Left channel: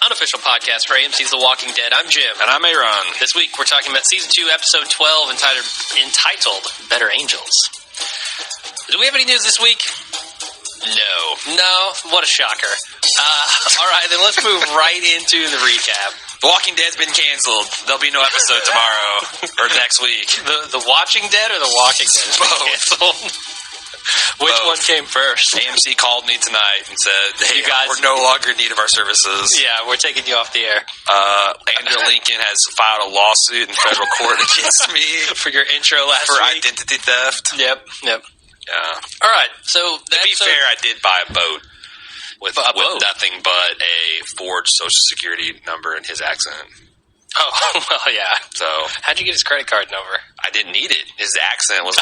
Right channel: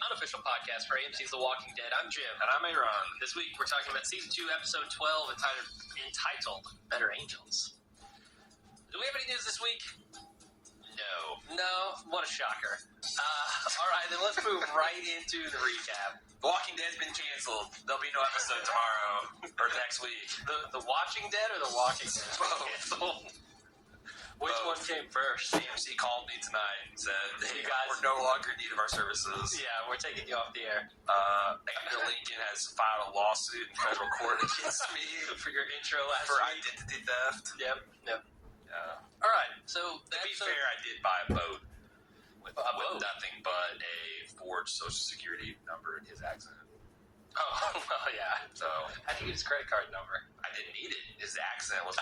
Unofficial podcast for AMC's The Walking Dead. I'm Jim. And I'm Aaron. This week we're talking about Season 2, Episode 12, entitled Better Angels. Do we have any news this week? No. What a shocker. All right, then let's move right into the recap. The Walking Dead's been canceled. There'll be no episode tomorrow or next week. The Watching Dead or The Walking Dead has been canceled? Which one came first? AMC called me tonight and said, hey, you guys, we're no longer in need of our services. Yeah, we're taking you off the air. Andrew Lincoln has filed a lawsuit in federal court against me. For your intro last for week. Identity theft. Yep. Yeah. All right, so... To be fair, I did buy a boat with nothing but a forged Social Security number in his accent. Oh, well, yeah. So, how'd you get his credit card number? I didn't need it. His accent was.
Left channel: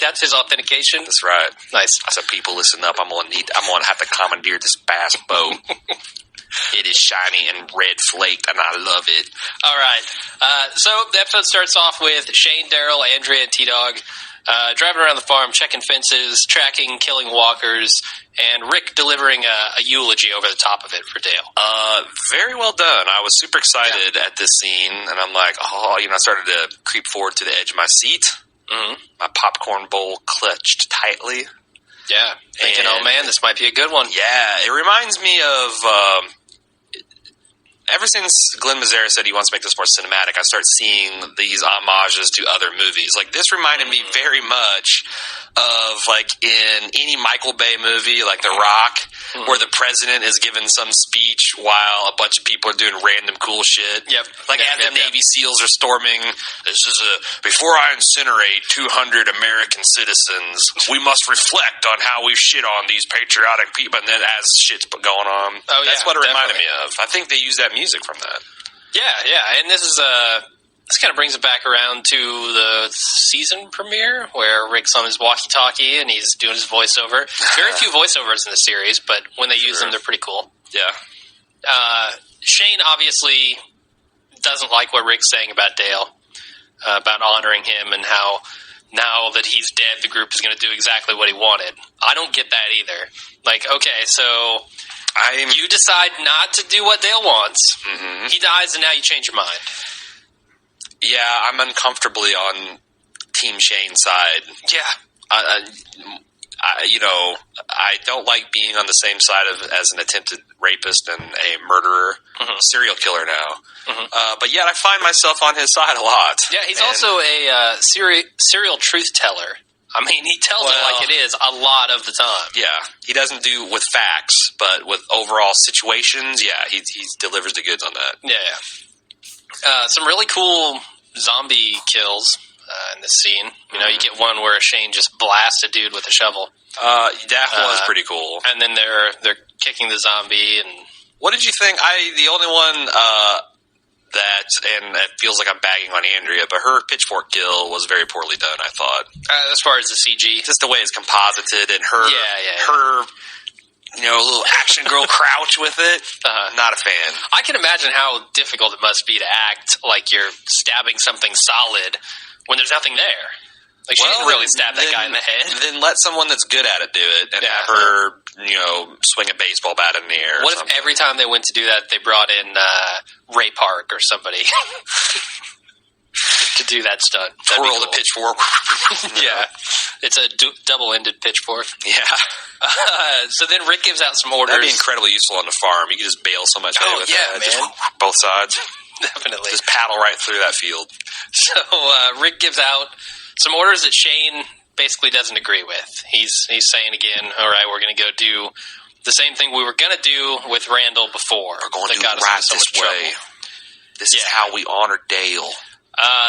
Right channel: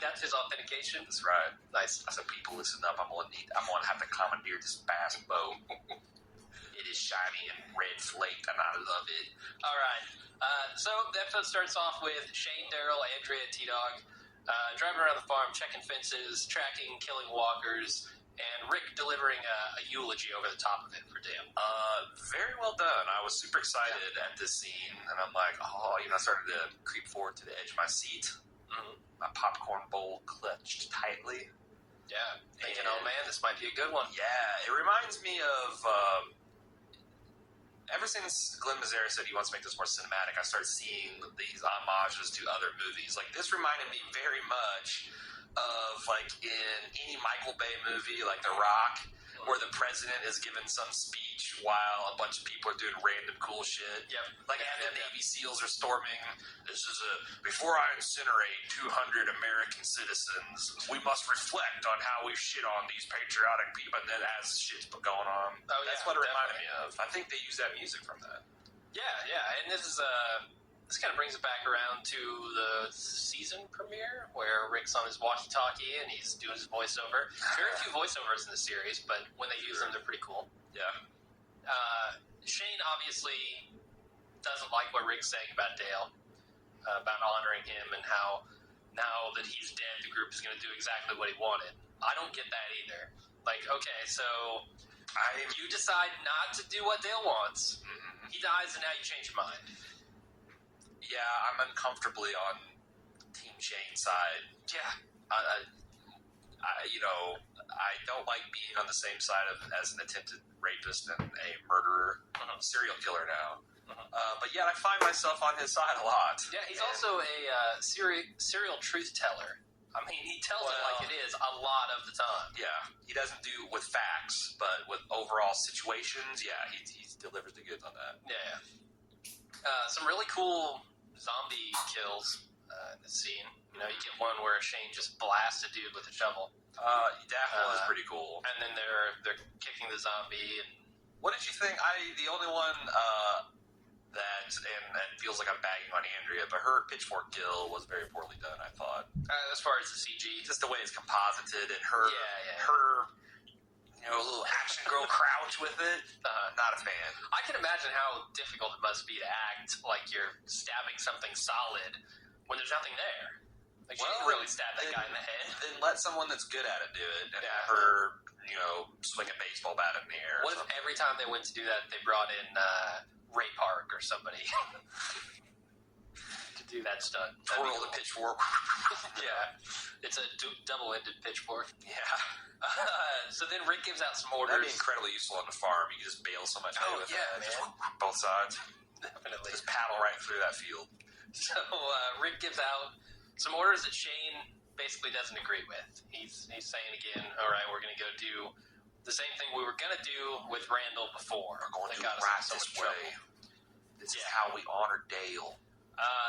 That's his authentication. That's right. Nice. I said, people, listen up. I'm gonna have to commandeer this bass boat. It is shiny and red flaked, and I love it. All right. So the episode starts off with Shane, Daryl, Andrea, and T-Dog driving around the farm, checking fences, tracking, killing walkers, and Rick delivering a eulogy over the top of it for Dale. Very well done. I was super excited at this scene, and I'm like, I started to creep forward to the edge of my seat. Mm-hmm. My popcorn bowl clutched tightly. Yeah. Thinking, oh man, this might be a good one. Yeah. It reminds me of... ever since Glenn Mazzara said he wants to make this more cinematic, I start seeing these homages to other movies. Like, this reminded me very much of, like, in any Michael Bay movie, like The Rock, where the president is giving some speech while a bunch of people are doing random cool shit. Yep. Like, as the Navy SEALs are storming, before I incinerate 200 American citizens, we must reflect on how we shit on these patriotic people, and then as shit's going on. That's what it reminded me of. I think they use that music from that. Yeah, and this is this kind of brings it back around to the season premiere where Rick's on his walkie-talkie and he's doing his voiceover. Very few voiceovers in the series, but when they use them, they're pretty cool. Yeah. Shane obviously doesn't like what Rick's saying about Dale, about honoring him and how now that he's dead, the group is going to do exactly what he wanted. I don't get that either. Like, okay, so... you decide not to do what Dale wants. Mm-hmm. He dies, and now you change your mind. Yeah, I'm uncomfortably on Team Shane's side. Yeah. I don't like being on the same side as an attempted rapist and a murderer, serial killer now. Mm-hmm. But yet I find myself on his side a lot. Yeah, he's also a serial truth teller. I mean, he tells it like it is a lot of the time. Yeah, he doesn't do with facts, but with overall situations, yeah, he delivers the goods on that. Yeah. Some really cool zombie kills in this scene. You know, you get one where Shane just blasts a dude with a shovel. That was pretty cool. And then they're kicking the zombie. And what did you think? The only one... and it feels like I'm bagging on Andrea, but her pitchfork kill was very poorly done, I thought. As far as the CG? Just the way it's composited and her little action girl crouch with it. Not a fan. I can imagine how difficult it must be to act like you're stabbing something solid when there's nothing there. Like, she didn't really stab that guy in the head. Then let someone that's good at it do it and have her, swing a baseball bat in the air. What if every time they went to do that, they brought in Ray Park or somebody to do that stunt? Twirl the pitchfork. Yeah. It's a double-ended pitchfork. Yeah. So then Rick gives out some orders. That'd be incredibly useful on the farm. You could just bail so much hay with that. Man. Just both sides. Definitely. Just paddle right through that field. So Rick gives out some orders that Shane basically doesn't agree with. He's saying again, all right, we're going to go do the same thing we were going to do with Randall before. We're going to do it right this way. This is how we honor Dale.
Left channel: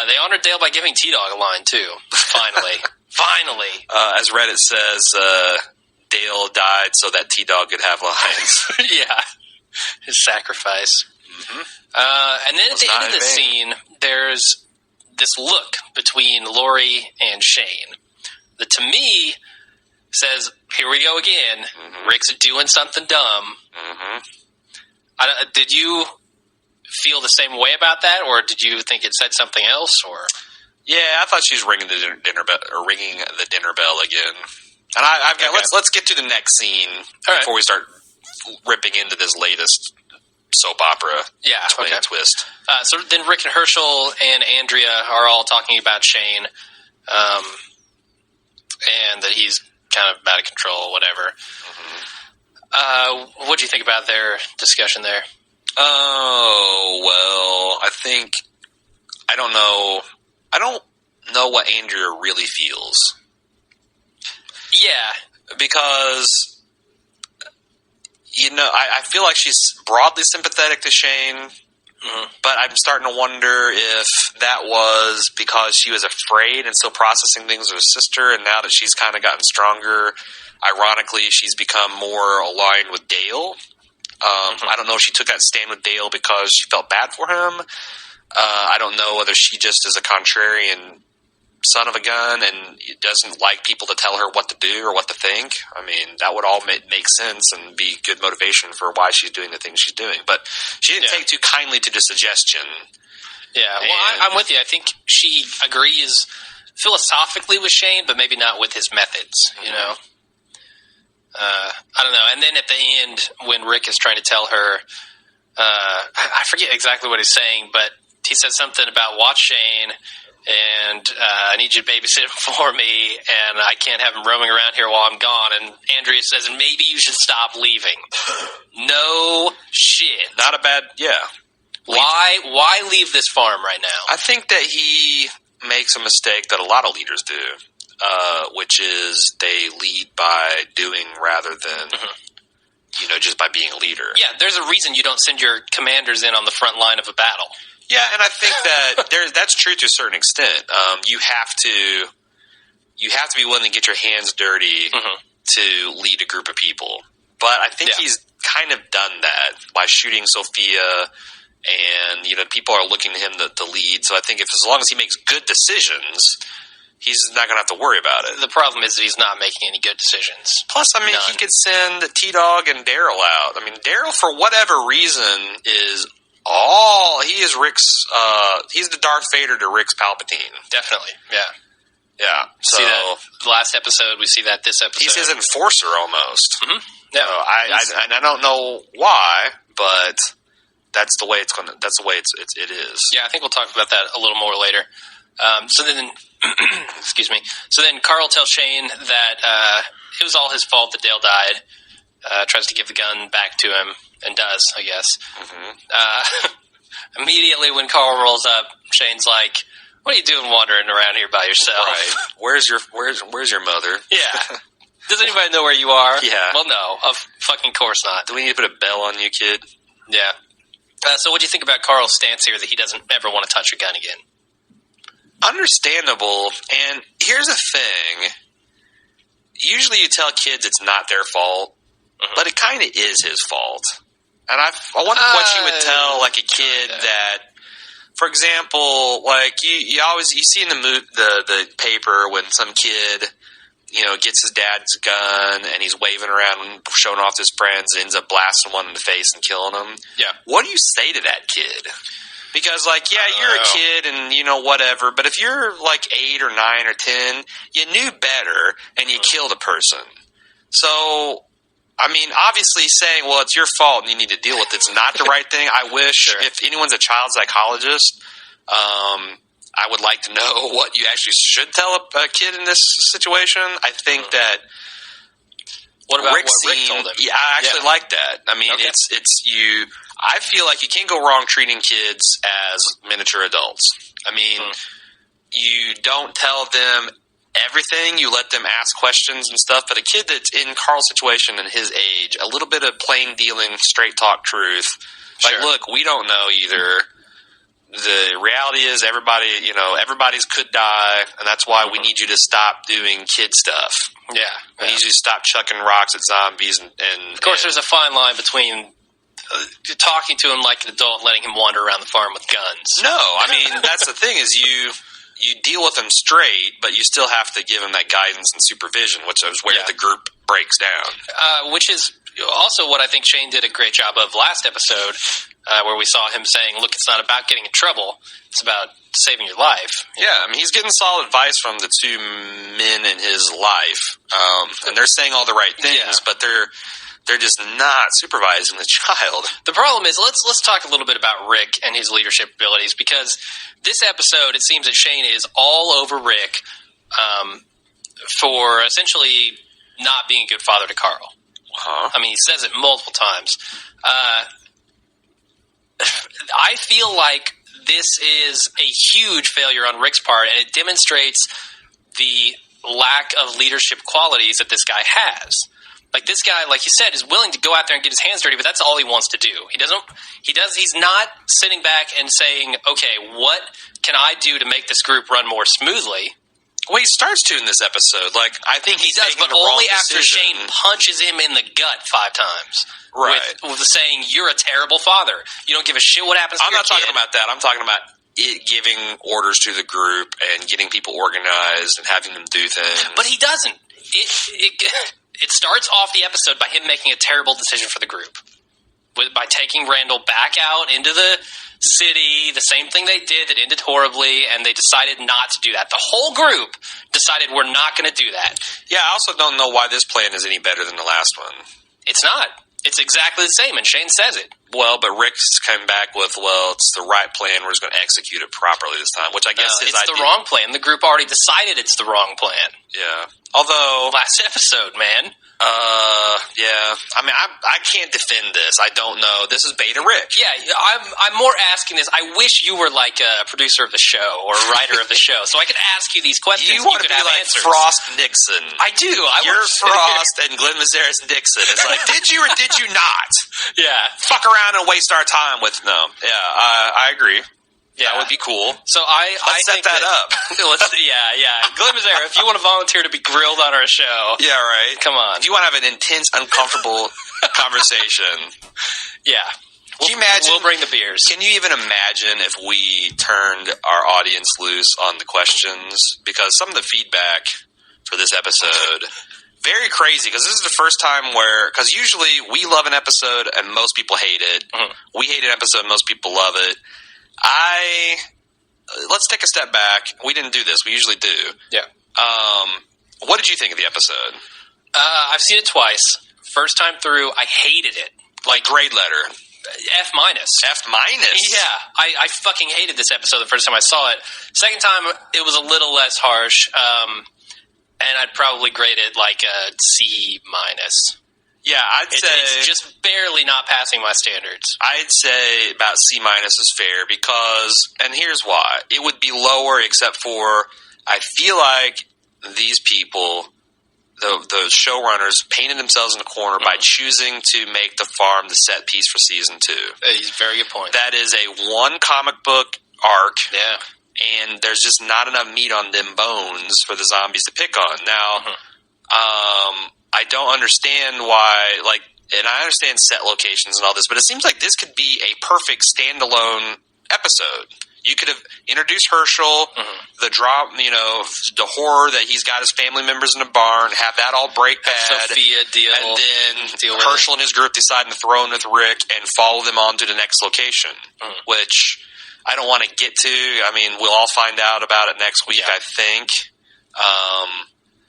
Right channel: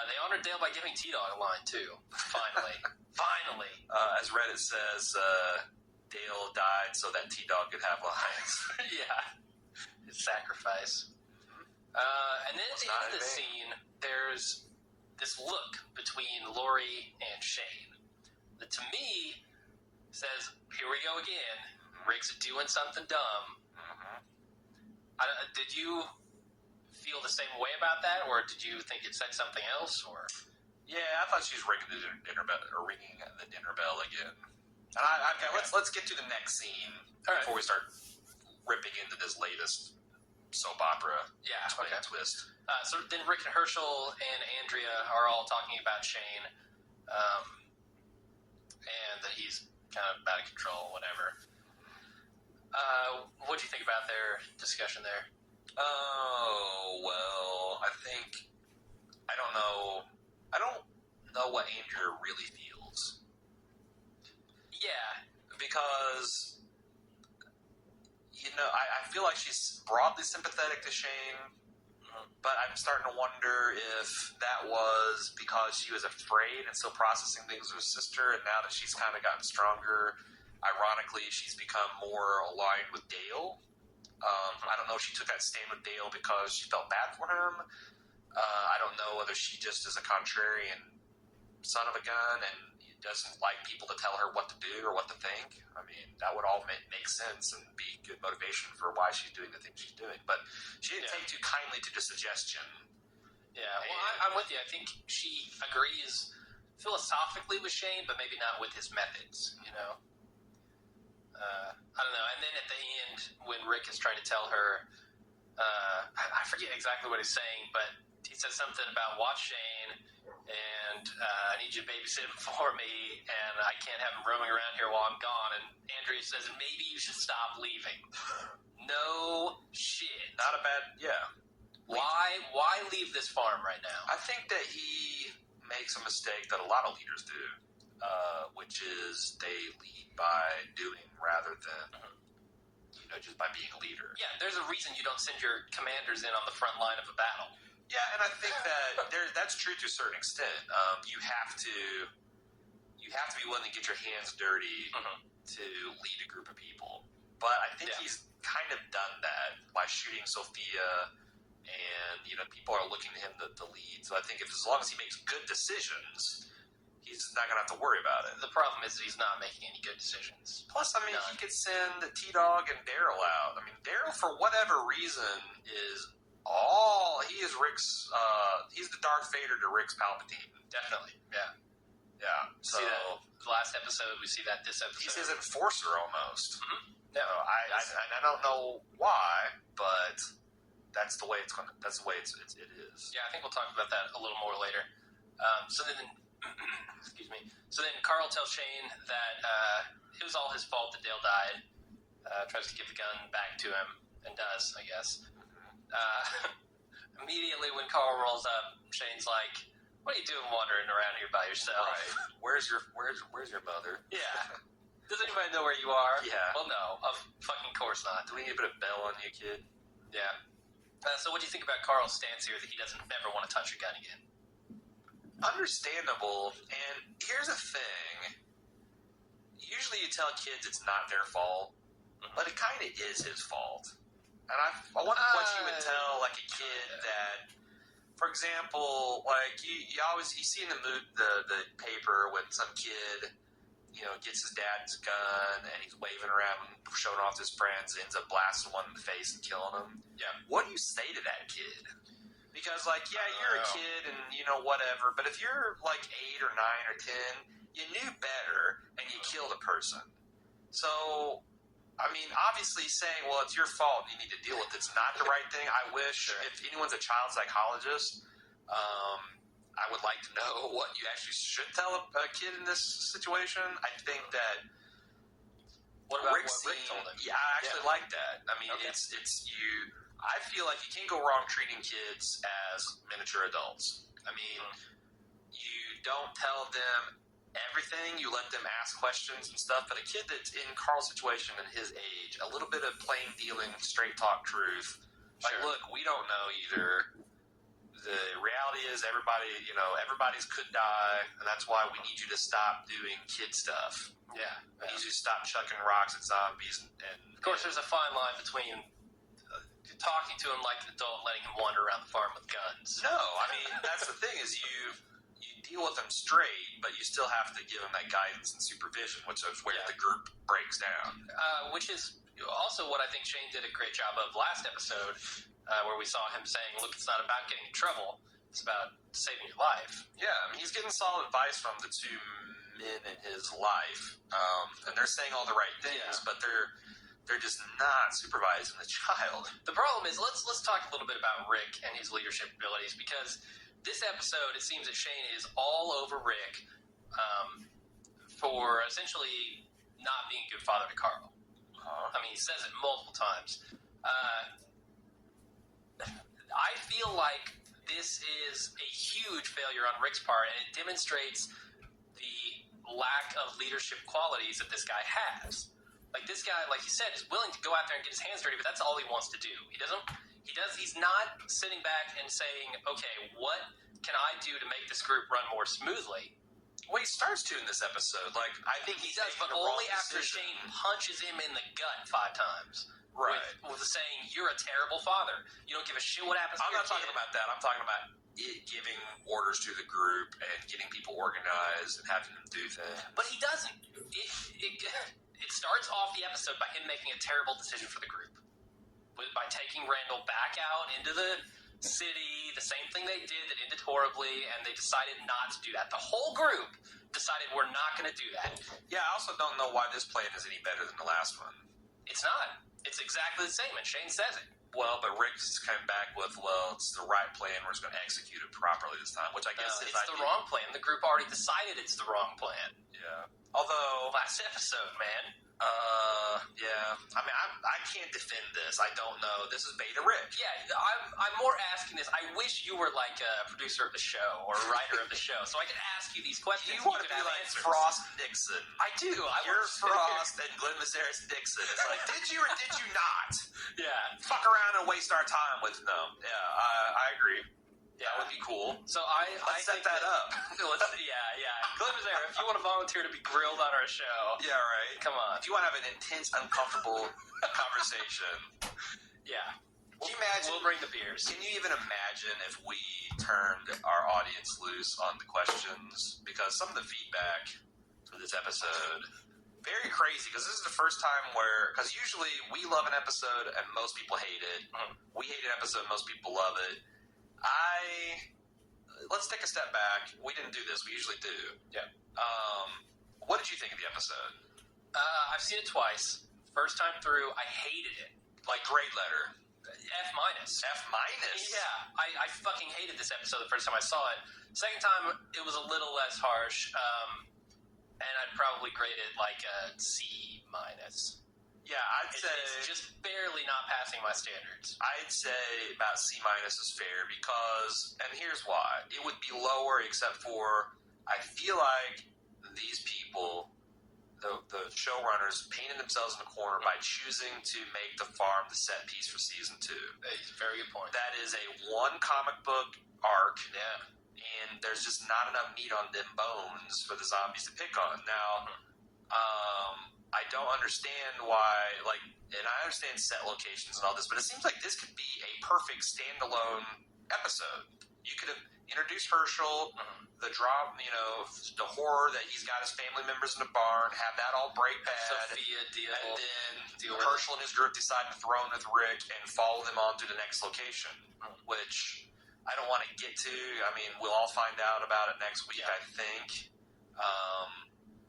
They honored Dale by giving T-Dog a line, too. Finally. Finally. As Reddit says, Dale died so that T-Dog could have lines. Yeah. His sacrifice. Mm-hmm. And then at the end of the scene, there's this look between Lori and Shane that to me says, here we go again. Mm-hmm. Rick's doing something dumb. Mm-hmm. Did you feel the same way about that, or did you think it said something else? Or yeah, I thought she was ringing the dinner bell again. And I've got let's get to the next scene before we start ripping into this latest soap opera twist. So then Rick and Herschel and Andrea are all talking about Shane, and that he's kind of out of control, whatever. Mm-hmm. What do you think about their discussion there? Oh, well, I don't know what Andrea really feels. Yeah. Because, I feel like she's broadly sympathetic to Shane, but I'm starting to wonder if that was because she was afraid and still processing things with her sister, and now that she's kind of gotten stronger, ironically, she's become more aligned with Dale. I don't know if she took that stand with Dale because she felt bad for him. I don't know whether she just is a contrarian son of a gun and doesn't like people to tell her what to do or what to think. I mean, that would all make sense and be good motivation for why she's doing the things she's doing. But she didn't take too kindly to the suggestion. Yeah, well, I'm with you. I think she agrees philosophically with Shane, but maybe not with his methods, you know? I don't know. And then at the end, when Rick is trying to tell her, I forget exactly what he's saying, but he says something about watch Shane, and I need you to babysit him for me, and I can't have him roaming around here while I'm gone. And Andrea says, maybe you should stop leaving. No shit. Not a bad, Why leave this farm right now? I think that he makes a mistake that a lot of leaders do, which is they lead by doing rather than, just by being a leader. Yeah, there's a reason you don't send your commanders in on the front line of a battle. Yeah, and I think that that's true to a certain extent. You have to be willing to get your hands dirty to lead a group of people. But I think he's kind of done that by shooting Sophia, and people are looking to him to lead. So I think as long as he makes good decisions, he's not going to have to worry about it. The problem is that he's not making any good decisions. Plus, I mean, None. he could send T-Dog and Daryl out. I mean, Daryl, for whatever reason, is he is Rick's, he's the Darth Vader to Rick's Palpatine. Definitely, yeah. Yeah. So, see that last episode, we see that this episode. He's his enforcer almost. Mm-hmm. Yeah. So I don't know why, but that's the way it is. Yeah, I think we'll talk about that a little more later. So then, excuse me. So then Carl tells Shane that it was all his fault that Dale died. Tries to give the gun back to him, and does, I guess. Immediately when Carl rolls up, Shane's like, "What are you doing wandering around here by yourself? Right. Where's your mother?" Yeah. Does anybody know where you are? Yeah. Well, no. Of fucking course not. Do we need to put a bell on you, kid? Yeah. So what do you think about Carl's stance here that he doesn't ever want to touch a gun again? Understandable. And here's the thing. Usually you tell kids it's not their fault, but it kind of is his fault. And I wonder what you would tell like a kid that, for example, like you see in the paper when some kid, gets his dad's gun and he's waving around and showing off to his friends and ends up blasting one in the face and killing him. Yeah. What do you say to that kid? Because, you're a kid and, whatever, but if you're, 8 or 9 or 10, you knew better and you killed a person. So, I mean, obviously saying, well, it's your fault and you need to deal with it's not the right thing. I wish if anyone's a child psychologist, I would like to know what you actually should tell a kid in this situation. I think that what about Rick told him? Yeah, I actually like that. I mean, it's you. I feel like you can't go wrong treating kids as miniature adults. I mean, you don't tell them everything. You let them ask questions and stuff. But a kid that's in Carl's situation and his age, a little bit of plain dealing, straight talk truth. Look, we don't know either. The reality is everybody's could die, and that's why we need you to stop doing kid stuff. Yeah. We need you to stop chucking rocks at zombies. And of course, there's a fine line between talking to him like an adult and letting him wander around the farm with guns. No, I mean, that's the thing is you deal with him straight, but you still have to give him that guidance and supervision, which is where the group breaks down. Which is also what I think Shane did a great job of last episode, where we saw him saying, look, it's not about getting in trouble. It's about saving your life. Yeah, I mean, he's getting solid advice from the two men in his life. And they're saying all the right things, but they're just not supervising the child. The problem is, let's talk a little bit about Rick and his leadership abilities, because this episode, it seems that Shane is all over Rick for essentially not being a good father to Carl. I mean, he says it multiple times. I feel like this is a huge failure on Rick's part, and it demonstrates the lack of leadership qualities that this guy has. Like, this guy, like you said, is willing to go out there and get his hands dirty, but that's all he wants to do. He's not sitting back and saying, okay, what can I do to make this group run more smoothly? Well, he starts to in this episode. Like, I think he does, but only after Shane punches him in the gut 5 times. Right. With saying, you're a terrible father. You don't give a shit what happens to your kid. I'm not talking about that. I'm talking about it giving orders to the group and getting people organized and having them do things. But he doesn't. It starts off the episode by him making a terrible decision for the group. By taking Randall back out into the city, the same thing they did that ended horribly, and they decided not to do that. The whole group decided we're not going to do that. Yeah, I also don't know why this plan is any better than the last one. It's not. It's exactly the same, and Shane says it. Well, but Rick's come back with, it's the right plan. We're just going to execute it properly this time, which I guess is the wrong plan. The group already decided it's the wrong plan. Yeah. Although... Last episode, man. Yeah. I mean, I can't defend this. I don't know. This is Beta Rick. Yeah, I'm more asking this. I wish you were like a producer of the show or a writer of the show, so I could ask you these questions. You want to be like answers. Frost Nixon. I do. You're Frost and Glenn Mazaris Nixon. It's like, did you or did you not? Yeah. Fuck around and waste our time with no. Yeah, I agree. Yeah, that would be cool. So let's set that up. Yeah. Glenn Mazzara, if you want to volunteer to be grilled on our show, yeah, right. Come on. If you want to have an intense, uncomfortable conversation, yeah. Can you imagine? We'll bring the beers. Can you even imagine if we turned our audience loose on the questions? Because some of the feedback for this episode. Very crazy, because this is the first time because usually we love an episode and most people hate it. Mm-hmm. We hate an episode and most people love it. Let's take a step back. We didn't do this. We usually do. Yeah. What did you think of the episode? I've seen it twice. First time through, I hated it. Like grade letter. F minus. F minus? Yeah. I fucking hated this episode the first time I saw it. Second time, it was a little less harsh. And I'd probably grade it like a C minus. Yeah, it's just barely not passing my standards. I'd say about C minus is fair because, and here's why. It would be lower except for, I feel like these people, the showrunners, painted themselves in the corner by choosing to make the farm the set piece for season 2. Very good point. That is a one comic book arc. Yeah. And there's just not enough meat on them bones for the zombies to pick on. Now, I don't understand why, and I understand set locations and all this, but it seems like this could be a perfect standalone episode. You could have introduced Herschel, the drop, the horror that he's got his family members in a barn, have that all break bad. Sophia deal. And then Herschel and his group decide to throw in with Rick and follow them on to the next location, which I don't want to get to. I mean, we'll all find out about it next week, I think.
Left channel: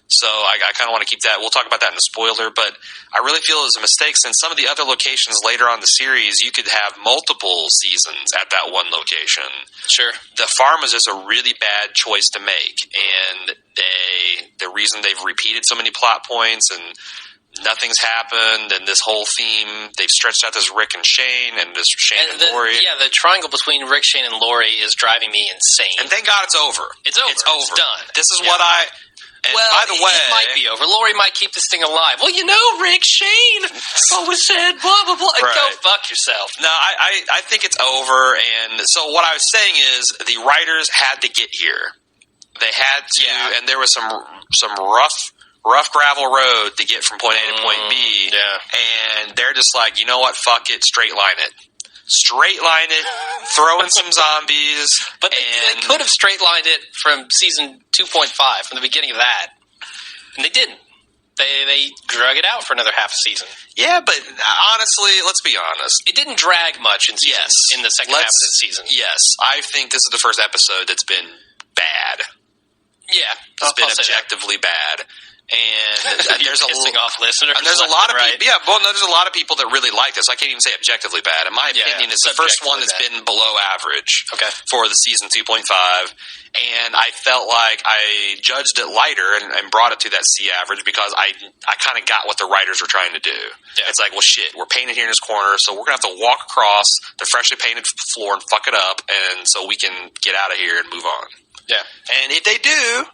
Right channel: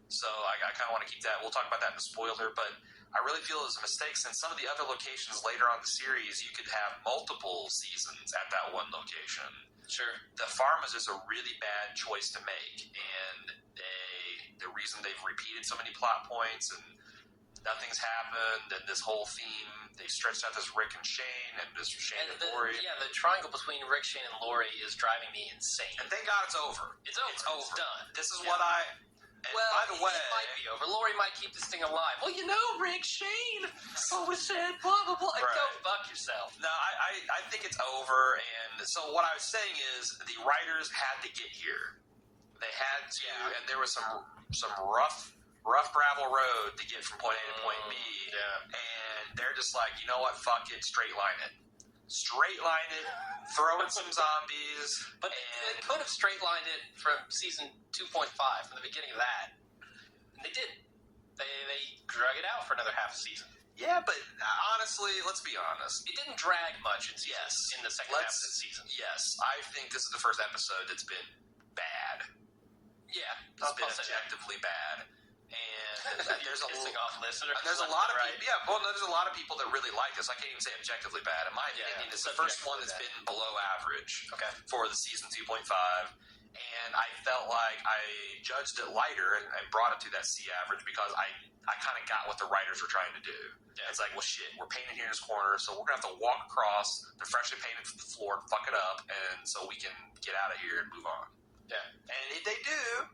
So I kind of want to keep that. We'll talk about that in the spoiler, but I really feel it was a mistake since some of the other locations later on in the series, you could have multiple seasons at that one location. Sure. The farm is just a really bad choice to make, and the reason they've repeated so many plot points and nothing's happened, and this whole theme, they've stretched out this Rick and Shane, and this Shane and Laurie. Yeah, the triangle between Rick, Shane, and Laurie is driving me insane. And thank God it's over. It's over. It's done. This is what I... And by the way, it might be over. Laurie might keep this thing alive. Well, Rick, Shane always said blah, blah, blah. Right. Go fuck yourself. No, I think it's over. And so what I was saying is the writers had to get here. They had to, and there was some rough gravel road to get from point A to point B. Yeah. And they're just like, you know what, fuck it, straight line it. Straight line it, throw in some zombies. But they could have straight lined it from season 2.5, from the beginning of that. And they didn't. They drug it out for another half a season. Yeah, but honestly, let's be honest. It didn't drag much in the second half of the season. Yes, I think this is the first episode that's been bad. Yeah. It's been objectively bad. And there's off listeners. And there's a lot of people. Yeah, well, no, there's a lot of people that really like this. I can't even say objectively bad. In my opinion, it's the first one that's been below average. Okay. For the season 2.5, and I felt like I judged it lighter and brought it to that C average because I kind of got what the writers were trying to do. Yeah. It's like, well, shit, we're painted here in this corner, so we're gonna have to walk across the freshly painted floor and fuck it up, and so we can get out of here and move on. Yeah. And if they do,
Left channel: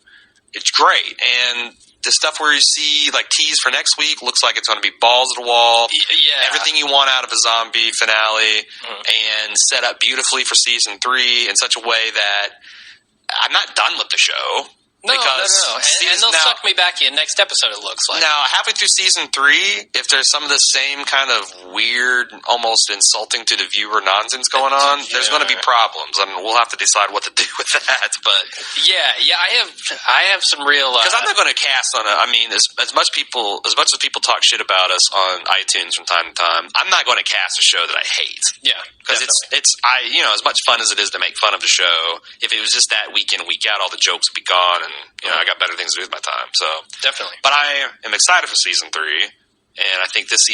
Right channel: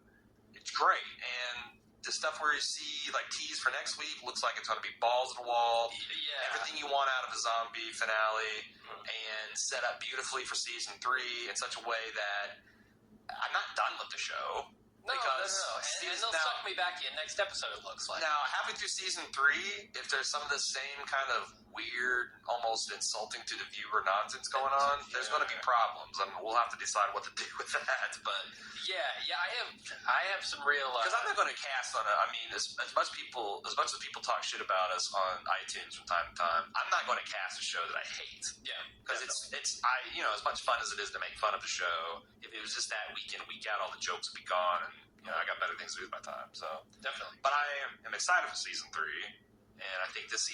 it's great. And the stuff where you see like tease for next week looks like it's going to be balls to the wall. Yeah. Everything you want out of a zombie finale, and set up beautifully for season 3 in such a way that I'm not done with the show. No. And they'll suck me back in next episode, it looks like. Now, halfway through season 3, if there's some of the same kind of weird, almost insulting to the viewer nonsense going on, there's going to be problems. I mean, we'll have to decide what to do with that. But yeah, I have some real... Because I'm not going to cast on it. I mean, as much as people talk shit about us on iTunes from time to time, I'm not going to cast a show that I hate. Yeah, because it's as much fun as it is to make fun of the show, if it was just that week in, week out, all the jokes would be gone, and I got better things to do with my time. So definitely. But I am excited for season 3, and I think this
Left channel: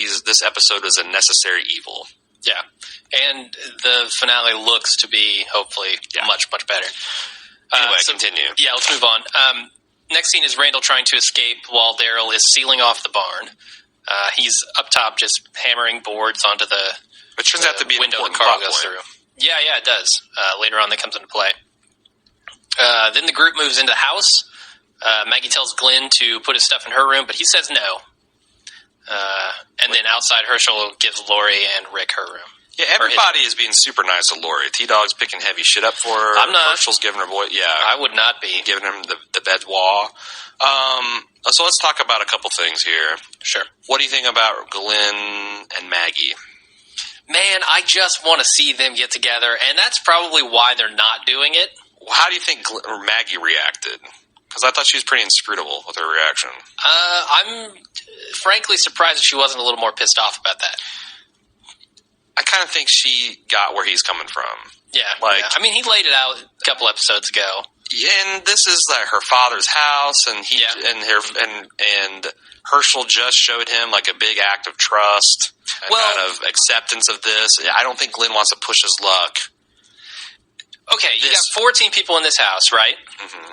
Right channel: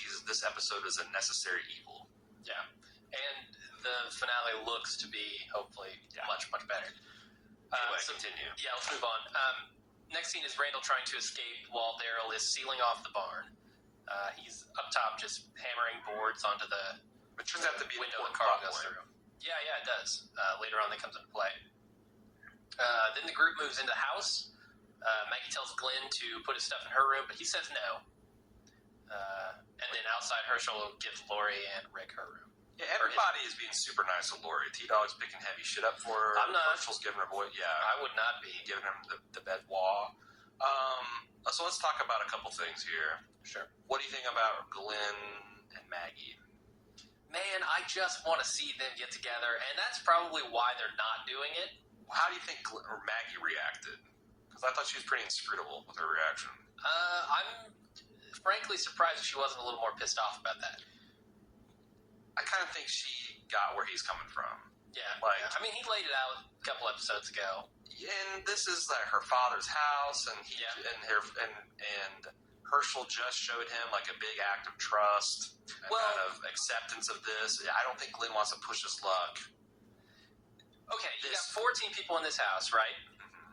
episode is a necessary evil. Yeah, and the finale looks to be hopefully much, much better. Anyway, continue. Yeah, let's move on. Next scene is Randall trying to escape while Daryl is sealing off the barn. He's up top just hammering boards onto the turns out to be window the car goes through. Yeah, it does. Later on that comes into play. Then the group moves into the house. Maggie tells Glenn to put his stuff in her room, but he says no. And then outside, Herschel gives Lori and Rick her room. Yeah, everybody is being super nice to Lori. T-Dog's picking heavy shit up for her. I'm not. Herschel's giving her voice. Yeah. I would not be. Giving him the bedwa. So let's talk about a couple things here. Sure. What do you think about Glenn and Maggie? Man, I just want to see them get together, and that's probably why they're not doing it. How do you think Maggie reacted? Because I thought she was pretty inscrutable with her reaction. I'm frankly surprised that she wasn't a little more pissed off about that. I kind of think she got where he's coming from. Yeah. I mean, he laid it out a couple episodes ago. And this is like her father's house, and and Herschel just showed him like a big act of trust and kind of acceptance of this. I don't think Glenn wants to push his luck. Okay, you got 14 people in this house, right? Mm-hmm.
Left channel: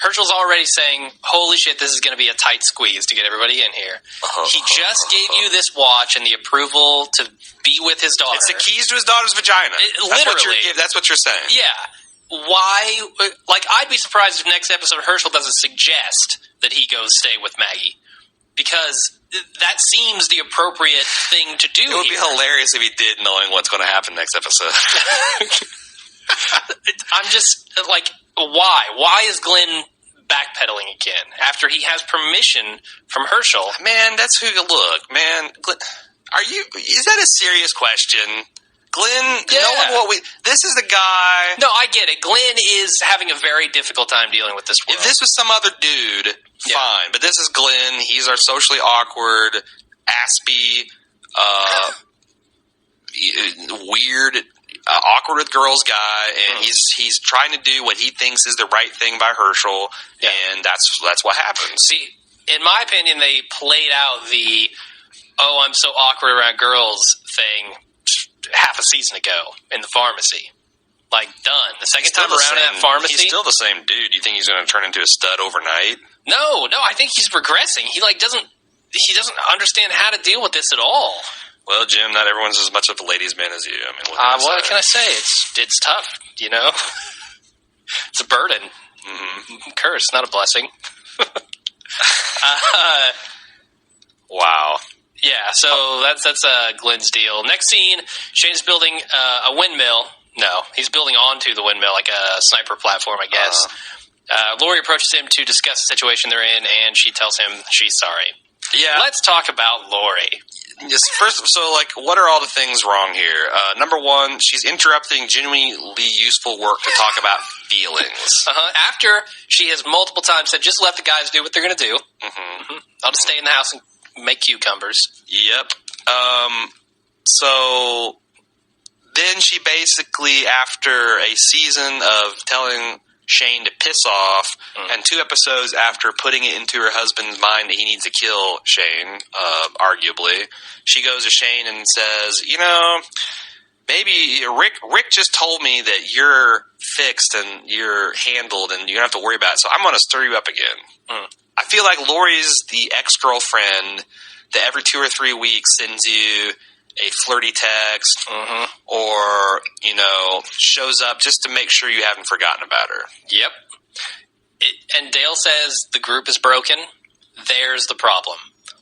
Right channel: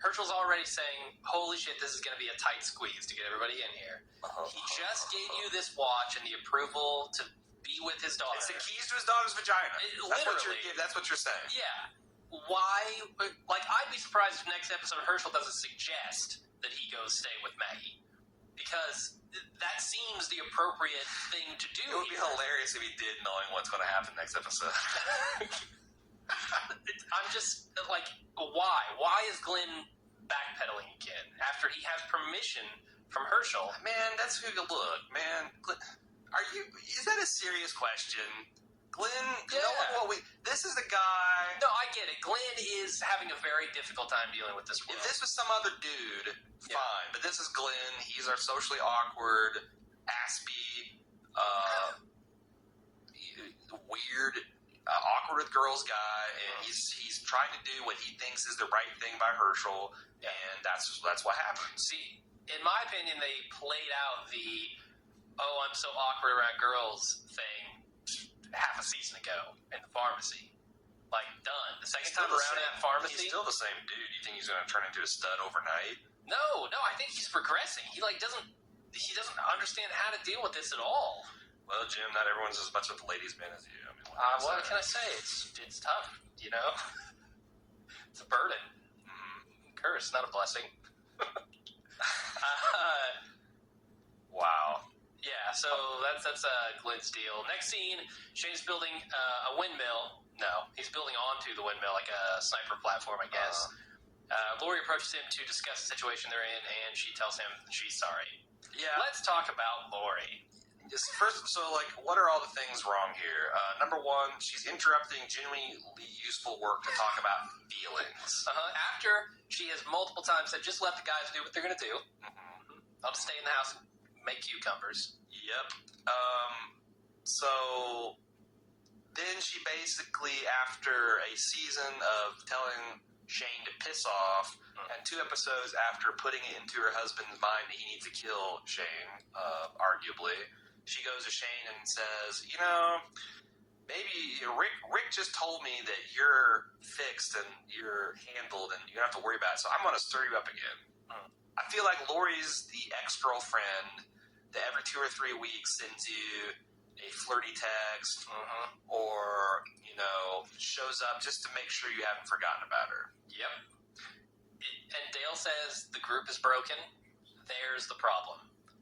Herschel's already saying, holy shit, this is going to be a tight squeeze to get everybody in here. He just gave you this watch and the approval to be with his daughter. It's the keys to his daughter's vagina. Literally. That's what you're saying. Yeah. Why? Like, I'd be surprised if next episode Herschel doesn't suggest that he goes stay with Maggie. Because that seems the appropriate thing to do. It would be hilarious if he did, knowing what's going to happen next episode. I'm just like, why? Why is Glenn backpedaling again after he has permission from Herschel? Man, that's who you look. Man, Glenn, is that a serious question? Glenn, this is the guy. No, I get it. Glenn is having a very difficult time dealing with this world. If this was some other dude, fine. But this is Glenn. He's our socially awkward, aspy, weird, awkward with girls guy, and he's trying to do what he thinks is the right thing by Herschel, and that's what happens. See, in my opinion, they played out the I'm so awkward around girls thing half a season ago in the pharmacy. Like, done. The second time around in that pharmacy. He's still the same dude. You think he's going to turn into a stud overnight? No, I think he's regressing. He doesn't understand how to deal with this at all. Well, Jim, not everyone's as much of a ladies' man as you. I mean, what can I say? It's tough, you know? It's a burden. Mm-hmm. Curse, not a blessing. Wow. Yeah, so that's Glenn's deal. Next scene, Shane's building a windmill. No, he's building onto the windmill, like a sniper platform, I guess. Lori approaches him to discuss the situation they're in, and she tells him she's sorry. Yeah. Let's talk about Lori. Just first, what are all the things wrong here? Number one, she's interrupting genuinely useful work to talk about feelings. After she has multiple times said, just let the guys do what they're going to do. Mm-hmm. I'll just stay in the house and make cucumbers. Yep. So then she basically, after a season of telling Shane to piss off, and 2 episodes after putting it into her husband's mind that he needs to kill Shane, arguably, she goes to Shane and says, you know, maybe Rick just told me that you're fixed and you're handled and you don't have to worry about it, so I'm going to stir you up again. I feel like Lori's the ex-girlfriend that every 2 or 3 weeks sends you a flirty text or, you know, shows up just to make sure you haven't forgotten about her. Yep. And Dale says the group is broken. There's the problem.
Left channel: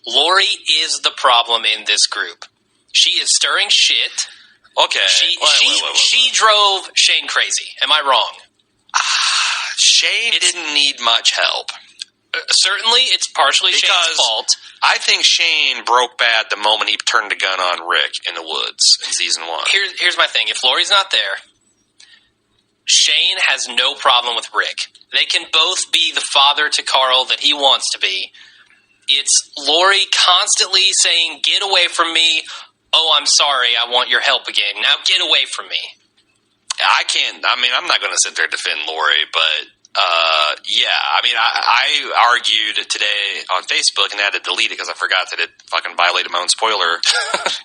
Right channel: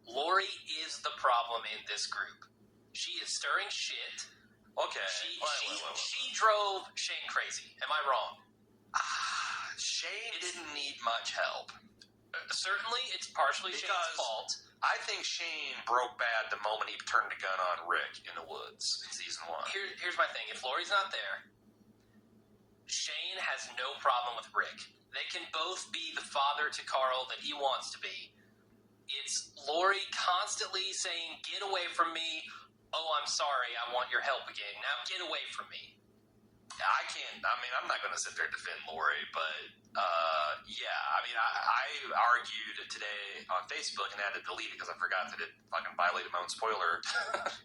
Lori is the problem in this group. She is stirring shit. Okay. She drove Shane crazy. Am I wrong? Shane didn't need much help. Certainly, it's partially Shane's fault. I think Shane broke bad the moment he turned the gun on Rick in the woods in season 1. Here's my thing. If Lori's not there, Shane has no problem with Rick. They can both be the father to Carl that he wants to be. It's Lori constantly saying, get away from me. Oh, I'm sorry. I want your help again. Now get away from me. I'm not going to sit there and defend Lori, but I argued today on Facebook and I had to delete it because I forgot that it fucking violated my own spoiler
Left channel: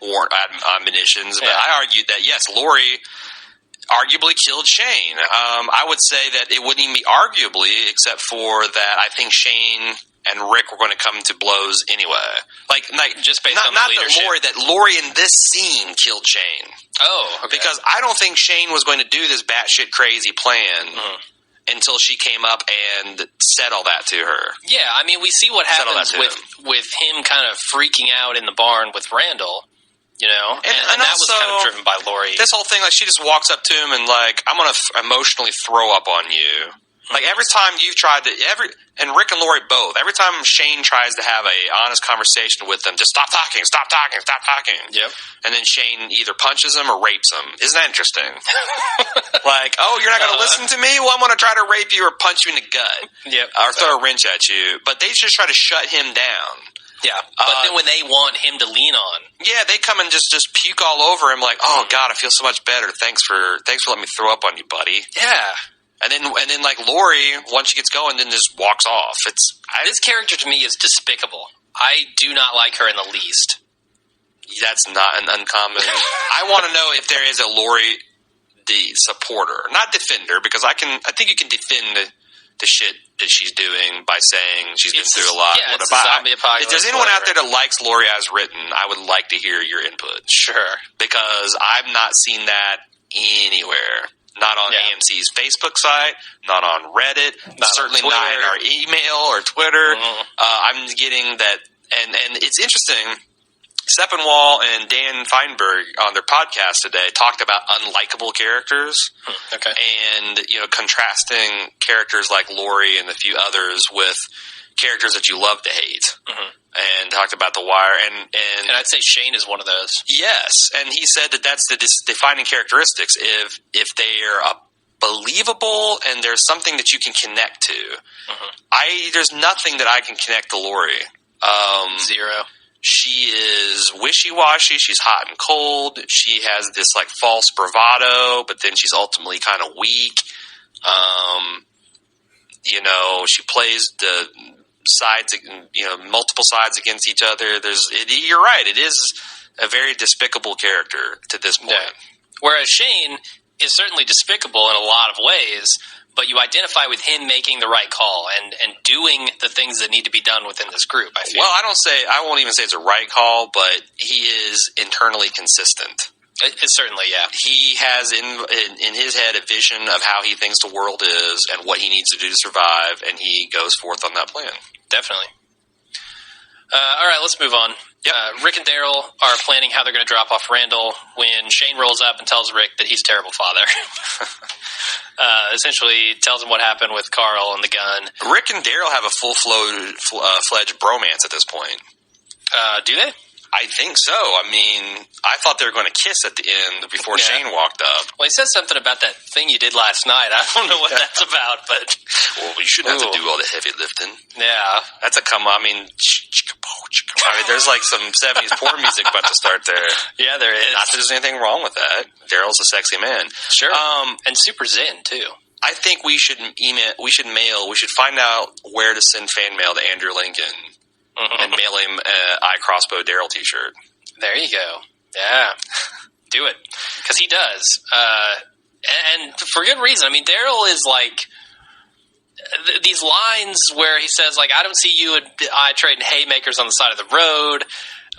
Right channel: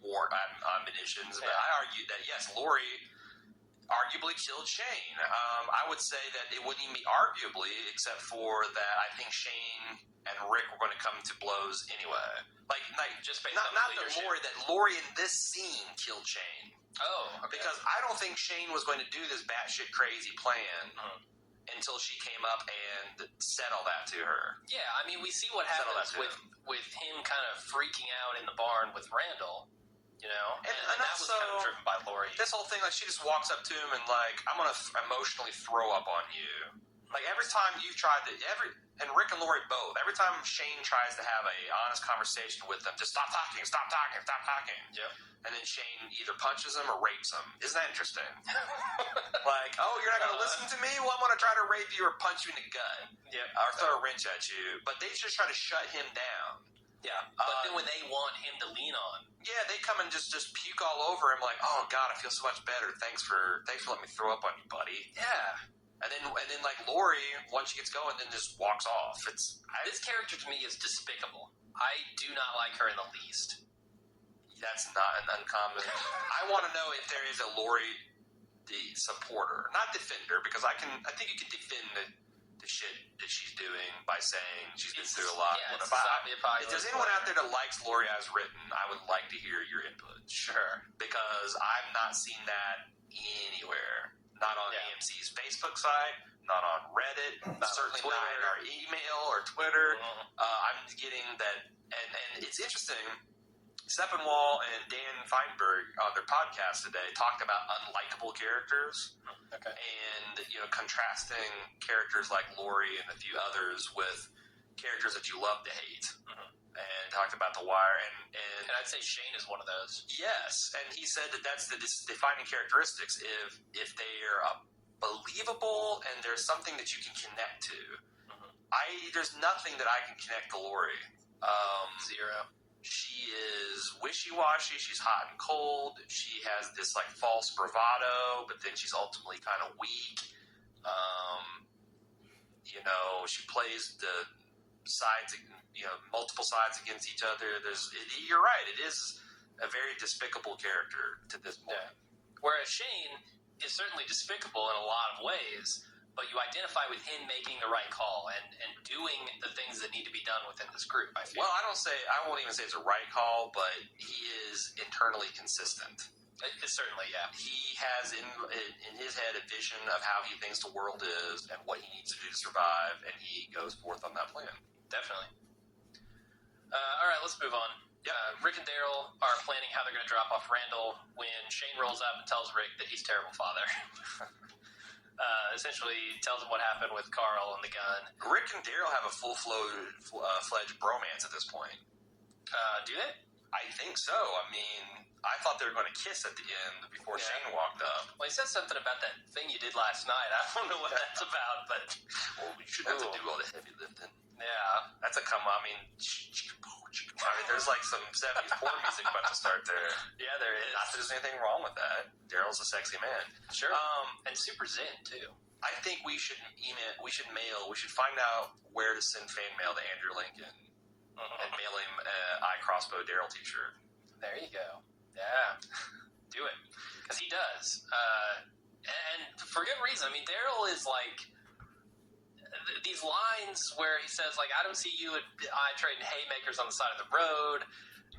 warrant admonitions. But I argued that, yes, Lori arguably killed Shane. I would say that it wouldn't even be arguably, except for that I think Shane and Rick were going to come to blows anyway. Like just based on the leadership. Lori in this scene killed Shane. Oh, okay. Because I don't think Shane was going to do this batshit crazy plan until she came up and said all that to her. Yeah, I mean, we see what happens with him kind of freaking out in the barn with Randall. You know, and that was kind of driven by Lori. This whole thing, like, she just walks up to him and, like, I'm going to emotionally throw up on you. Like, every time you've tried to, and Rick and Lori both, every time Shane tries to have a honest conversation with them, just stop talking. Yep. And then Shane either punches him or rapes him. Isn't that interesting? Like, oh, you're not going to listen to me? Well, I'm going to try to rape you or punch you in the gut. Yep. Or throw a wrench at you. But they just try to shut him down. Yeah, but then when they want him to lean on, they come and just puke all over him, like, oh God, I feel so much better. Thanks for letting me throw up on you, buddy. Yeah, and then like Lori, once she gets going, then just walks off. This character to me is despicable. I do not like her in the least. That's not an uncommon. I want to know if there is a Lori the supporter, not defender, because I think you can defend the shit that she's doing by saying she's been through a lot. Yeah, it's a zombie apocalypse. If there's anyone out there that likes Lori as written, I would like to hear your input. Sure. Because I've not seen that anywhere. Not on AMC's Facebook site, not on Reddit, certainly not in our email or Twitter. I'm getting that, and it's interesting. Sepinwall and Dan Feinberg on their podcast today talked about unlikable characters. Okay. And, you know, contrasting characters like Lori and a few others with characters that you love to hate. And talked about The Wire. And I'd say Shane is one of those. Yes. And he said that that's the defining characteristics. If they're believable and there's something that you can connect to. There's nothing that I can connect to Lori. Zero. She is wishy-washy. She's hot and cold. She has this, like, false bravado, but then she's ultimately kind of weak. You know, she plays the sides, you know, multiple sides against each other. You're right. It is a very despicable character to this point. Yeah. Whereas Shane is certainly despicable in a lot of ways, but you identify with him making the right call and doing the things that need to be done within this group, I feel. Well, I won't even say it's a right call, but he is internally consistent. It's certainly, yeah. He has in his head a vision of how he thinks the world is and what he needs to do to survive, and he goes forth on that plan. Definitely. All right, let's move on. Yep. Rick and Daryl are planning how they're going to drop off Randall when Shane rolls up and tells Rick that he's a terrible father. Essentially tells him what happened with Carl and the gun. Rick and Daryl have a full-fledged bromance at this point. Do they? I think so. I mean, I thought they were going to kiss at the end before Shane walked up. Well, he said something about that thing you did last night. I don't know what that's about, but... Well, you shouldn't have to do all the heavy lifting. Yeah. That's a come on. I mean, there's like some 70s porn music about to start there. Yeah, there is. Not that there's anything wrong with that. Daryl's a sexy man. Sure. And super zen, too. I think we should find out where to send fan mail to Andrew Lincoln and mail him an I Crossbow Daryl t-shirt. There you go. Yeah. Do it. Because he does. And for good reason. I mean, Daryl is like... these lines where he says, like, I don't see you and I trading haymakers on the side of the road,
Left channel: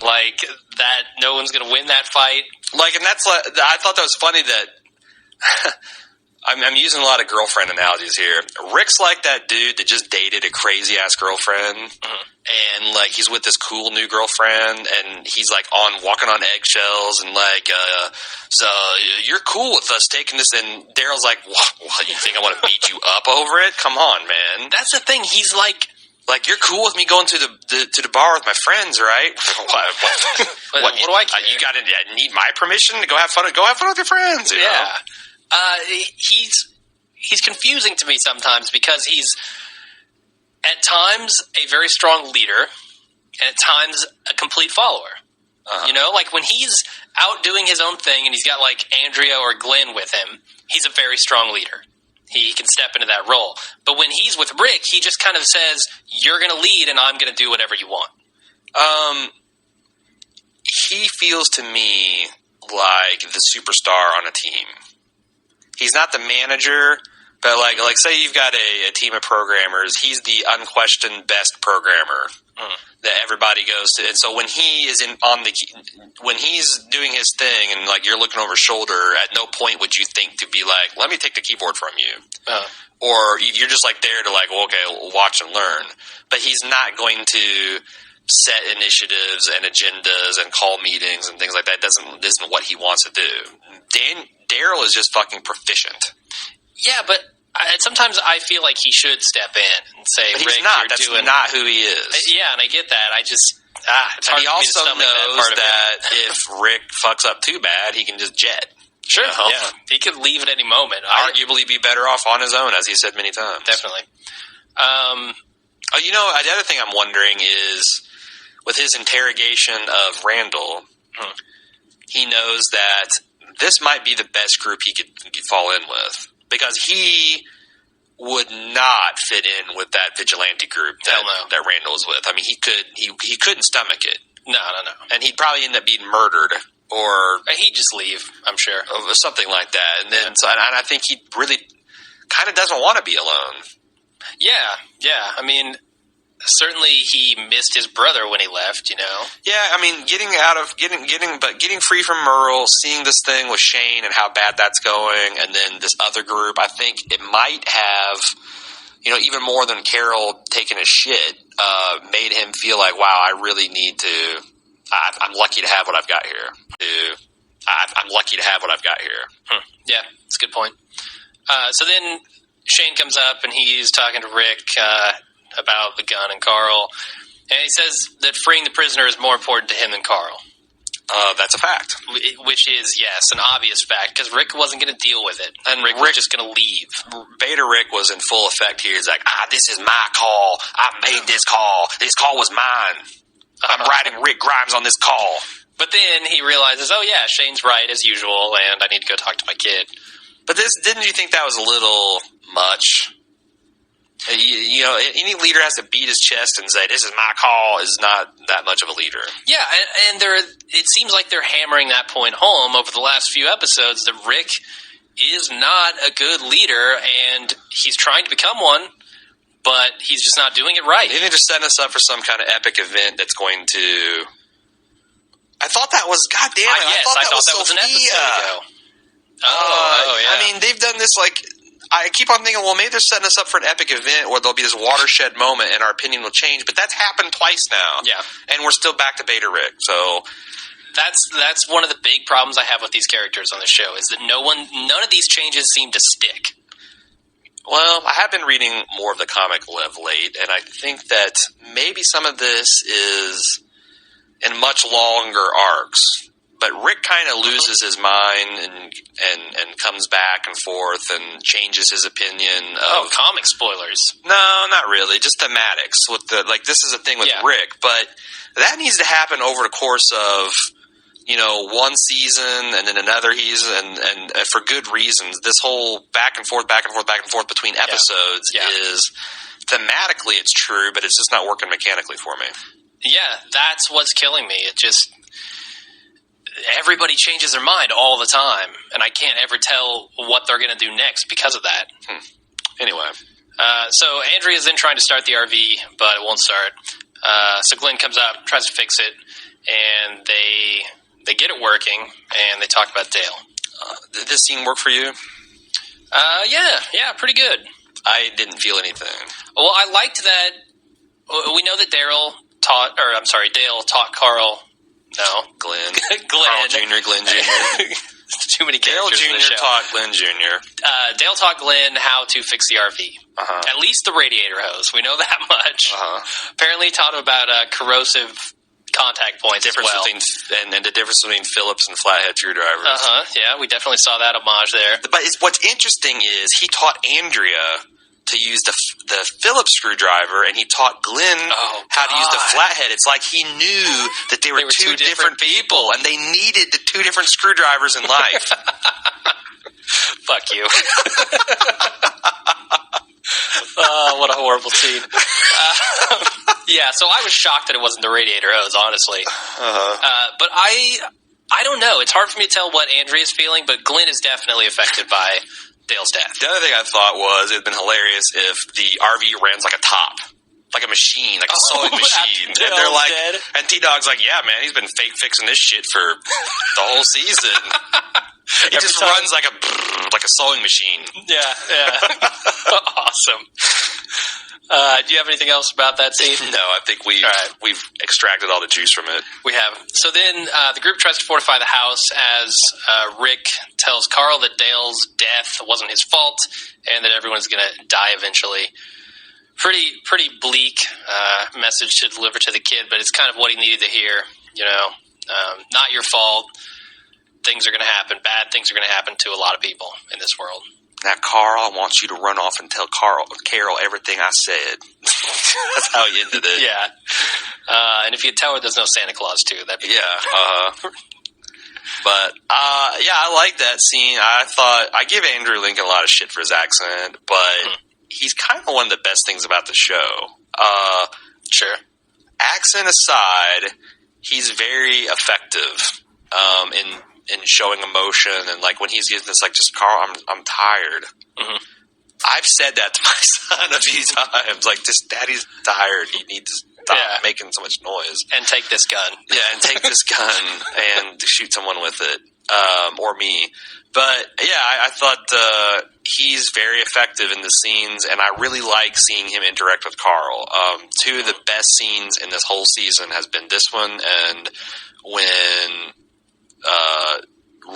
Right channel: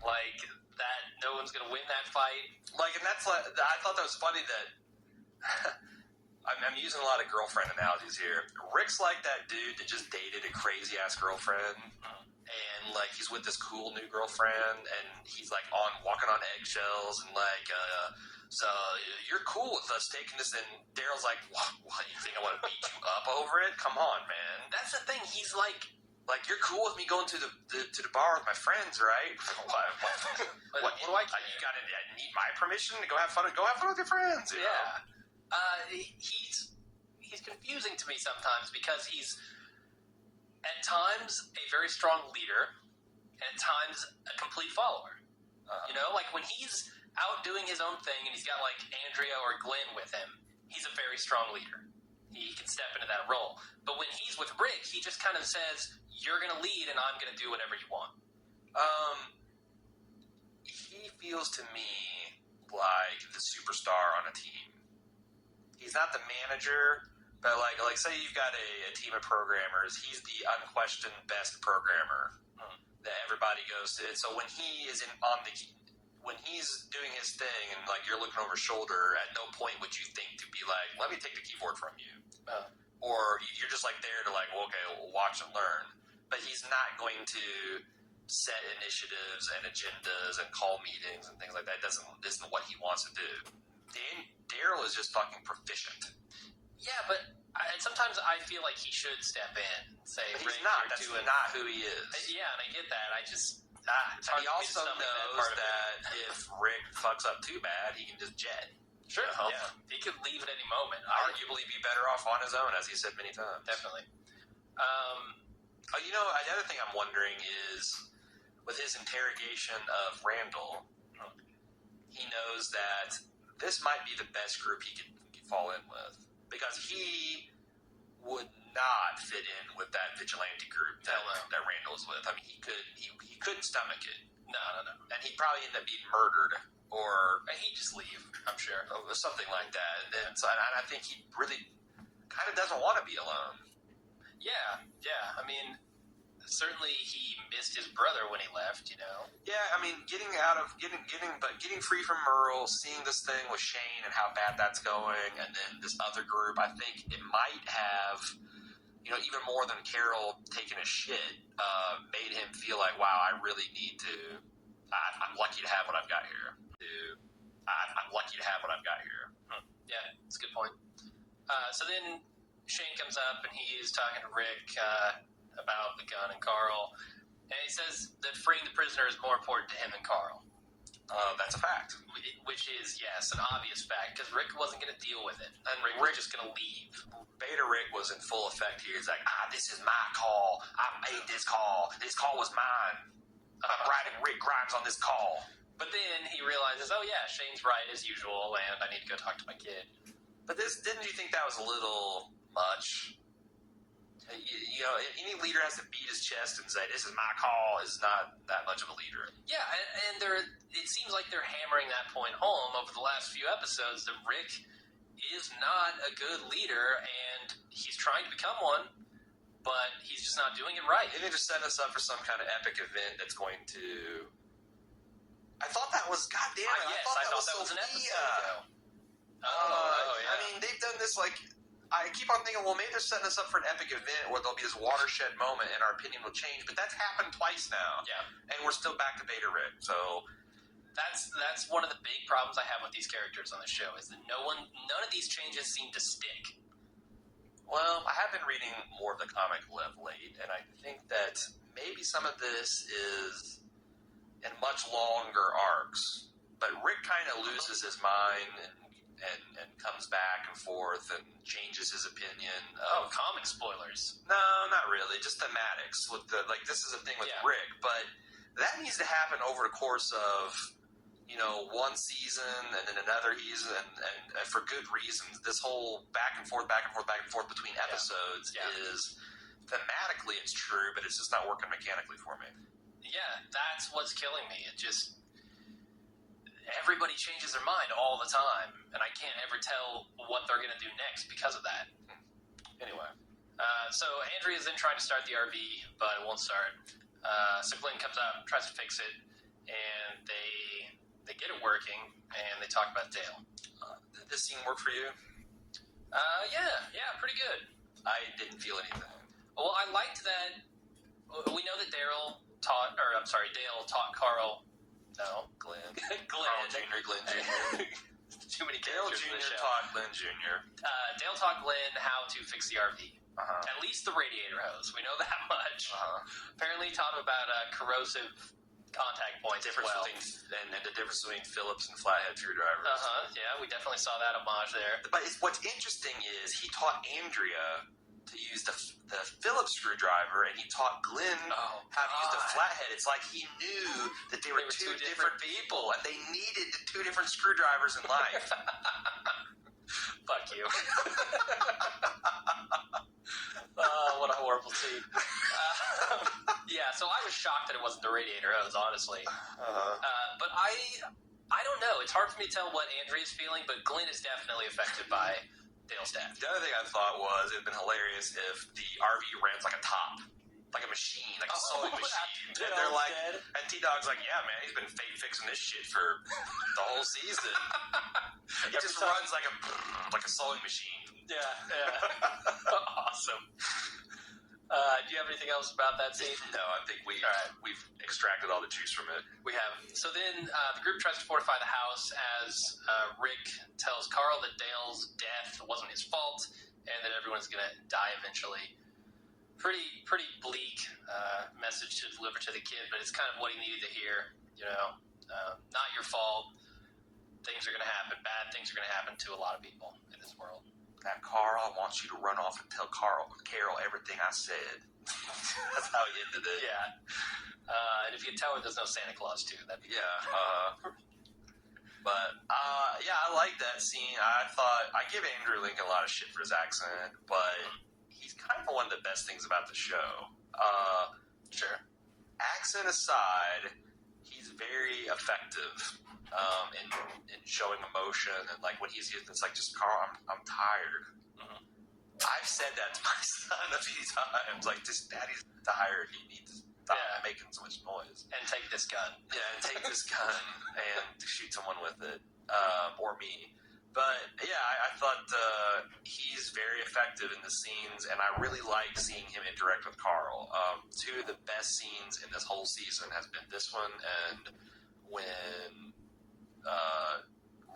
like, that no one's going to win that fight. Like, and that's like, I thought that was funny that I'm using a lot of girlfriend analogies here. Rick's like that dude that just dated a crazy ass girlfriend, and like he's with this cool new girlfriend, and he's like walking on eggshells, and like, so you're cool with us taking this, and Daryl's like, what, you think I want to beat you up over it? Come on, man. That's the thing. He's like, you're cool with me going to the bar with my friends, right? What do I care? You gotta need my permission to go have fun with your friends. You know? He's confusing to me sometimes because he's at times a very strong leader and at times a complete follower. You know, like when he's out doing his own thing and he's got like Andrea or Glenn with him, he's a very strong leader. He can step into that role. But when he's with Rick, he just kind of says, you're going to lead and I'm going to do whatever you want. He feels to me like the superstar on a team. He's not the manager, but like say you've got a team of programmers, he's the unquestioned best programmer that everybody goes to. And so when he is when he's doing his thing and like you're looking over his shoulder, at no point would you think to be like, let me take the keyboard from you. Or you're just like there to like, well, okay, watch and learn. But he's not going to set initiatives and agendas and call meetings and things like that. Isn't what he wants to do. Daryl is just fucking proficient. Yeah, but sometimes I feel like he should step in and say, but he's Rick, not. That's not who he is. Yeah, and I get that. I just... it's hard and he for me to also knows that if Rick fucks up too bad, he can just jet. Sure, yeah. He could leave at any moment. Arguably be better off on his own, as he said many times. Definitely. You know, the other thing I'm wondering is, with his interrogation of Randall, he knows that this might be the best group he could fall in with. Because he would not fit in with that vigilante group that Randall was with. I mean, he couldn't stomach it. No. And he'd probably end up being murdered. Or he'd just leave, I'm sure. Something like that. And then, and I think he really kind of doesn't want to be alone. Yeah. I mean, certainly he missed his brother when he left, you know? Yeah, I mean, getting free from Merle, seeing this thing with Shane and how bad that's going, and then this other group, I think it might have, you know, even more than Carol taking a shit, made him feel like, wow, I really need to... I'm lucky to have what I've got here. I'm lucky to have what I've got here. Yeah, that's a good point. So then Shane comes up and he's talking to Rick about the gun and Carl. And he says that freeing the prisoner is more important to him than Carl. That's a fact. Which is, yes, an obvious fact, because Rick wasn't going to deal with it. And Rick was just going to leave. Beta Rick was in full effect here. He's like, this is my call. I made this call. This call was mine. I'm writing Rick Grimes on this call. But then he realizes, oh yeah, Shane's right as usual, and I need to go talk to my kid. But didn't you think that was a little much? You know, any leader has to beat his chest and say, this is my call, is not that much of a leader. Yeah, and it seems like they're hammering that point home over the last few episodes, that Rick is not a good leader, and he's trying to become one, but he's just not doing it right. They need to set us up for some kind of epic event that's going to... I thought that was... God damn it. Yes, I thought that was an episode ago. Oh, yeah. I mean, they've done this, like... I keep on thinking, well, maybe they're setting us up for an epic event where there'll be this watershed moment and our opinion will change, but that's happened twice now. Yeah. And we're still back to Beta Rick, so... That's one of the big problems I have with these characters on the show, is that none of these changes seem to stick. Well, I have been reading more of the comic of late, and I think that maybe some of this is in much longer arcs. But Rick kind of loses his mind and comes back and forth and changes his opinion. Comic spoilers. No, not really. Just thematics. This is a thing with Rick, but that needs to happen over the course of, one season and then another season, and for good reasons. This whole back and forth between episodes is thematically it's true, but it's just not working mechanically for me. Yeah, that's what's killing me. It just everybody changes their mind all the time, and I can't ever tell what they're going to do next because of that. Anyway. So Andrea's then trying to start the RV, but it won't start. So Glenn comes up, tries to fix it, and they get it working, and they talk about Dale. Did this scene work for you? Yeah, pretty good. I didn't feel anything. Well, I liked that. We know that Dale taught Carl. No, Glenn. Carl Jr., Glenn Jr. Too many Dale characters in the Jr. show. taught Glenn Jr. Dale taught Glenn how to fix the RV. At least the radiator hose. We know that much. Apparently taught him about corrosive contact points and the difference between Phillips and flathead screwdrivers. Yeah, we definitely saw that homage there. But what's interesting is he taught Andrea to use the Phillips screwdriver, and he taught Glenn how to use the flathead. It's like he knew that they were two different people, and they needed the two different screwdrivers in life. Fuck you. What a horrible scene. Yeah, so I was shocked that it wasn't the radiator hose, honestly. But I don't know. It's hard for me to tell what Andrea's feeling, but Glenn is definitely affected by Dale's death. The other thing I thought was it would have been hilarious if the RV ran like a top. Like a machine, like a sewing machine. And they're like, dead. And T-Dog's like, yeah, man, he's been fake fixing this shit for the whole season. He just runs like a sewing machine. Yeah. Awesome. Do you have anything else about that scene? No, I think we've extracted all the juice from it. We have. So then the group tries to fortify the house as Rick tells Carl that Dale's death wasn't his fault and that everyone's going to die eventually. Pretty bleak message to deliver to the kid, but it's kind of what he needed to hear. Not your fault. Things are going to happen. Bad things are going to happen to a lot of people in this world. Now, Carl, I want you to run off and tell Carol everything I said. That's how he ended it. Yeah. And if you tell her there's no Santa Claus, too, that'd be good. But, I like that scene. I give Andrew Lincoln a lot of shit for his accent, but he's kind of one of the best things about the show. Sure. Accent aside, he's very effective in showing emotion, and like when he's getting this, like, just Carl, I'm tired. I've said that to my son a few times, like, just Daddy's tired. You need to stop making so much noise and take this gun. Yeah, and take this gun and shoot someone with it, or me. But yeah, I thought he's very effective in the scenes, and I really like seeing him interact with Carl. Two of the best scenes in this whole season has been this one and when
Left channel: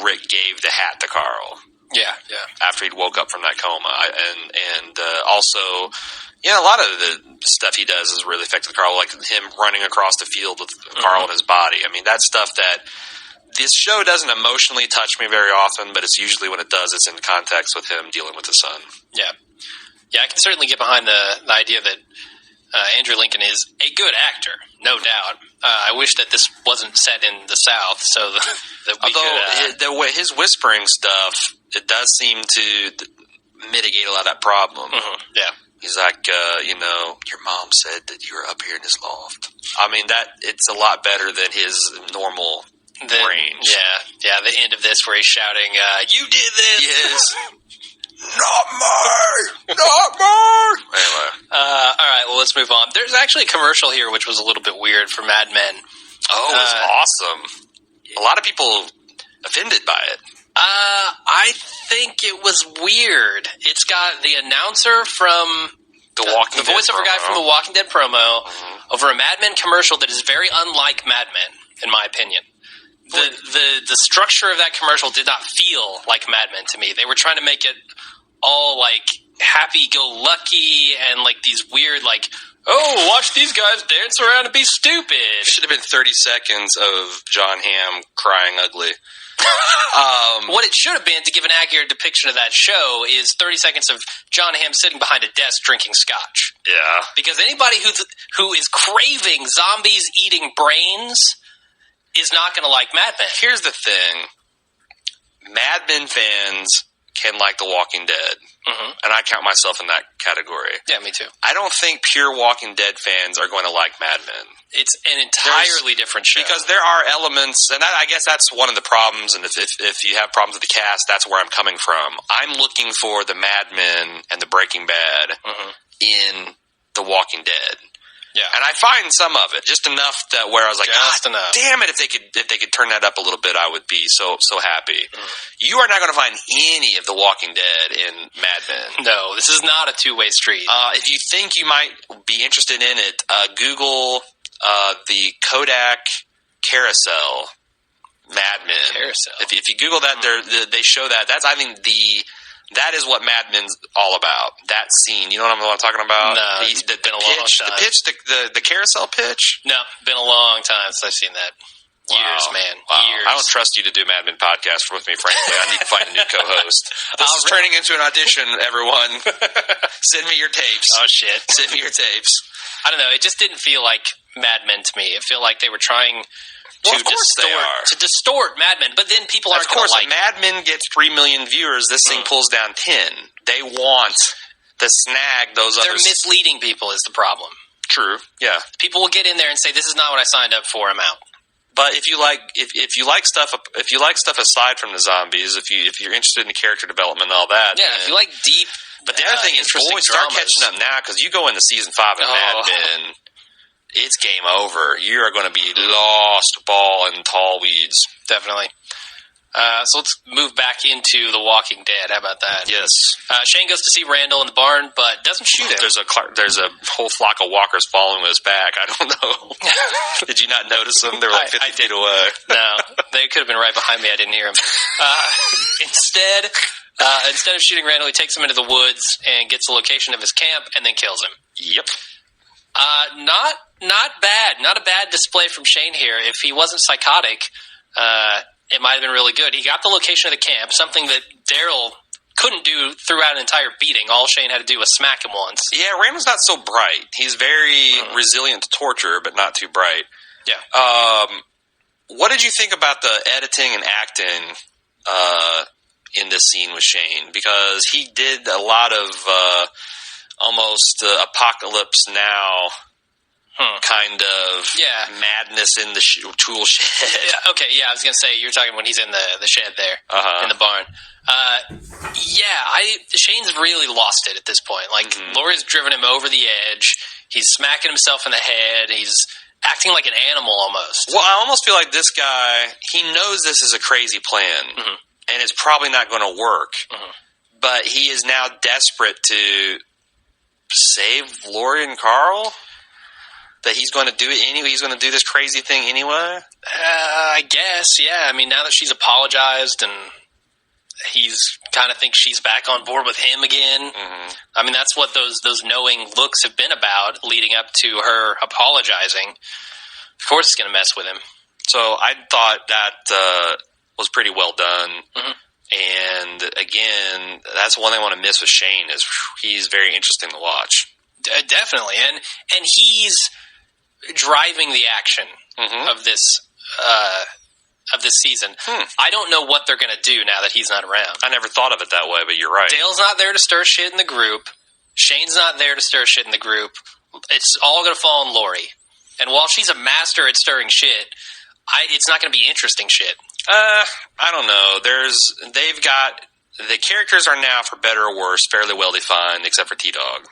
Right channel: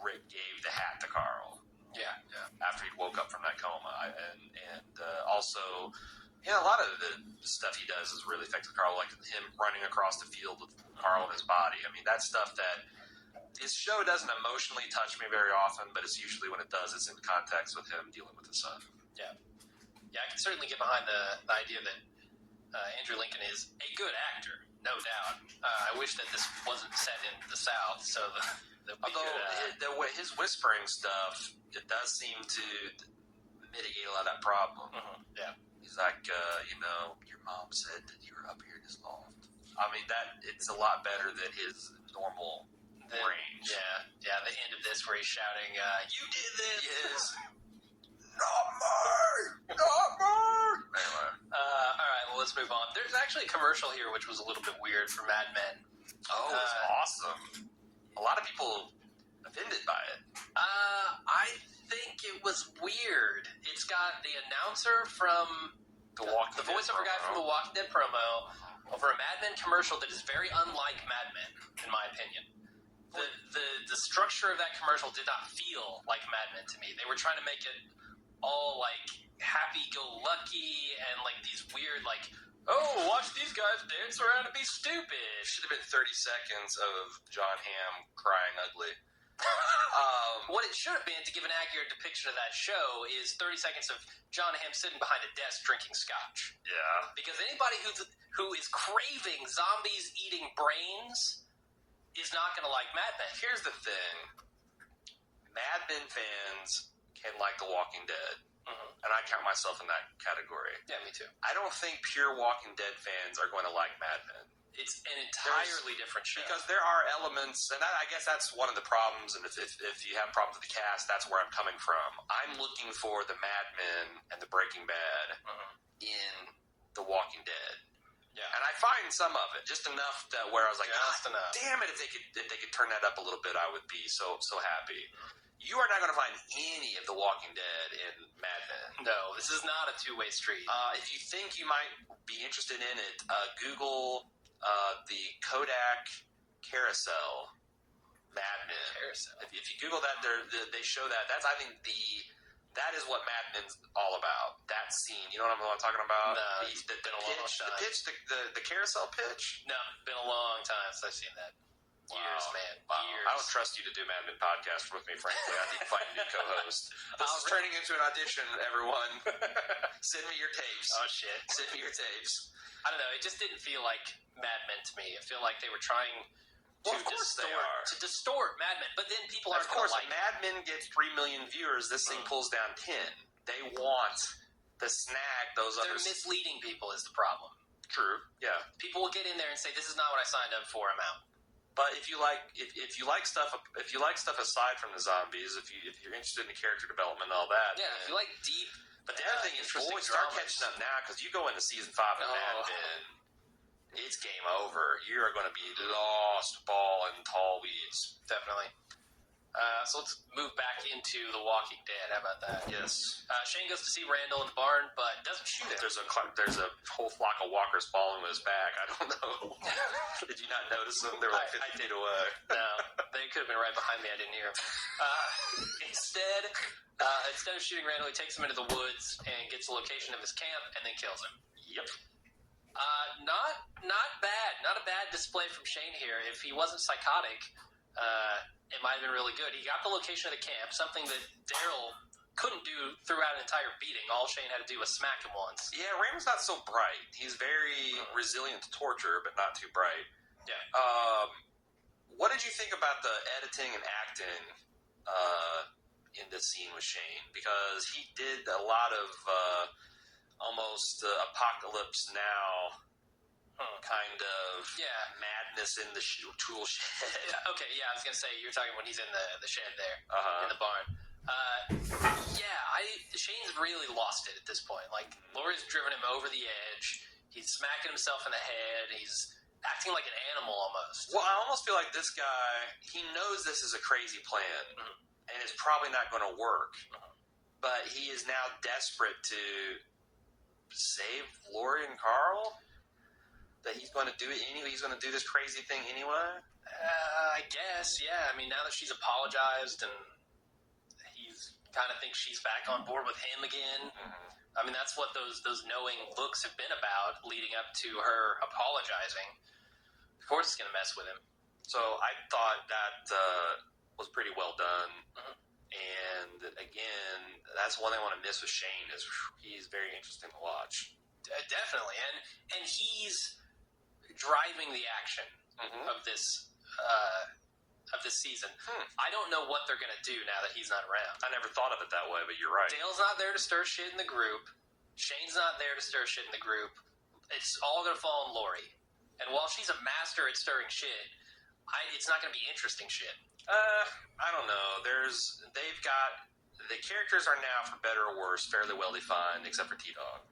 Rick gave the hat to Carl. Yeah. After he'd woke up from that coma, and also, a lot of the stuff he does is really effective with Carl, like him running across the field with Carl in his body. I mean, that's stuff that this show doesn't emotionally touch me very often, but it's usually when it does, it's in context with him dealing with his son. Yeah, I can certainly get behind the idea that Andrew Lincoln is a good actor, no doubt. I wish that this wasn't set in the South, so that we although his whispering stuff, it does seem to mitigate a lot of that problem. Yeah. He's like, your mom said that you were up here in this loft. I mean, it's a lot better than his normal range. Yeah, the end of this where he's shouting, you did this! Yes. Not me! Anyway. All right, well, let's move on. There's actually a commercial here which was a little bit weird for Mad Men. Oh, it was awesome. A lot of people offended by it. I think it was weird. It's got the announcer from the voiceover guy from the Walking Dead promo over a Mad Men commercial that is very unlike Mad Men, in my opinion. The structure of that commercial did not feel like Mad Men to me. They were trying to make it all like happy-go-lucky and like these weird like, oh, watch these guys dance around and be stupid. It should have been 30 seconds of John Hamm crying ugly. What it should have been, to give an accurate depiction of that show, is 30 seconds of John Hamm sitting behind a desk drinking scotch. Yeah. Because anybody who is craving zombies eating brains is not going to like Mad Men. Here's the thing. Mad Men fans can like The Walking Dead. Mm-hmm. And I count myself in that category. Yeah, me too. I don't think pure Walking Dead fans are going to like Mad Men. It's an entirely different show. Because there are elements, and I guess that's one of the problems, and if you have problems with the cast, that's where I'm coming from. I'm looking for the Mad Men and the Breaking Bad in The Walking Dead. Yeah, and I find some of it just enough that where I was like, enough. Damn it! If they could turn that up a little bit, I would be so happy. You are not going to find any of The Walking Dead in Mad Men. No, this is not a two-way street. If you think you might be interested in it, Google the Kodak Carousel Mad Men. Carousel. If you Google that, they show that. That's I think that is what Mad Men's all about. That scene. You know what I'm talking about? No, it's been a long time. The pitch, the carousel pitch? No, been a long time since I've seen that. Years, man. Wow. Years. I don't trust you to do Mad Men podcast with me, frankly. I need to find a new co-host. This is turning into an audition, everyone. Send me your tapes. Oh, shit. Send me your tapes. I don't know. It just didn't feel like Mad Men to me. It felt like they were trying to distort Mad Men, but then people aren't going to like. Of course, Mad Men gets 3 million viewers. This thing pulls down 10. They want to snag those others. They're misleading people is the problem. True. Yeah. People will get in there and say, "This is not what I signed up for. I'm out." But if you like stuff aside from the zombies, if you're interested in the character development and all that, if you like deep. But the other thing is, boys, start catching up now because you go into season 5 of Mad Men. It's game over. You are going to be lost ball in tall weeds. Definitely. So let's move back into The Walking Dead. How about that? Yes. Shane goes to see Randall in the barn, but doesn't shoot him. There's a whole flock of walkers following his back. I don't know. Did you not notice them? They were like 50 feet away. No, they could have been right behind me. I didn't hear them. Instead of shooting Randall, he takes him into the woods and gets the location of his camp and then kills him. Yep. Not bad. Not a bad display from Shane here. If he wasn't psychotic, it might have been really good. He got the location of the camp, something that Daryl couldn't do throughout an entire beating. All Shane had to do was smack him once. Yeah, Randall's not so bright. He's very resilient to torture, but not too bright. Yeah. What did you think about the editing and acting in this scene with Shane? Because he did a lot of almost Apocalypse Now kind of madness in the tool shed. Yeah, okay, I was going to say, you're talking when he's in the shed there, in the barn. Shane's really lost it at this point. Like, Laurie's driven him over the edge. He's smacking himself in the head. He's acting like an animal almost. Well, I almost feel like this guy, he knows this is a crazy plan, and it's probably not going to work. But he is now desperate to save Laurie and Carl? That he's going to do it anyway? He's going to do this crazy thing anyway? I guess, yeah. I mean, now that she's apologized and he's kind of thinks she's back on board with him again. I mean, that's what those knowing looks have been about leading up to her apologizing. Of course it's going to mess with him. So I thought that was pretty well done. And again, that's one thing I want to miss with Shane is he's very interesting to watch. Definitely. And he's driving the action of this season. I don't know what they're going to do now that he's not around. I never thought of it that way, but you're right. Dale's not there to stir shit in the group. Shane's not there to stir shit in the group. It's all going to fall on Laurie. And while she's a master at stirring shit, it's not going to be interesting shit. I don't know. They've got the characters are now, for better or worse, fairly well defined, except for T-Dog.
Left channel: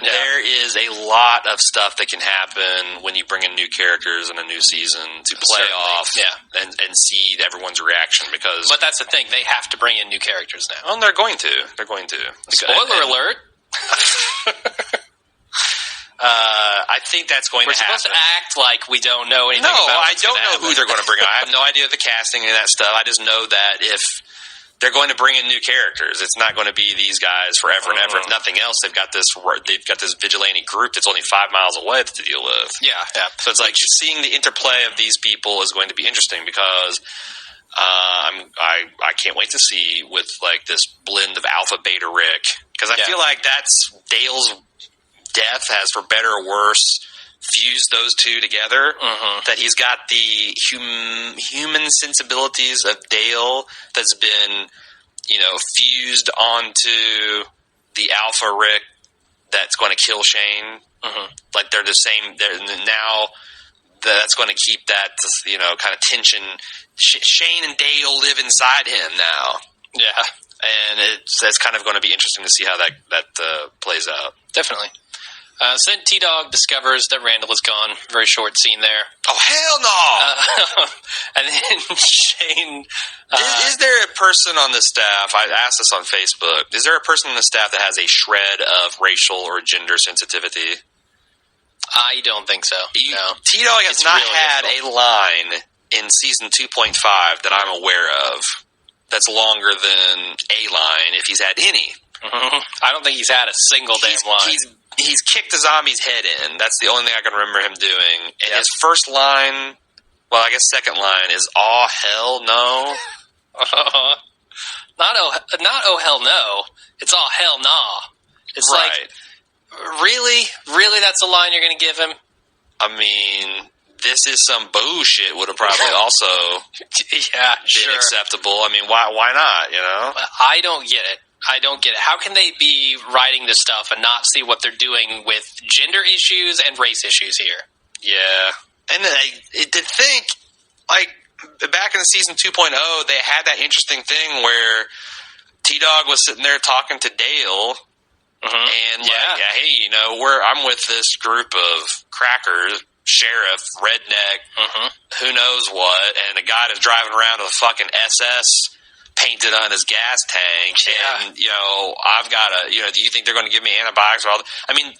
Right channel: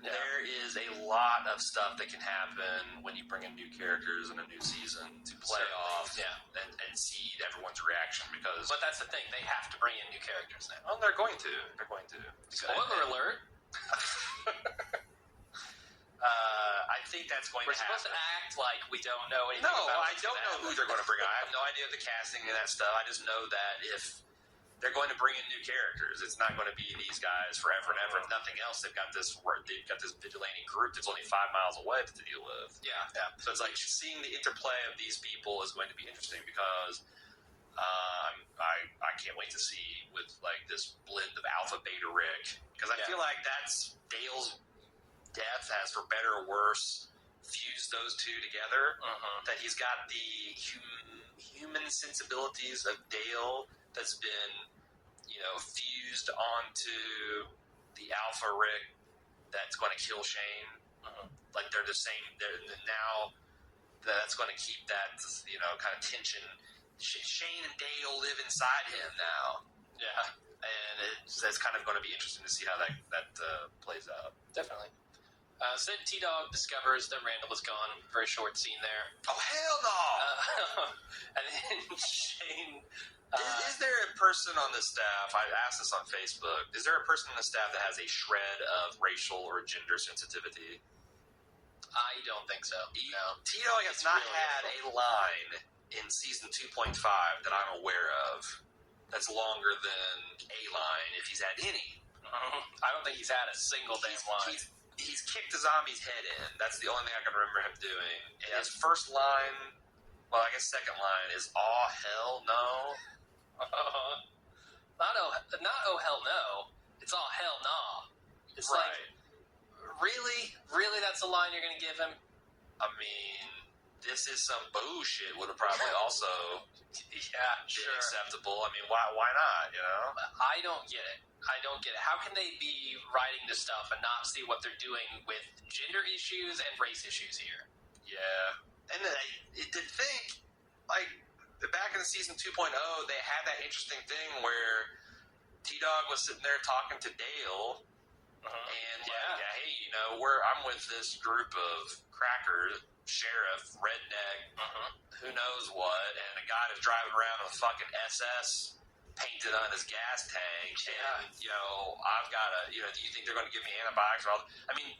There is a lot of stuff that can happen when you bring in new characters in a new season to play off and see everyone's reaction. But that's the thing; they have to bring in new characters now. Oh, they're going to. They're going to. Spoiler alert. I think that's going to happen. We're supposed to act like we don't know anything about I don't know who they're going to bring on. I have no idea of the casting and that stuff. I just know that if they're going to bring in new characters, it's not going to be these guys forever and ever. If nothing else, they've got this vigilante group that's only 5 miles away to deal with. Yeah. So it's like seeing the interplay of these people is going to be interesting because I can't wait to see with like this blend of Alpha Beta Rick, because I feel like that's Dale's death has, for better or worse, fuse those two together. That he's got the human sensibilities of Dale that's been, fused onto the Alpha Rick that's going to kill Shane. Like they're the same. Now that's going to keep that, kind of tension. Shane and Dale live inside him now. Yeah. And it's kind of going to be interesting to see how that plays out. Definitely. So then T-Dog discovers that Randall is gone. Very short scene there. Oh, hell no! And then Shane... Is there a person on the staff, I asked this on Facebook, is there a person on the staff that has a shred of racial or gender sensitivity? I don't think so, no. T-Dog has not really had difficult. a line in Season 2.5 that I'm aware of that's longer than a line, if he's had any. I don't think he's had a single damn line. He's kicked a zombie's head in. That's the only thing I can remember him doing. And his first line, well, I guess second line is, "Aw, hell no." Not oh hell no. It's all hell nah. It's like, really? Really that's the line you're going to give him? I mean, this is some bullshit would have probably also been acceptable. I mean, why not, I don't get it. How can they be writing this stuff and not see what they're doing with gender issues and race issues here? Yeah. And then to think, like, back in Season 2.0, they had that interesting thing where T-Dog was sitting there talking to Dale, and hey, I'm with this group of crackers, sheriff, redneck, who knows what, and a guy that's driving around with a fucking SS painted on his gas tank, and I've got do you think they're going to give me antibiotics? I mean,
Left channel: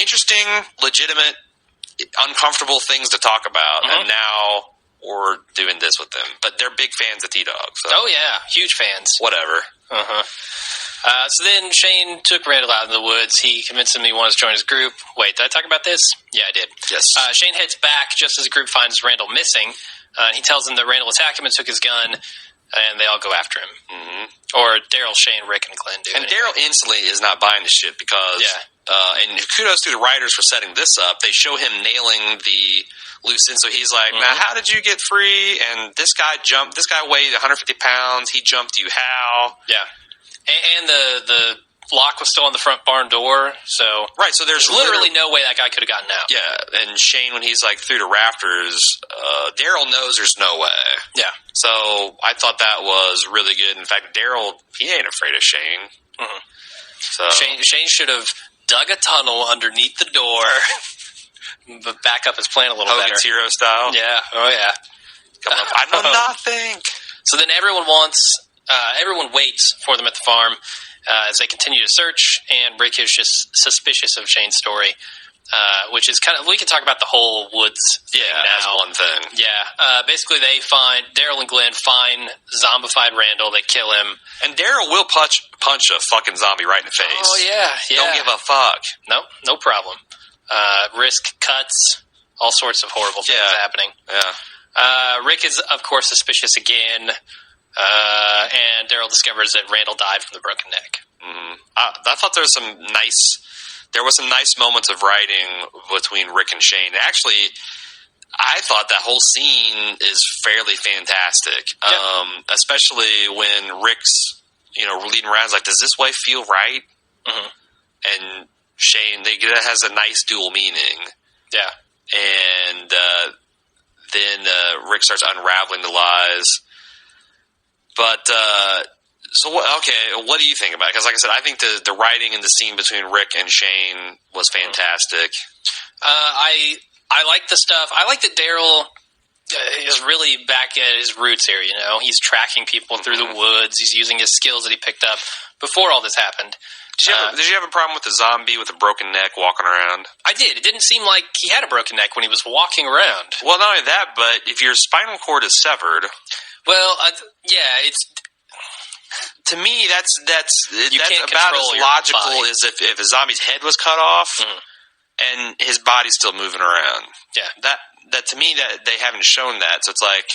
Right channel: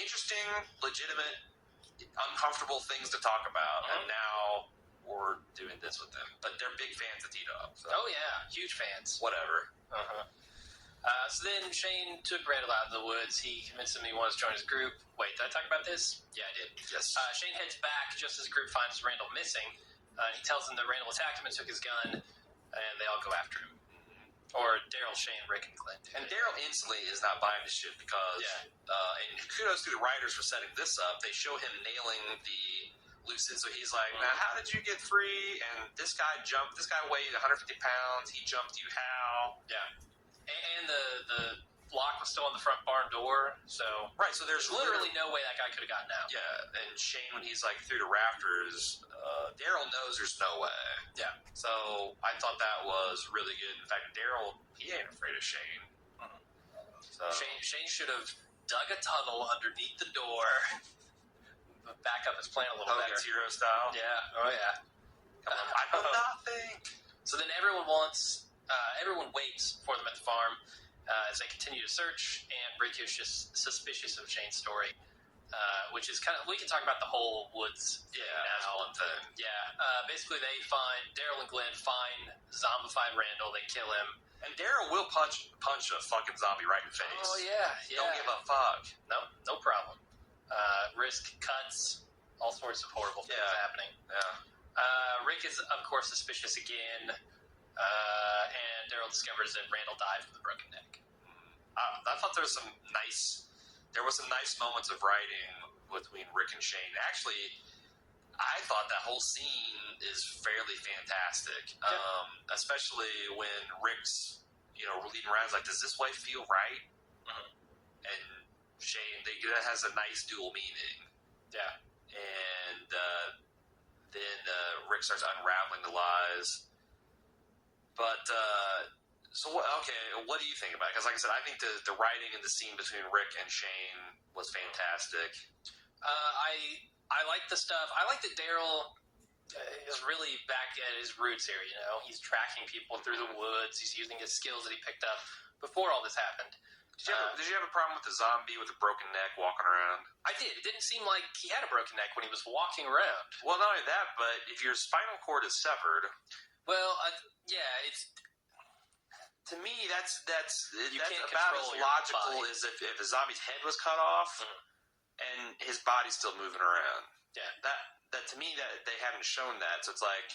interesting, legitimate, uncomfortable things to talk about, and now we're doing this with them. But they're big fans of T-Dog. So. Oh yeah, huge fans. Whatever. So then Shane took Randall out in the woods. He convinced him he wanted to join his group. Wait, did I talk about this? Yeah, I did. Yes. Shane heads back just as the group finds Randall missing. He tells them that Randall attacked him and took his gun. And they all go after him. Or Daryl, Shane, Rick, and Glenn do. And Daryl instantly is not buying the shit because... and kudos to the writers for setting this up. They show him nailing the loose end. So he's like, now, how did you get free? And this guy weighed 150 pounds. He jumped you how? Yeah. And the lock was still on the front barn door. So so there's literally no way that guy could have gotten out. Yeah. And Shane, when he's like through the rafters, Daryl knows there's no way. Yeah. So I thought that was really good. In fact, Daryl, he ain't afraid of Shane. So Shane should have dug a tunnel underneath the door, but back up his plan a little better. Hogan's Hero style? Yeah. Oh, yeah. Come up, I know nothing. So then everyone waits for them at the farm as they continue to search, and Rick is just suspicious of Shane's story. Which is kind of, we can talk about the whole woods thing as now. one thing. Yeah. Basically, Daryl and Glenn find zombified Randall. They kill him. And Daryl will punch a fucking zombie right in the face. Oh, yeah. Don't give a fuck. No problem. Risk cuts, all sorts of horrible things happening. Yeah. Rick is, of course, suspicious again. And Daryl discovers that Randall died from the broken neck. I thought there was some nice moments of writing between Rick and Shane. Actually, I thought that whole scene is fairly fantastic. Especially when Rick's, leading around, like, does this way feel right? And Shane, that has a nice dual meaning. Yeah. And then Rick starts unraveling the lies. But, what do you think about it? Because, like I said, I think the writing in the scene between Rick and Shane was fantastic. I like the stuff. I like that Daryl is really back at his roots here, He's tracking people through the woods. He's using his skills that he picked up before all this happened. Did you have a problem with the zombie with a broken neck walking around? I did. It didn't seem like he had a broken neck when he was walking around. Well, not only that, but if your spinal cord is severed... Well, it's... To me, that's about as logical as if a zombie's head was cut off and his body's still moving around. Yeah. That to me, that they haven't shown that. So it's like...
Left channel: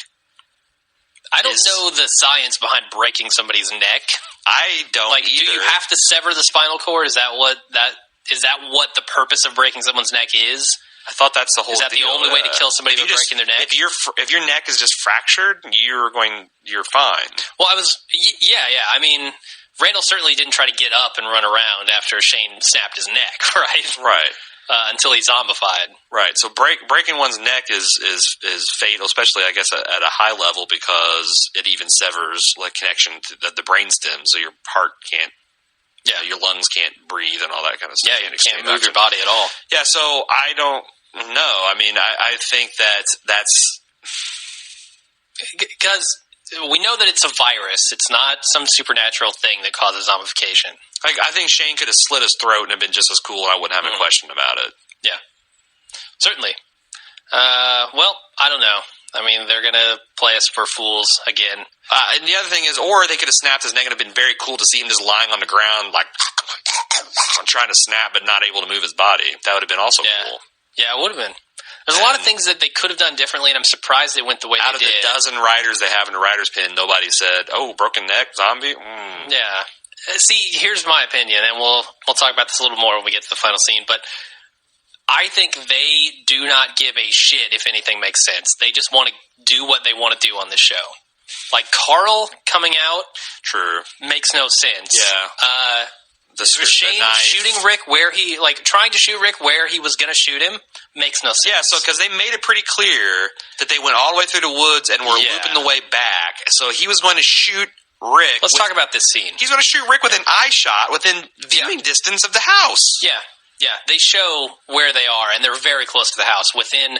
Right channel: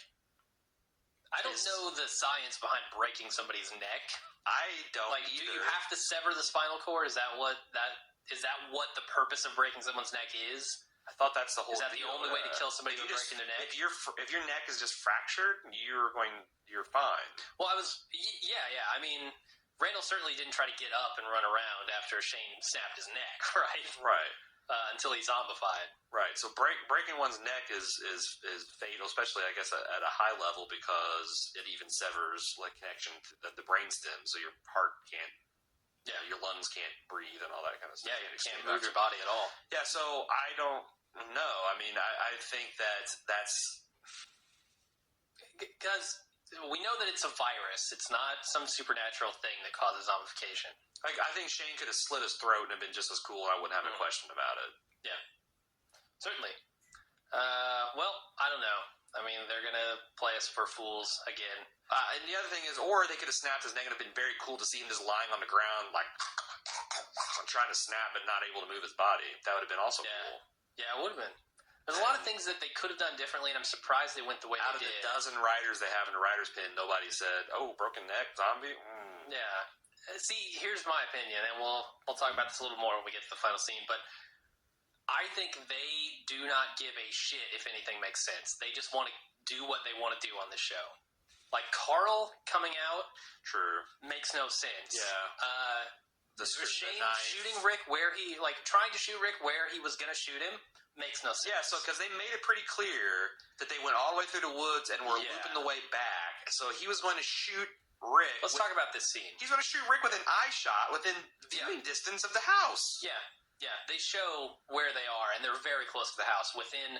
I don't know the science behind breaking somebody's neck. I don't either. Do you have to sever the spinal cord? Is that what that Is that what the purpose of breaking someone's neck is? I thought that's the whole. Is that deal. the only way to kill somebody by breaking their neck? If your neck is just fractured, you're fine. Well, yeah. I mean, Randall certainly didn't try to get up and run around after Shane snapped his neck, right? Right. Until he's zombified. Right. So breaking one's neck is fatal, especially I guess at a high level, because it even severs like connection to the brainstem, so your heart can't. Yeah, your lungs can't breathe and all that kind of stuff. Yeah, you can't move your body at all. Yeah, so I don't know. I mean, I think that's because we know that it's a virus. It's not some supernatural thing that causes zombification. I think Shane could have slit his throat and have been just as cool, and I wouldn't have a question about it. Yeah, certainly. Well, I don't know. I mean, they're going to play us for fools again. And the other thing is, or they could have snapped his neck and it would have been very cool to see him just lying on the ground, like, trying to snap but not able to move his body. That would have been also cool. Yeah, it would have been. There's a lot of things that they could have done differently, and I'm surprised they went the way they did. Out of the dozen writers they have in the writer's pin, nobody said, oh, broken neck, zombie? Yeah. See, here's my opinion, and we'll talk about this a little more when we get to the final scene, but I think they do not give a shit if anything makes sense. They just want to do what they want to do on this show. Like, Carl coming out makes no sense. Yeah. Shane shooting Rick trying to shoot Rick where he was going to shoot him makes no sense. Yeah, so because they made it pretty clear that they went all the way through the woods and were looping the way back. So he was going to shoot Rick. Let's talk about this scene. He's going to shoot Rick with an eye shot within viewing distance of the house. Yeah. Yeah, they show where they are, and they're very close to the house, within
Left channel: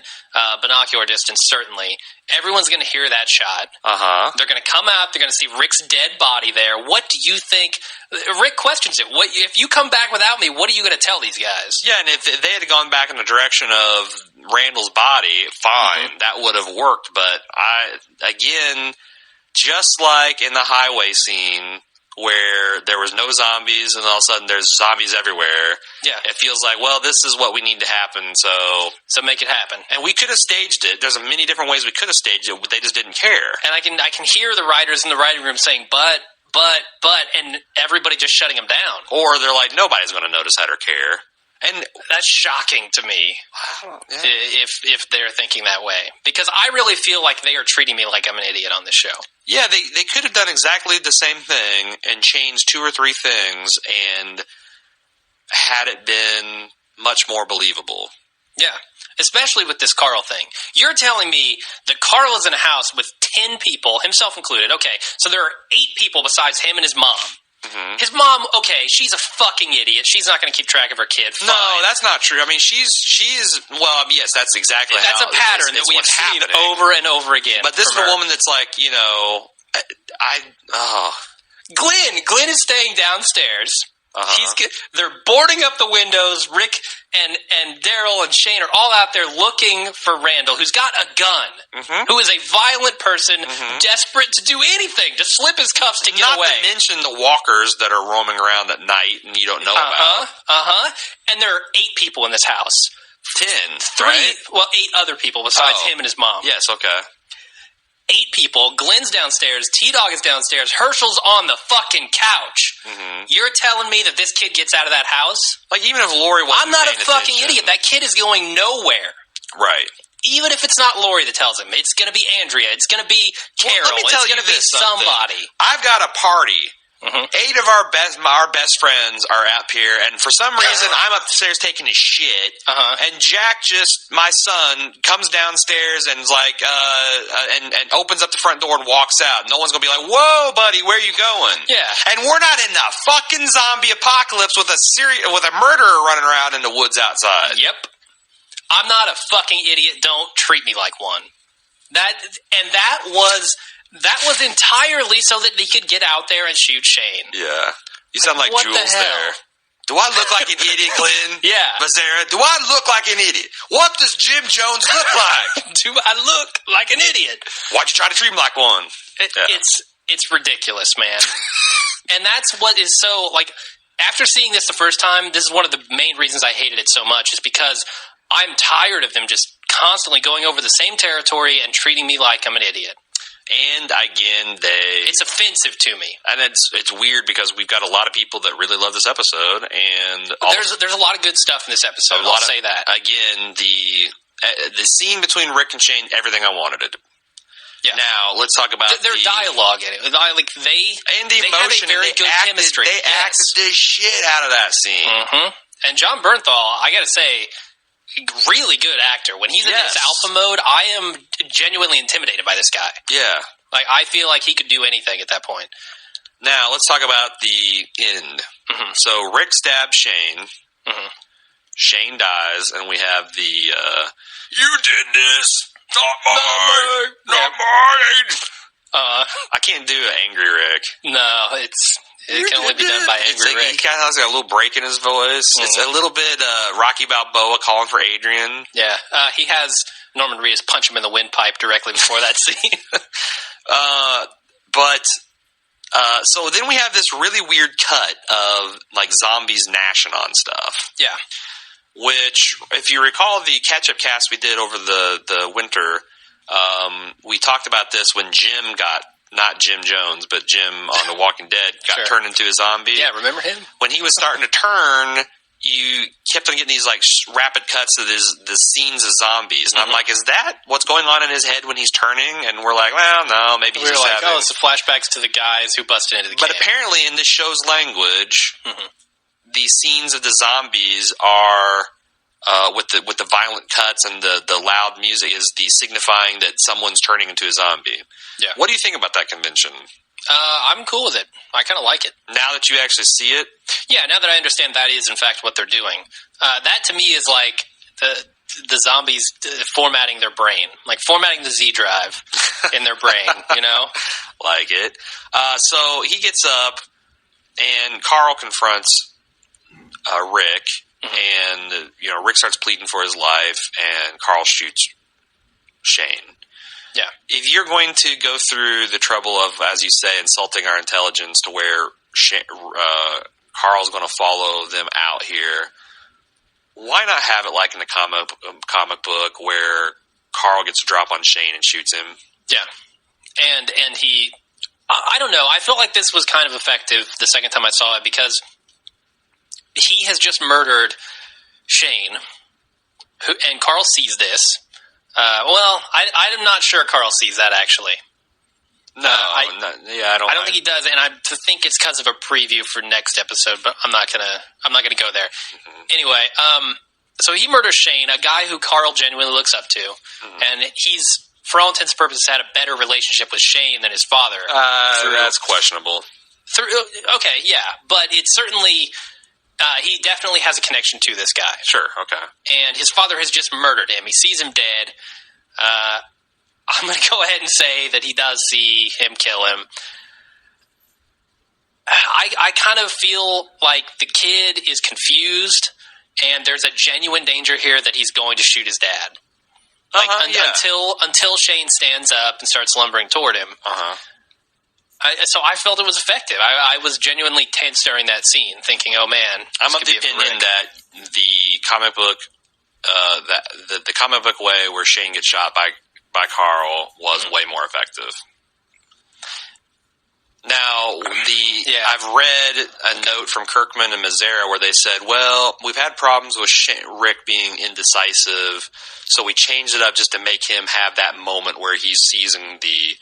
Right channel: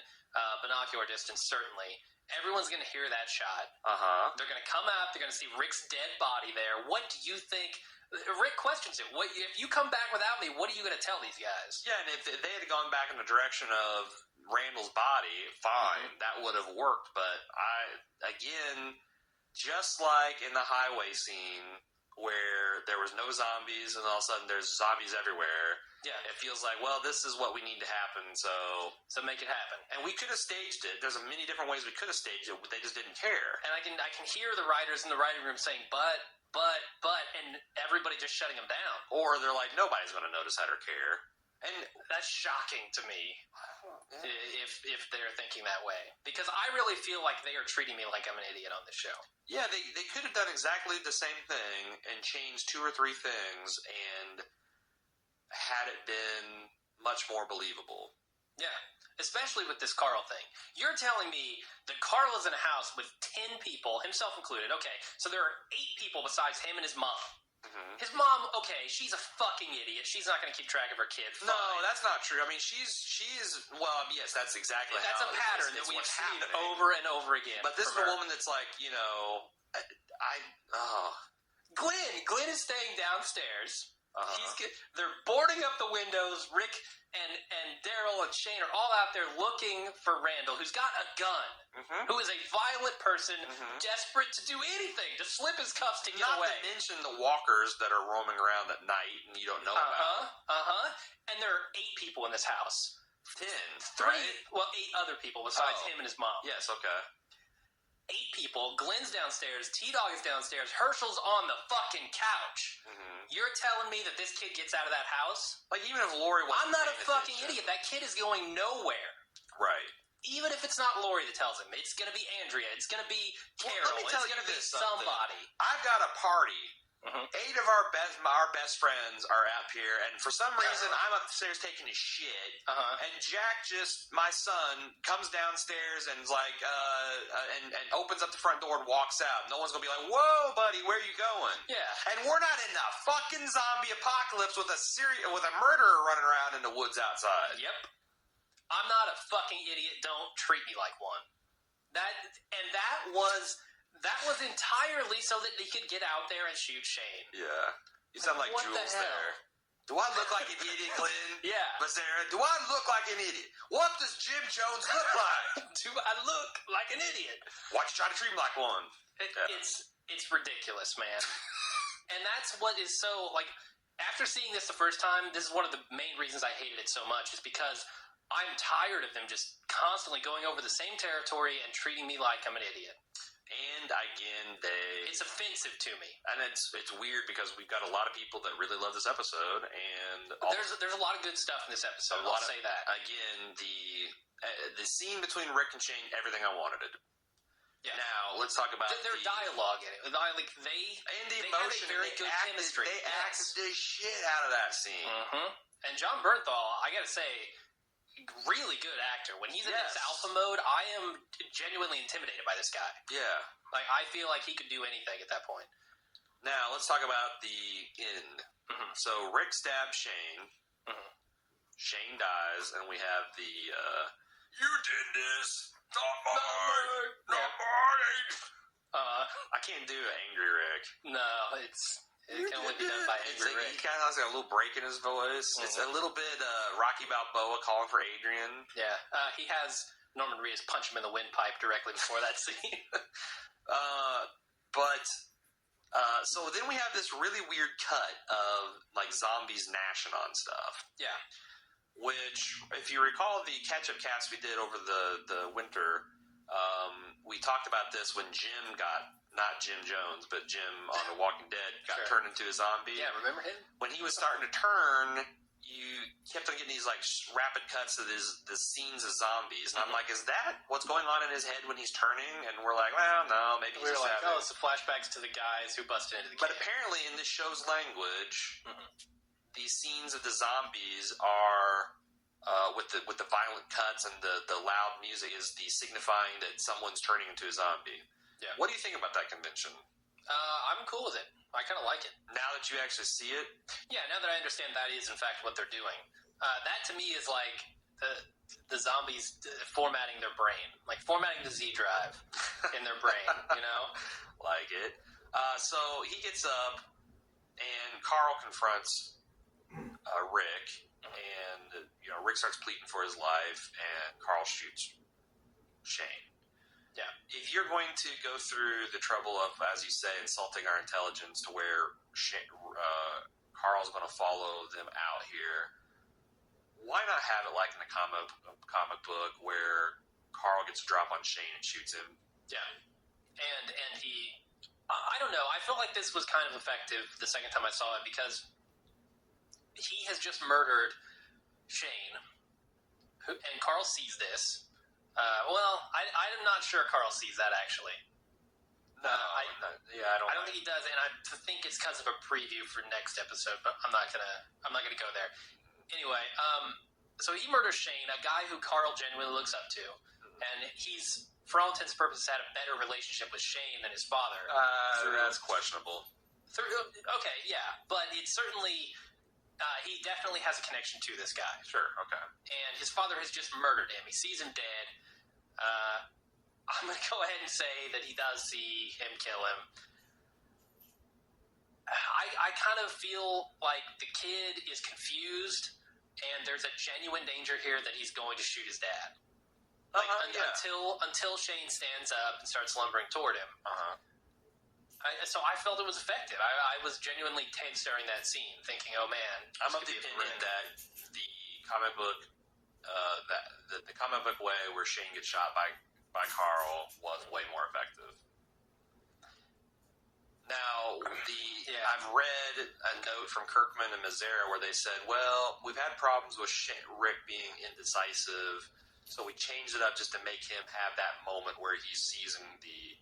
binocular distance, certainly. Everyone's going to hear that shot. They're going to come out. They're going to see Rick's dead body there. What do you think? Rick questions it. If you come back without me, what are you going to tell these guys? Yeah, and if they had gone back in the direction of Randall's body, fine, that would have worked. But just like in the highway scene, where there was no zombies and all of a sudden there's zombies everywhere. Yeah. It feels like, well, this is what we need to happen, so make it happen. And we could have staged it. There's many different ways we could have staged it, but they just didn't care. And I can hear the writers in the writing room saying, but, and everybody just shutting them down. Or they're like, nobody's going to notice that or care. And that's shocking to me if they're thinking that way. Because I really feel like they are treating me like I'm an idiot on this show. Yeah, they could have done exactly the same thing and changed 2 or 3 things and had it been much more believable. Yeah, especially with this Carl thing. You're telling me that Carl is in a house with 10 people, himself included. Okay, so there are 8 people besides him and his mom. His mom, okay, she's a fucking idiot. She's not going to keep track of her kid. Fine. No, that's not true. I mean, she's well, yes, that's exactly that's how a pattern that we've seen over and over again. But this is a woman that's like, Glenn is staying downstairs. They're boarding up the windows. Rick and Daryl and Shane are all out there looking for Randall, who's got a gun, who is a violent person, desperate to do anything, to slip his cuffs to get away. Not to mention the walkers that are roaming around at night and you don't know about. And there are 8 people in this house. 10, 3, right? Well, 8 other people besides him and his mom. Yes, okay. 8 people. Glenn's downstairs. T-Dog is downstairs. Herschel's on the fucking couch. You're telling me that this kid gets out of that house? Like, even if Lori wasn't I'm not a fucking attention. idiot. That kid is going nowhere. Right. Even if it's not Lori that tells him. It's going to be Andrea. It's going to be Carol. Well, it's going to be somebody. I've got a party. 8 of our best friends are up here, and for some reason, I'm upstairs taking a shit, and Jack my son, comes downstairs and is like, and opens up the front door and walks out. No one's gonna be like, "Whoa, buddy, where are you going?" Yeah, and we're not in the fucking zombie apocalypse with a murderer running around in the woods outside. Yep, I'm not a fucking idiot. Don't treat me like one. That was entirely so that he could get out there and shoot Shane. Yeah. You sound like what Jules the hell? there. Do I look like an idiot, Glenn? Yeah. Mazzara, do I look like an idiot? What does Jim Jones look like? Do I look like an idiot? Why'd you try to treat him like one? It's ridiculous, man. And that's what is so, like, after seeing this the first time, this is one of the main reasons I hated it so much, is because I'm tired of them just constantly going over the same territory and treating me like I'm an idiot. And again, it's offensive to me, and it's weird because we've got a lot of people that really love this episode, and there's a lot of good stuff in this episode. I'll say that again. The scene between Rick and Shane, everything I wanted it. Yeah. Now let's talk about their dialogue in it. Like and the emotion. They have a very good chemistry. They acted the shit out of that scene. Mm-hmm. And John Bernthal, I got to say, really good actor. When he's in this alpha mode, I am genuinely intimidated by this guy. Yeah. Like, I feel like he could do anything at that point. Now, let's talk about the end. Mm-hmm. So, Rick stabs Shane. Mm-hmm. Shane dies, and we have the, you did this. Not mine. Not mine. I can't do an angry Rick. No, it can only be done by angry Rick. He kind of has a little break in his voice. Mm-hmm. It's a little bit Rocky Balboa calling for Adrian. Yeah, he has Norman Reedus punch him in the windpipe directly before that scene. So then we have this really weird cut of like zombies gnashing on stuff. Yeah. Which, if you recall the catch-up cast we did over the winter, we talked about this when Jim got, not Jim Jones, but Jim on The Walking Dead got turned into a zombie. Yeah, remember him? When he was starting to turn, you kept on getting these like rapid cuts of the scenes of zombies. And I'm like, is that what's going on in his head when he's turning? And we're like, well, no, maybe he's just like, it's the flashbacks to the guys who busted into the camp. But apparently in this show's language, the scenes of the zombies are with the violent cuts and the loud music is the signifying that someone's turning into a zombie. Yeah. What do you think about that convention? I'm cool with it. I kind of like it. Now that you actually see it? Yeah, now that I understand that is, in fact, what they're doing. That, to me, is like the zombies formatting their brain. Like formatting the Z drive in their brain, you know? Like it. So he gets up, and Carl confronts Rick, and Rick starts pleading for his life, and Carl shoots Shane. Yeah. If you're going to go through the trouble of, as you say, insulting our intelligence to where Carl's going to follow them out here, why not have it like in the comic book where Carl gets a drop on Shane and shoots him? Yeah. And he, I don't know, I felt like this was kind of effective the second time I saw it because he has just murdered Shane, and Carl sees this. I'm not sure Carl sees that actually. I don't think he does, and I think it's because of a preview for next episode. But I'm not gonna go there. Mm-hmm. Anyway, so he murders Shane, a guy who Carl genuinely looks up to, and he's, for all intents and purposes, had a better relationship with Shane than his father. That's questionable. Okay, yeah, but it's certainly. He definitely has a connection to this guy. Sure, okay. And his father has just murdered him. He sees him dead. I'm going to go ahead and say that he does see him kill him. I kind of feel like the kid is confused, and there's a genuine danger here that he's going to shoot his dad. Until Shane stands up and starts lumbering toward him. So I felt it was effective. I was genuinely tense during that scene, thinking, "Oh man!" I'm of the opinion that the comic book, the comic book way where Shane gets shot by Carl was way more effective. Now, I've read a note from Kirkman and Mazzara where they said, "Well, we've had problems with Rick being indecisive, so we changed it up just to make him have that moment where he's seizing the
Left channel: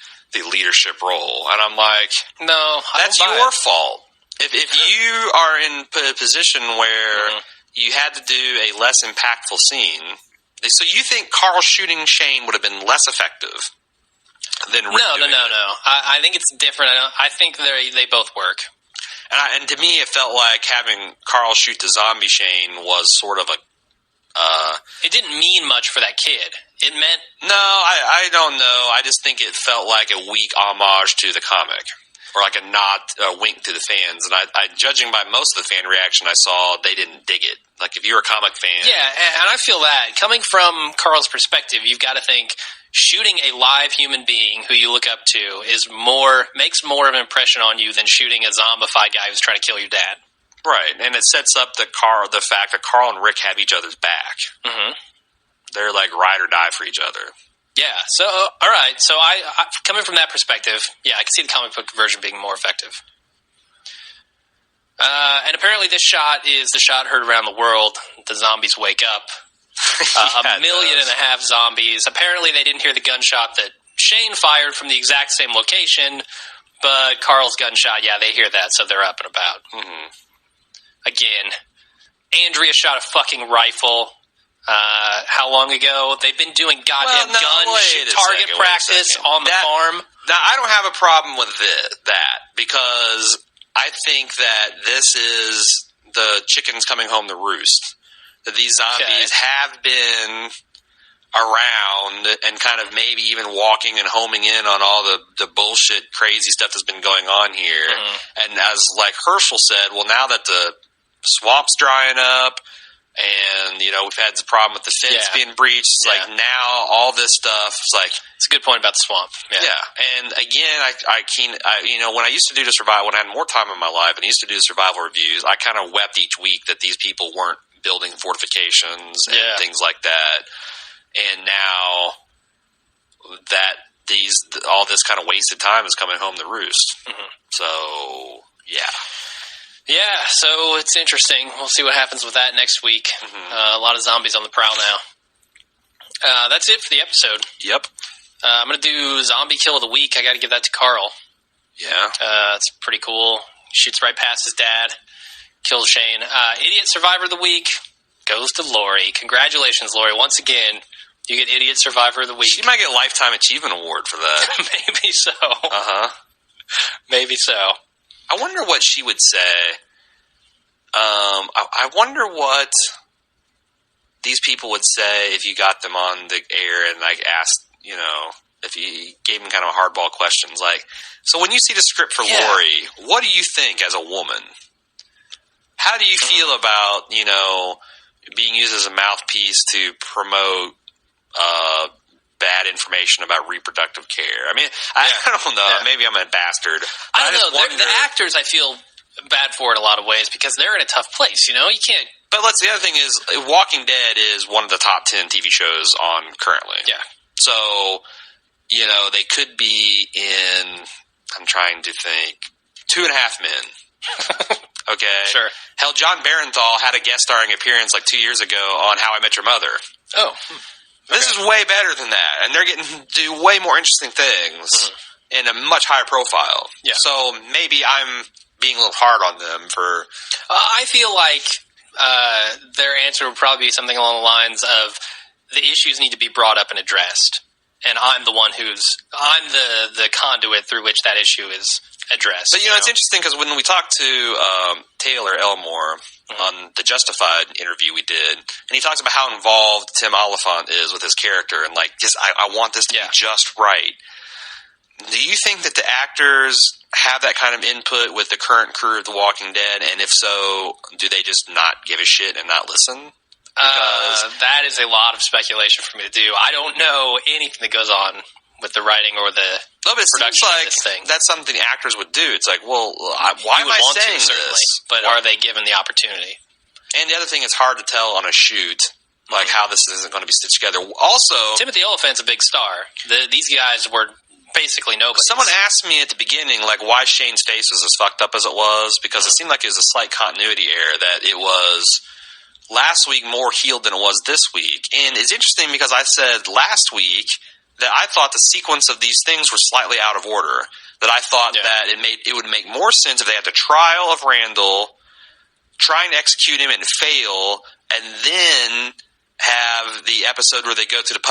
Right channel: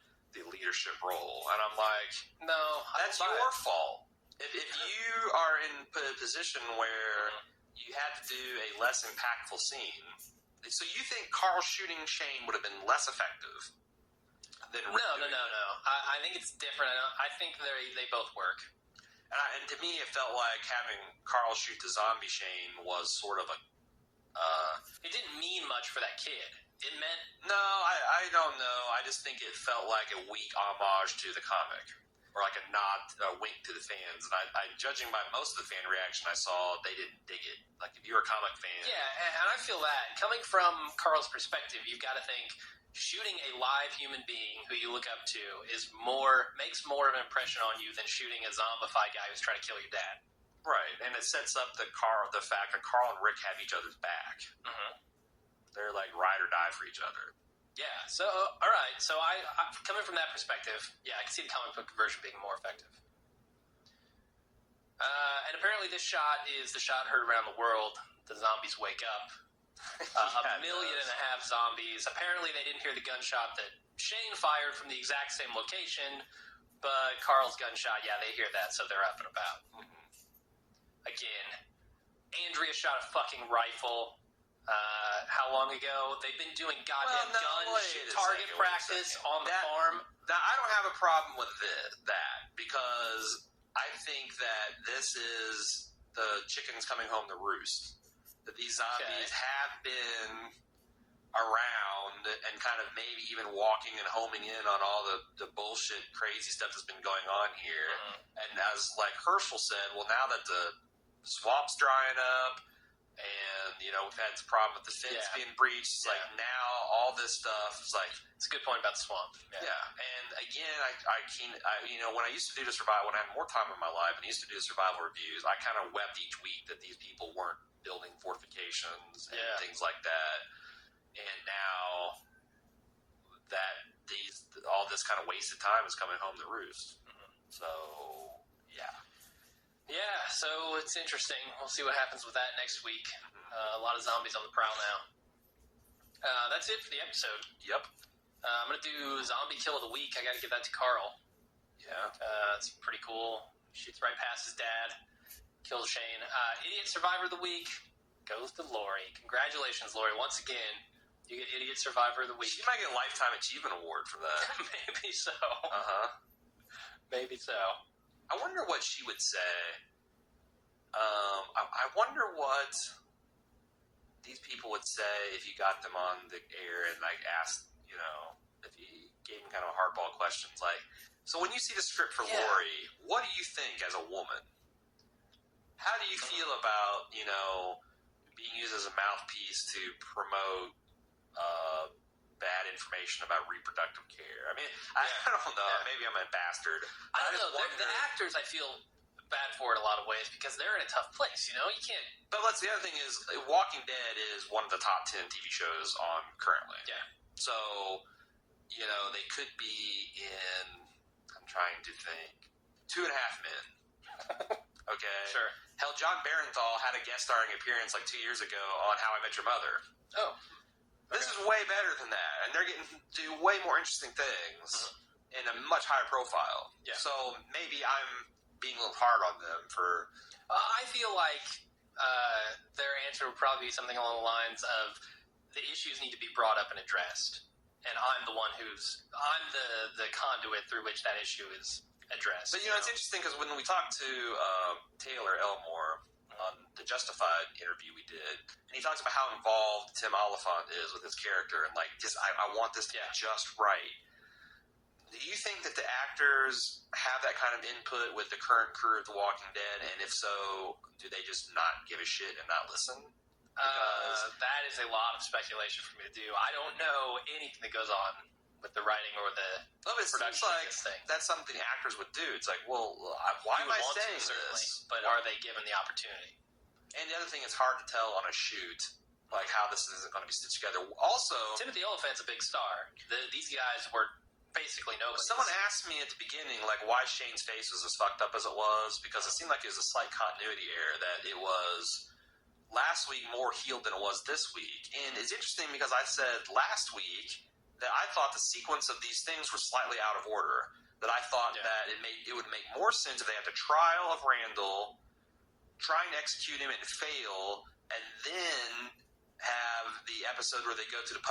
leadership role." And I'm like, no, that's your fault. If you are in a position where you had to do a less impactful scene, so you think Carl shooting Shane would have been less effective than Rick doing it? No. I think it's different. I think they both work. And to me, it felt like having Carl shoot the zombie Shane was sort of a... it didn't mean much for that kid. It meant... No, I don't know. I just think it felt like a weak homage to the comic. Or like a wink to the fans. And I judging by most of the fan reaction I saw, they didn't dig it. Like, if you're a comic fan... Yeah, and I feel that. Coming from Carl's perspective, you've got to think shooting a live human being who you look up to makes more of an impression on you than shooting a zombified guy who's trying to kill your dad. Right, and it sets up the fact that Carl and Rick have each other's back. Mm-hmm. They're like ride or die for each other. Yeah. So, all right. So, I coming from that perspective, yeah, I can see the comic book version being more effective. And apparently, this shot is the shot heard around the world. The zombies wake up. A million and a half zombies. Apparently, they didn't hear the gunshot that Shane fired from the exact same location, but Carl's gunshot, yeah, they hear that, so they're up and about. Mm-hmm. Again, Andrea shot a fucking rifle. How long ago? They've been doing goddamn target practice on the farm. Now, I don't have a problem with that because I think that this is the chickens coming home to roost. That these zombies have been around and kind of maybe even walking and homing in on all the bullshit, crazy stuff that's been going on here. Mm-hmm. And as like Herschel said, well, now that the swamp's drying up and, you know, we've had the problem with the fence being breached, it's like now all this stuff is like... It's a good point about the swamp. Yeah. And again, I you know, when I used to do the survival, when I had more time in my life and used to do the survival reviews, I kind of wept each week that these people weren't building fortifications and things like that. And now that all this kind of wasted time is coming home to roost. Mm-hmm. So, yeah. Yeah, so it's interesting. We'll see what happens with that next week. Mm-hmm. A lot of zombies on the prowl now. That's it for the episode. Yep. I'm going to do Zombie Kill of the Week. I got to give that to Carl. Yeah. It's pretty cool. Shoots right past his dad. Kills Shane. Idiot Survivor of the Week goes to Lori. Congratulations, Lori. Once again, you get Idiot Survivor of the Week. She might get a Lifetime Achievement Award for that. Maybe so. Uh-huh. Maybe so. I wonder what she would say. I wonder what these people would say if you got them on the air and like asked, you know, if you gave them kind of hardball questions. Like, so when you see the script for Lori, what do you think as a woman? How do you feel about, you know, being used as a mouthpiece to promote bad information about reproductive care? I mean, I don't know. Yeah. Maybe I'm a bastard. I don't know. The actors, I feel bad for in a lot of ways because they're in a tough place. You know, you can't. But the other thing is, Walking Dead is one of the top 10 TV shows on currently. Yeah. So, you know, they could be in. I'm trying to think. 2.5 Men. Okay. Sure. Hell, John Barenthal had a guest starring appearance like 2 years ago on How I Met Your Mother. Oh. This is way better than that, and they're getting to do way more interesting things in a much higher profile. Yeah. So maybe I'm being a little hard on them for... I feel like their answer would probably be something along the lines of the issues need to be brought up and addressed, and I'm the one I'm the conduit through which that issue is addressed. But, you know, it's interesting because when we talked to Taylor Elmore on the Justified interview we did, and he talks about how involved Tim Oliphant is with his character and, like, just I want this to be just right. Do you think that the actors have that kind of input with the current crew of The Walking Dead? And if so, do they just not give a shit and not listen? That is a lot of speculation for me to do. I don't know anything that goes on with the writing or the production of this thing. That's something actors would do. It's like, well, why am I saying this? But are they given the opportunity? And the other thing, it's hard to tell on a shoot, like how this isn't going to be stitched together. Also, Timothy Olyphant's a big star. These guys were basically nobody. Someone asked me at the beginning, like, why Shane's face was as fucked up as it was, because it seemed like it was a slight continuity error, that it was last week more healed than it was this week. And it's interesting because I said last week that I thought the sequence of these things were slightly out of order. That I thought that it would make more sense if they had the trial of Randall, try and execute him and fail, and then have the episode where they go to the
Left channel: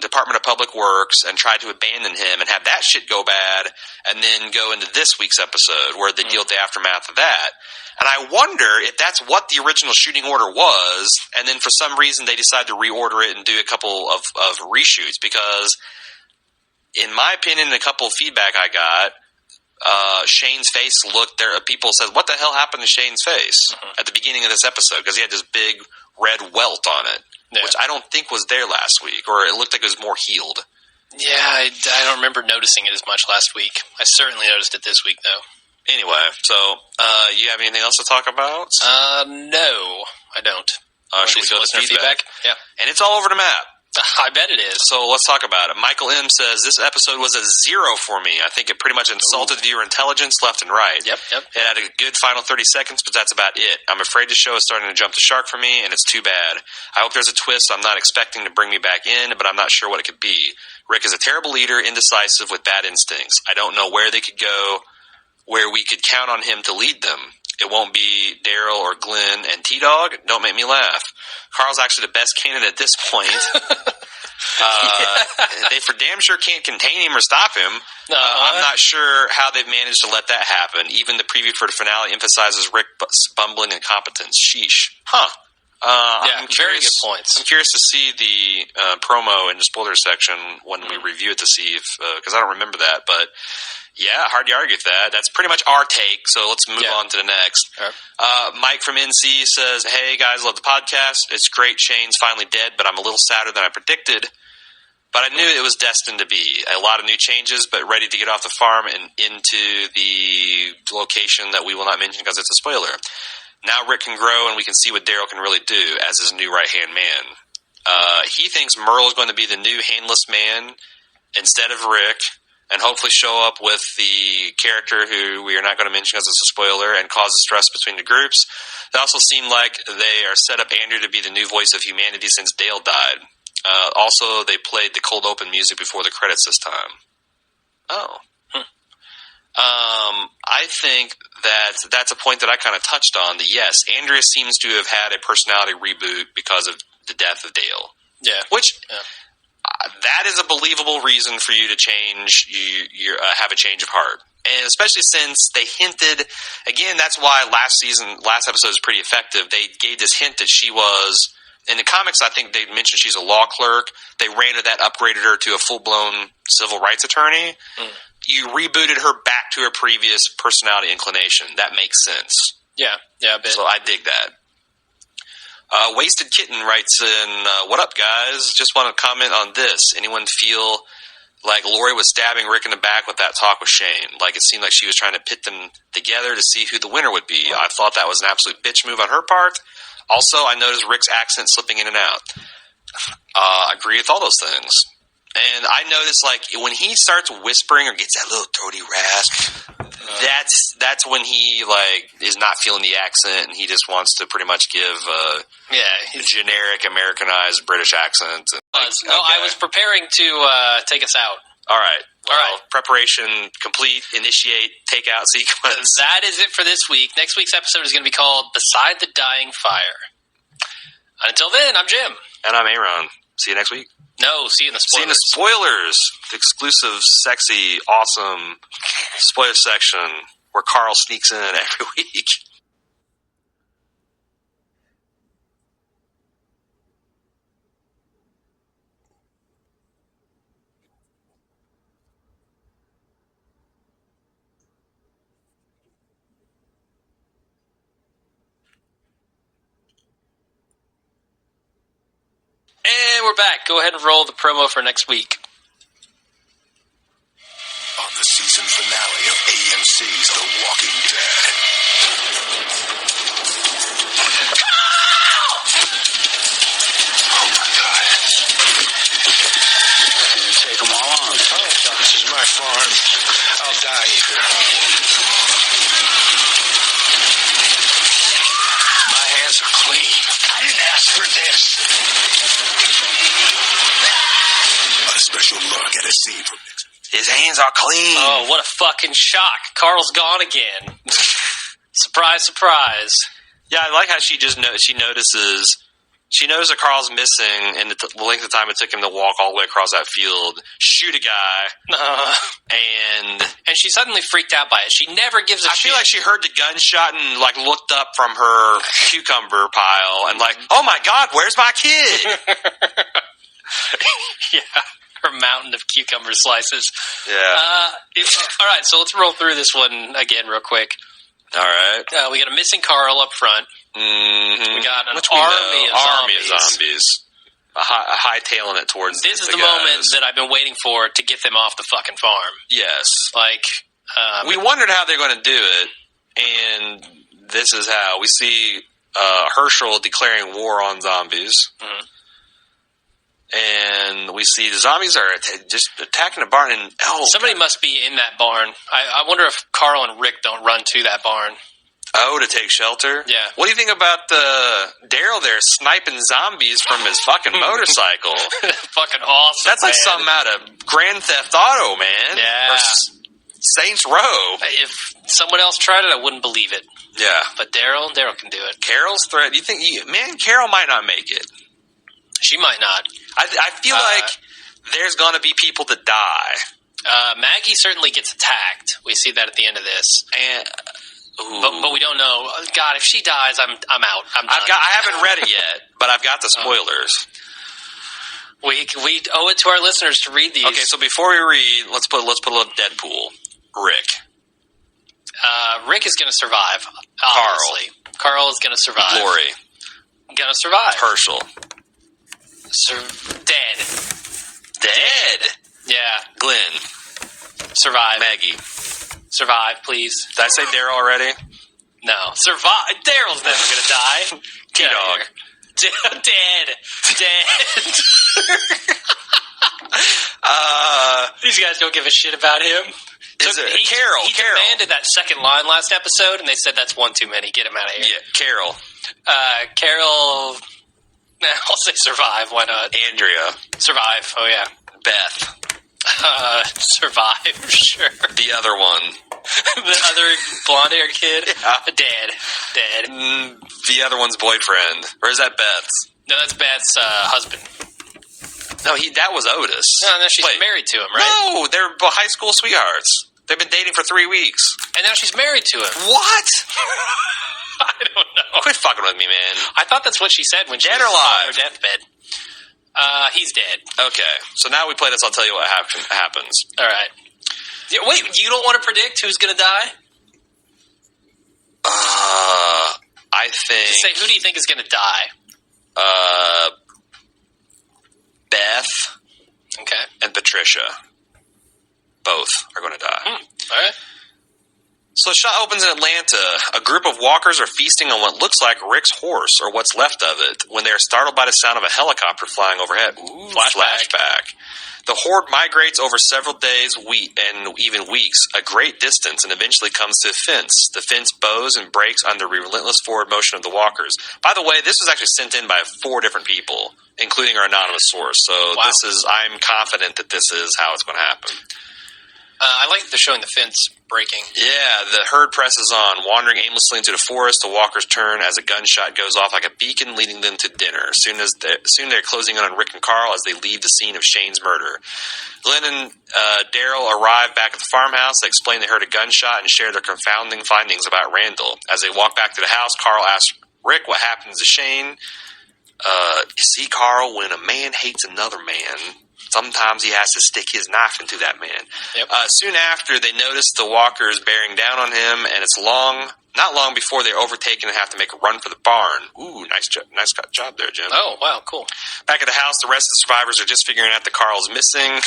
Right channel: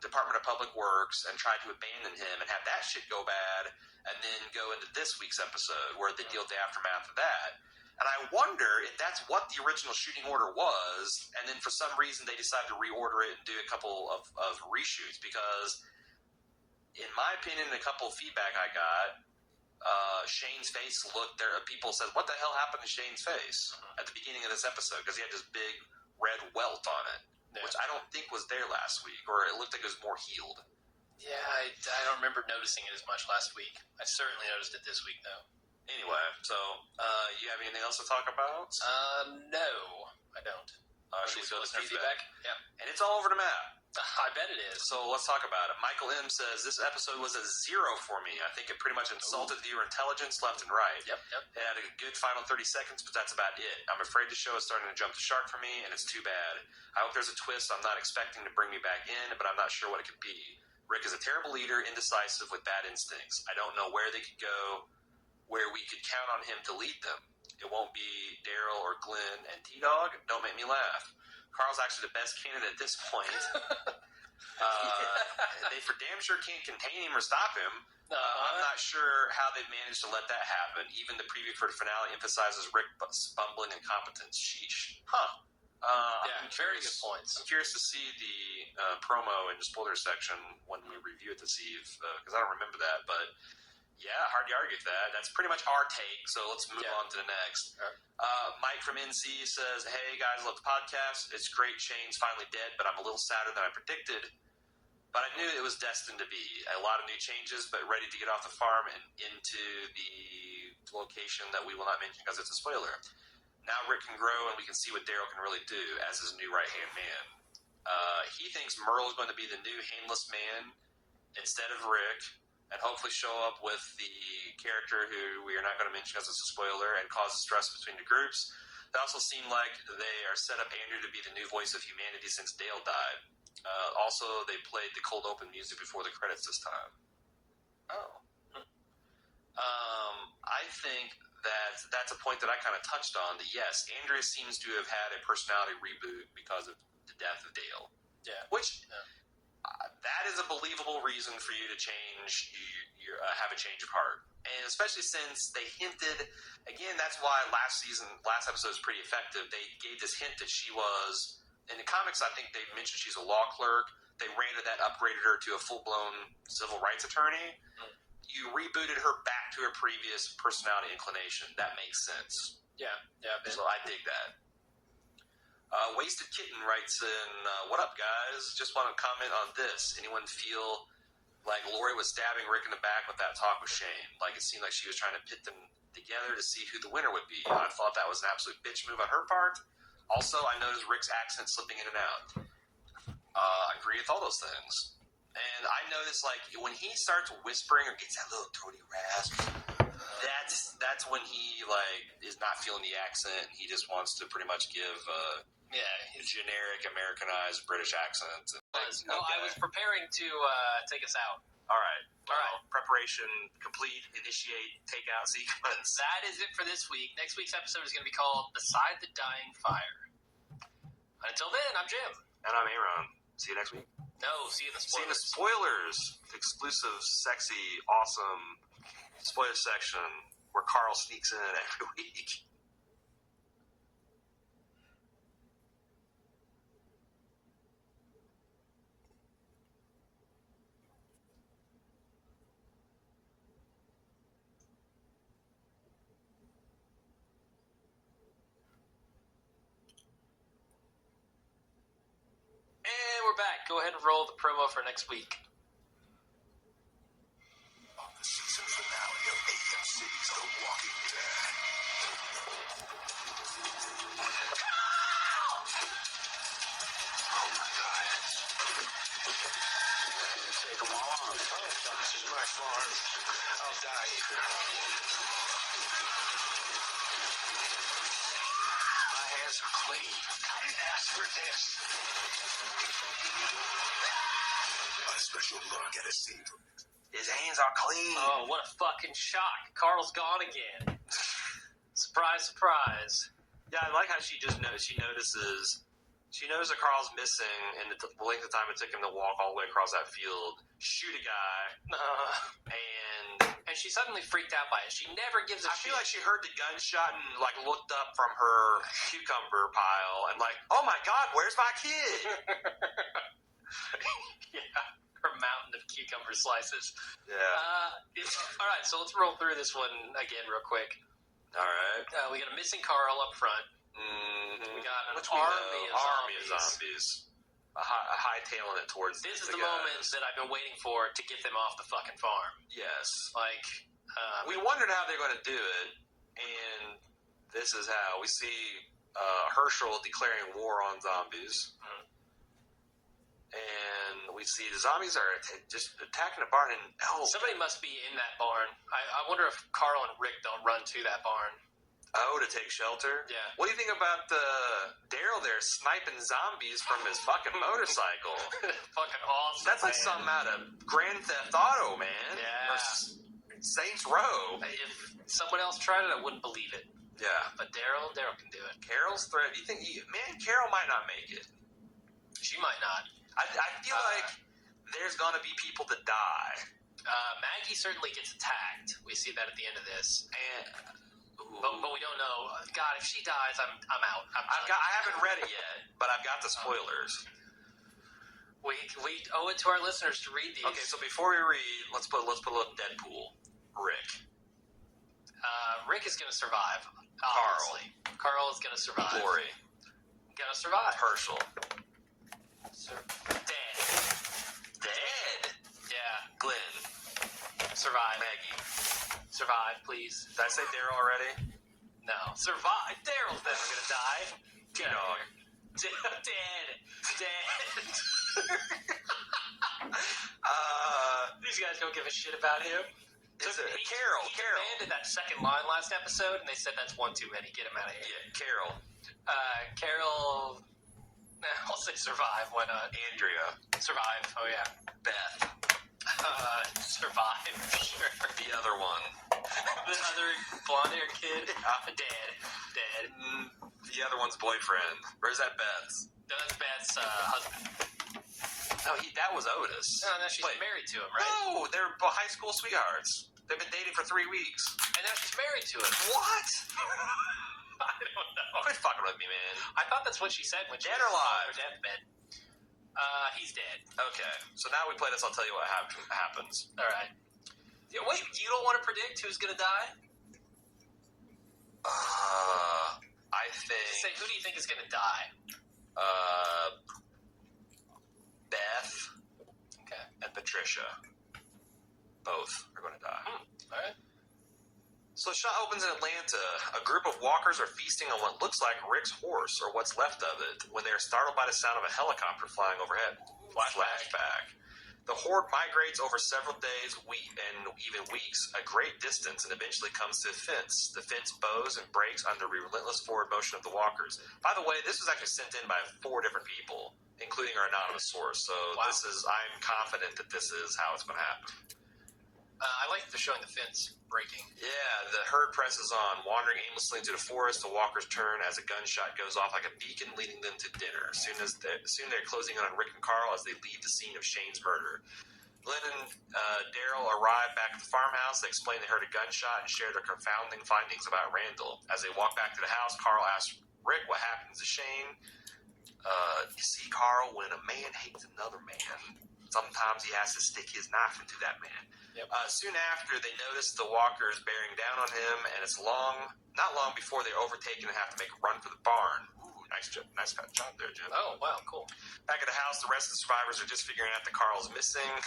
Department of Public Works and try to abandon him and have that shit go bad, and then go into this week's episode where they deal with the aftermath of that. And I wonder if that's what the original shooting order was, and then for some reason they decided to reorder it and do a couple of reshoots, because in my opinion, a couple of feedback I got, Shane's face looked there. People said, what the hell happened to Shane's face at the beginning of this episode? Because he had this big red welt on it, which I don't think was there last week, or it looked like it was more healed. Yeah, I don't remember noticing it as much last week. I certainly noticed it this week, though. Anyway, so you have anything else to talk about? No, I don't. Should we go to feedback? Yeah. And it's all over the map. I bet it is. So let's talk about it. Michael M. says, this episode was a 0 for me. I think it pretty much insulted viewer intelligence left and right. Yep. It had a good final 30 seconds, but that's about it. I'm afraid the show is starting to jump the shark for me, and it's too bad. I hope there's a twist I'm not expecting to bring me back in, but I'm not sure what it could be. Rick is a terrible leader, indecisive, with bad instincts. I don't know where they could go, where we could count on him to lead them. It won't be Daryl or Glenn and T-Dog. Don't make me laugh. Carl's actually the best candidate at this point. They for damn sure can't contain him or stop him. I'm not sure how they've managed to let that happen. Even the preview for the finale emphasizes Rick's bumbling incompetence. Sheesh. Yeah, very good points. I'm curious to see the promo in the spoiler section when we review it to see if, because I don't remember that, but yeah, hard to argue with that. That's pretty much our take, so let's move on to the next. Right. Mike from NC says, hey guys, love the podcast. It's great Shane's finally dead, but I'm a little sadder than I predicted. But I knew it was destined to be. A lot of new changes, but ready to get off the farm and into the location that we will not mention because it's a spoiler. Now Rick can grow and we can see what Daryl can really do as his new right-hand man. He thinks Merle is going to be the new handless man instead of Rick, and hopefully show up with the character who we are not going to mention because it's a spoiler and cause a stress between the groups. It also seemed like they are set up Andrew to be the new voice of humanity since Dale died. Also, they played the cold open music before the credits this time. I think that's a point that I kind of touched on. That yes, Andrea seems to have had a personality reboot because of the death of Dale. Yeah, that is a believable reason for you to change. You have a change of heart, and especially since they hinted again. That's why last episode is pretty effective. They gave this hint that she was. In the comics, I think they mentioned she's a law clerk. They ran to that, upgraded her to a full-blown civil rights attorney. You rebooted her back to her previous personality inclination. That makes sense. Yeah, a bit. So I dig that. Wasted Kitten writes in, what up, guys? Just want to comment on this. Anyone feel like Lori was stabbing Rick in the back with that talk with Shane? Like it seemed like she was trying to pit them together to see who the winner would be. I thought that was an absolute bitch move on her part. Also, I noticed Rick's accent slipping in and out. I agree with all those things. And I noticed, like, when he starts whispering or gets that little throaty rasp, that's when he, like, is not feeling the accent and he just wants to pretty much give a generic Americanized British accent. I was preparing to take us out. All right. Preparation complete. Initiate takeout sequence. That is it for this week. Next week's episode is going to be called Beside the Dying Fire. Until then, I'm Jim. And I'm Aaron. See you next week. No, see you in the spoilers. See you in the spoilers. The exclusive, sexy, awesome spoiler section where Carl sneaks in every week. And we're back. Go ahead and roll the promo for next week. On the season finale of AMC's The Walking Dead. Oh my God. Didn't take them all on. Oh, this is my farm. I'll die here. My hands are clean. I didn't ask for this. A special look at a scene from next week. His hands are clean. Oh, what a fucking shock. Carl's gone again. Surprise, surprise. Yeah, I like how she just she notices. She knows that Carl's missing, and the length of time it took him to walk all the way across that field, shoot a guy, and she's suddenly freaked out by it. She never gives a shit. I feel like she heard the gunshot and like looked up from her cucumber pile and like, oh my God, where's my kid? Yeah, her mountain of cucumber slices. Yeah. All right, so let's roll through this one again real quick. All right. We got a missing Carl up front. Mm-hmm. We got an army of zombies. Hightailing it towards this is the moment that I've been waiting for to get them off the fucking farm. Yes. Like, we wondered how they're going to do it, and this is how. We see Herschel declaring war on zombies. Mm-hmm. and we see the zombies are just attacking the barn. And somebody must be in that barn. I wonder if Carl and Rick don't run to that barn. Oh, to take shelter? Yeah. What do you think about Daryl there sniping zombies from his fucking motorcycle? Fucking awesome. That's like something out of Grand Theft Auto, man. Yeah. Or Saints Row. If someone else tried it, I wouldn't believe it. Yeah. But Daryl can do it. Carol's threat. You think, Carol might not make it. She might not. I feel like there's going to be people that die. Maggie certainly gets attacked. We see that at the end of this. And... But we don't know. God, if she dies, I'm out. I'm done. I haven't read it yet, but I've got the spoilers. We owe it to our listeners to read these. Okay, so before we read, let's put a little Deadpool. Rick. Rick is going to survive. Obviously. Carl is going to survive. Lori. Going to survive. Herschel. Dead. Yeah. Glenn. Survive. Maggie. Survive, please. Did I say Daryl already? No. Survive. Daryl's never going to die. T-Dog. Dead. These guys don't give a shit about him. Carol? He demanded that second line last episode, and they said that's one too many. Get him out of here. Yeah, Carol. Carol... I'll say survive. Why not? Andrea. Survive. Oh, yeah. Beth. Survive, sure. The other one. The other blonde-haired kid? Yeah. Dead. The other one's boyfriend. Or is that Beth's? No, that's Beth's husband. No, that was Otis. No, she's married to him, right? No, they're high school sweethearts. They've been dating for 3 weeks. And now she's married to him. What? I don't know. Quit fucking with me, man. I thought that's what she said when she was on alive? her deathbed. He's dead. Okay, so now we play this. I'll tell you what happens. All right. Yeah, wait, you don't want to predict who's going to die? I think... Just say, who do you think is going to die? Beth. Okay. And Patricia. Both are going to die. All right. So the shot opens in Atlanta. A group of walkers are feasting on what looks like Rick's horse, or what's left of it, when they are startled by the sound of a helicopter flying overhead. Ooh, flashback. The horde migrates over several days, and even weeks, a great distance, and eventually comes to a fence. The fence bows and breaks under the relentless forward motion of the walkers. By the way, this was actually sent in by 4 different people, including our anonymous source. So I'm confident that this is how it's going to happen. I like that they're showing the fence breaking. Yeah, the herd presses on, wandering aimlessly into the forest. The walkers turn as a gunshot goes off like a beacon, leading them to dinner. Soon they're closing in on Rick and Carl as they leave the scene of Shane's murder. Glenn and Daryl arrive back at the farmhouse. They explain they heard a gunshot and share their confounding findings about Randall. As they walk back to the house, Carl asks Rick what happens to Shane. You see, Carl, when a man hates another man, sometimes he has to stick his knife into that man. Yep. Soon after, they notice the walkers bearing down on him, and it's not long before they're overtaken and have to make a run for the barn. Ooh, nice job there, Jim. Oh, wow, cool. Back at the house, the rest of the survivors are just figuring out that Carl's missing,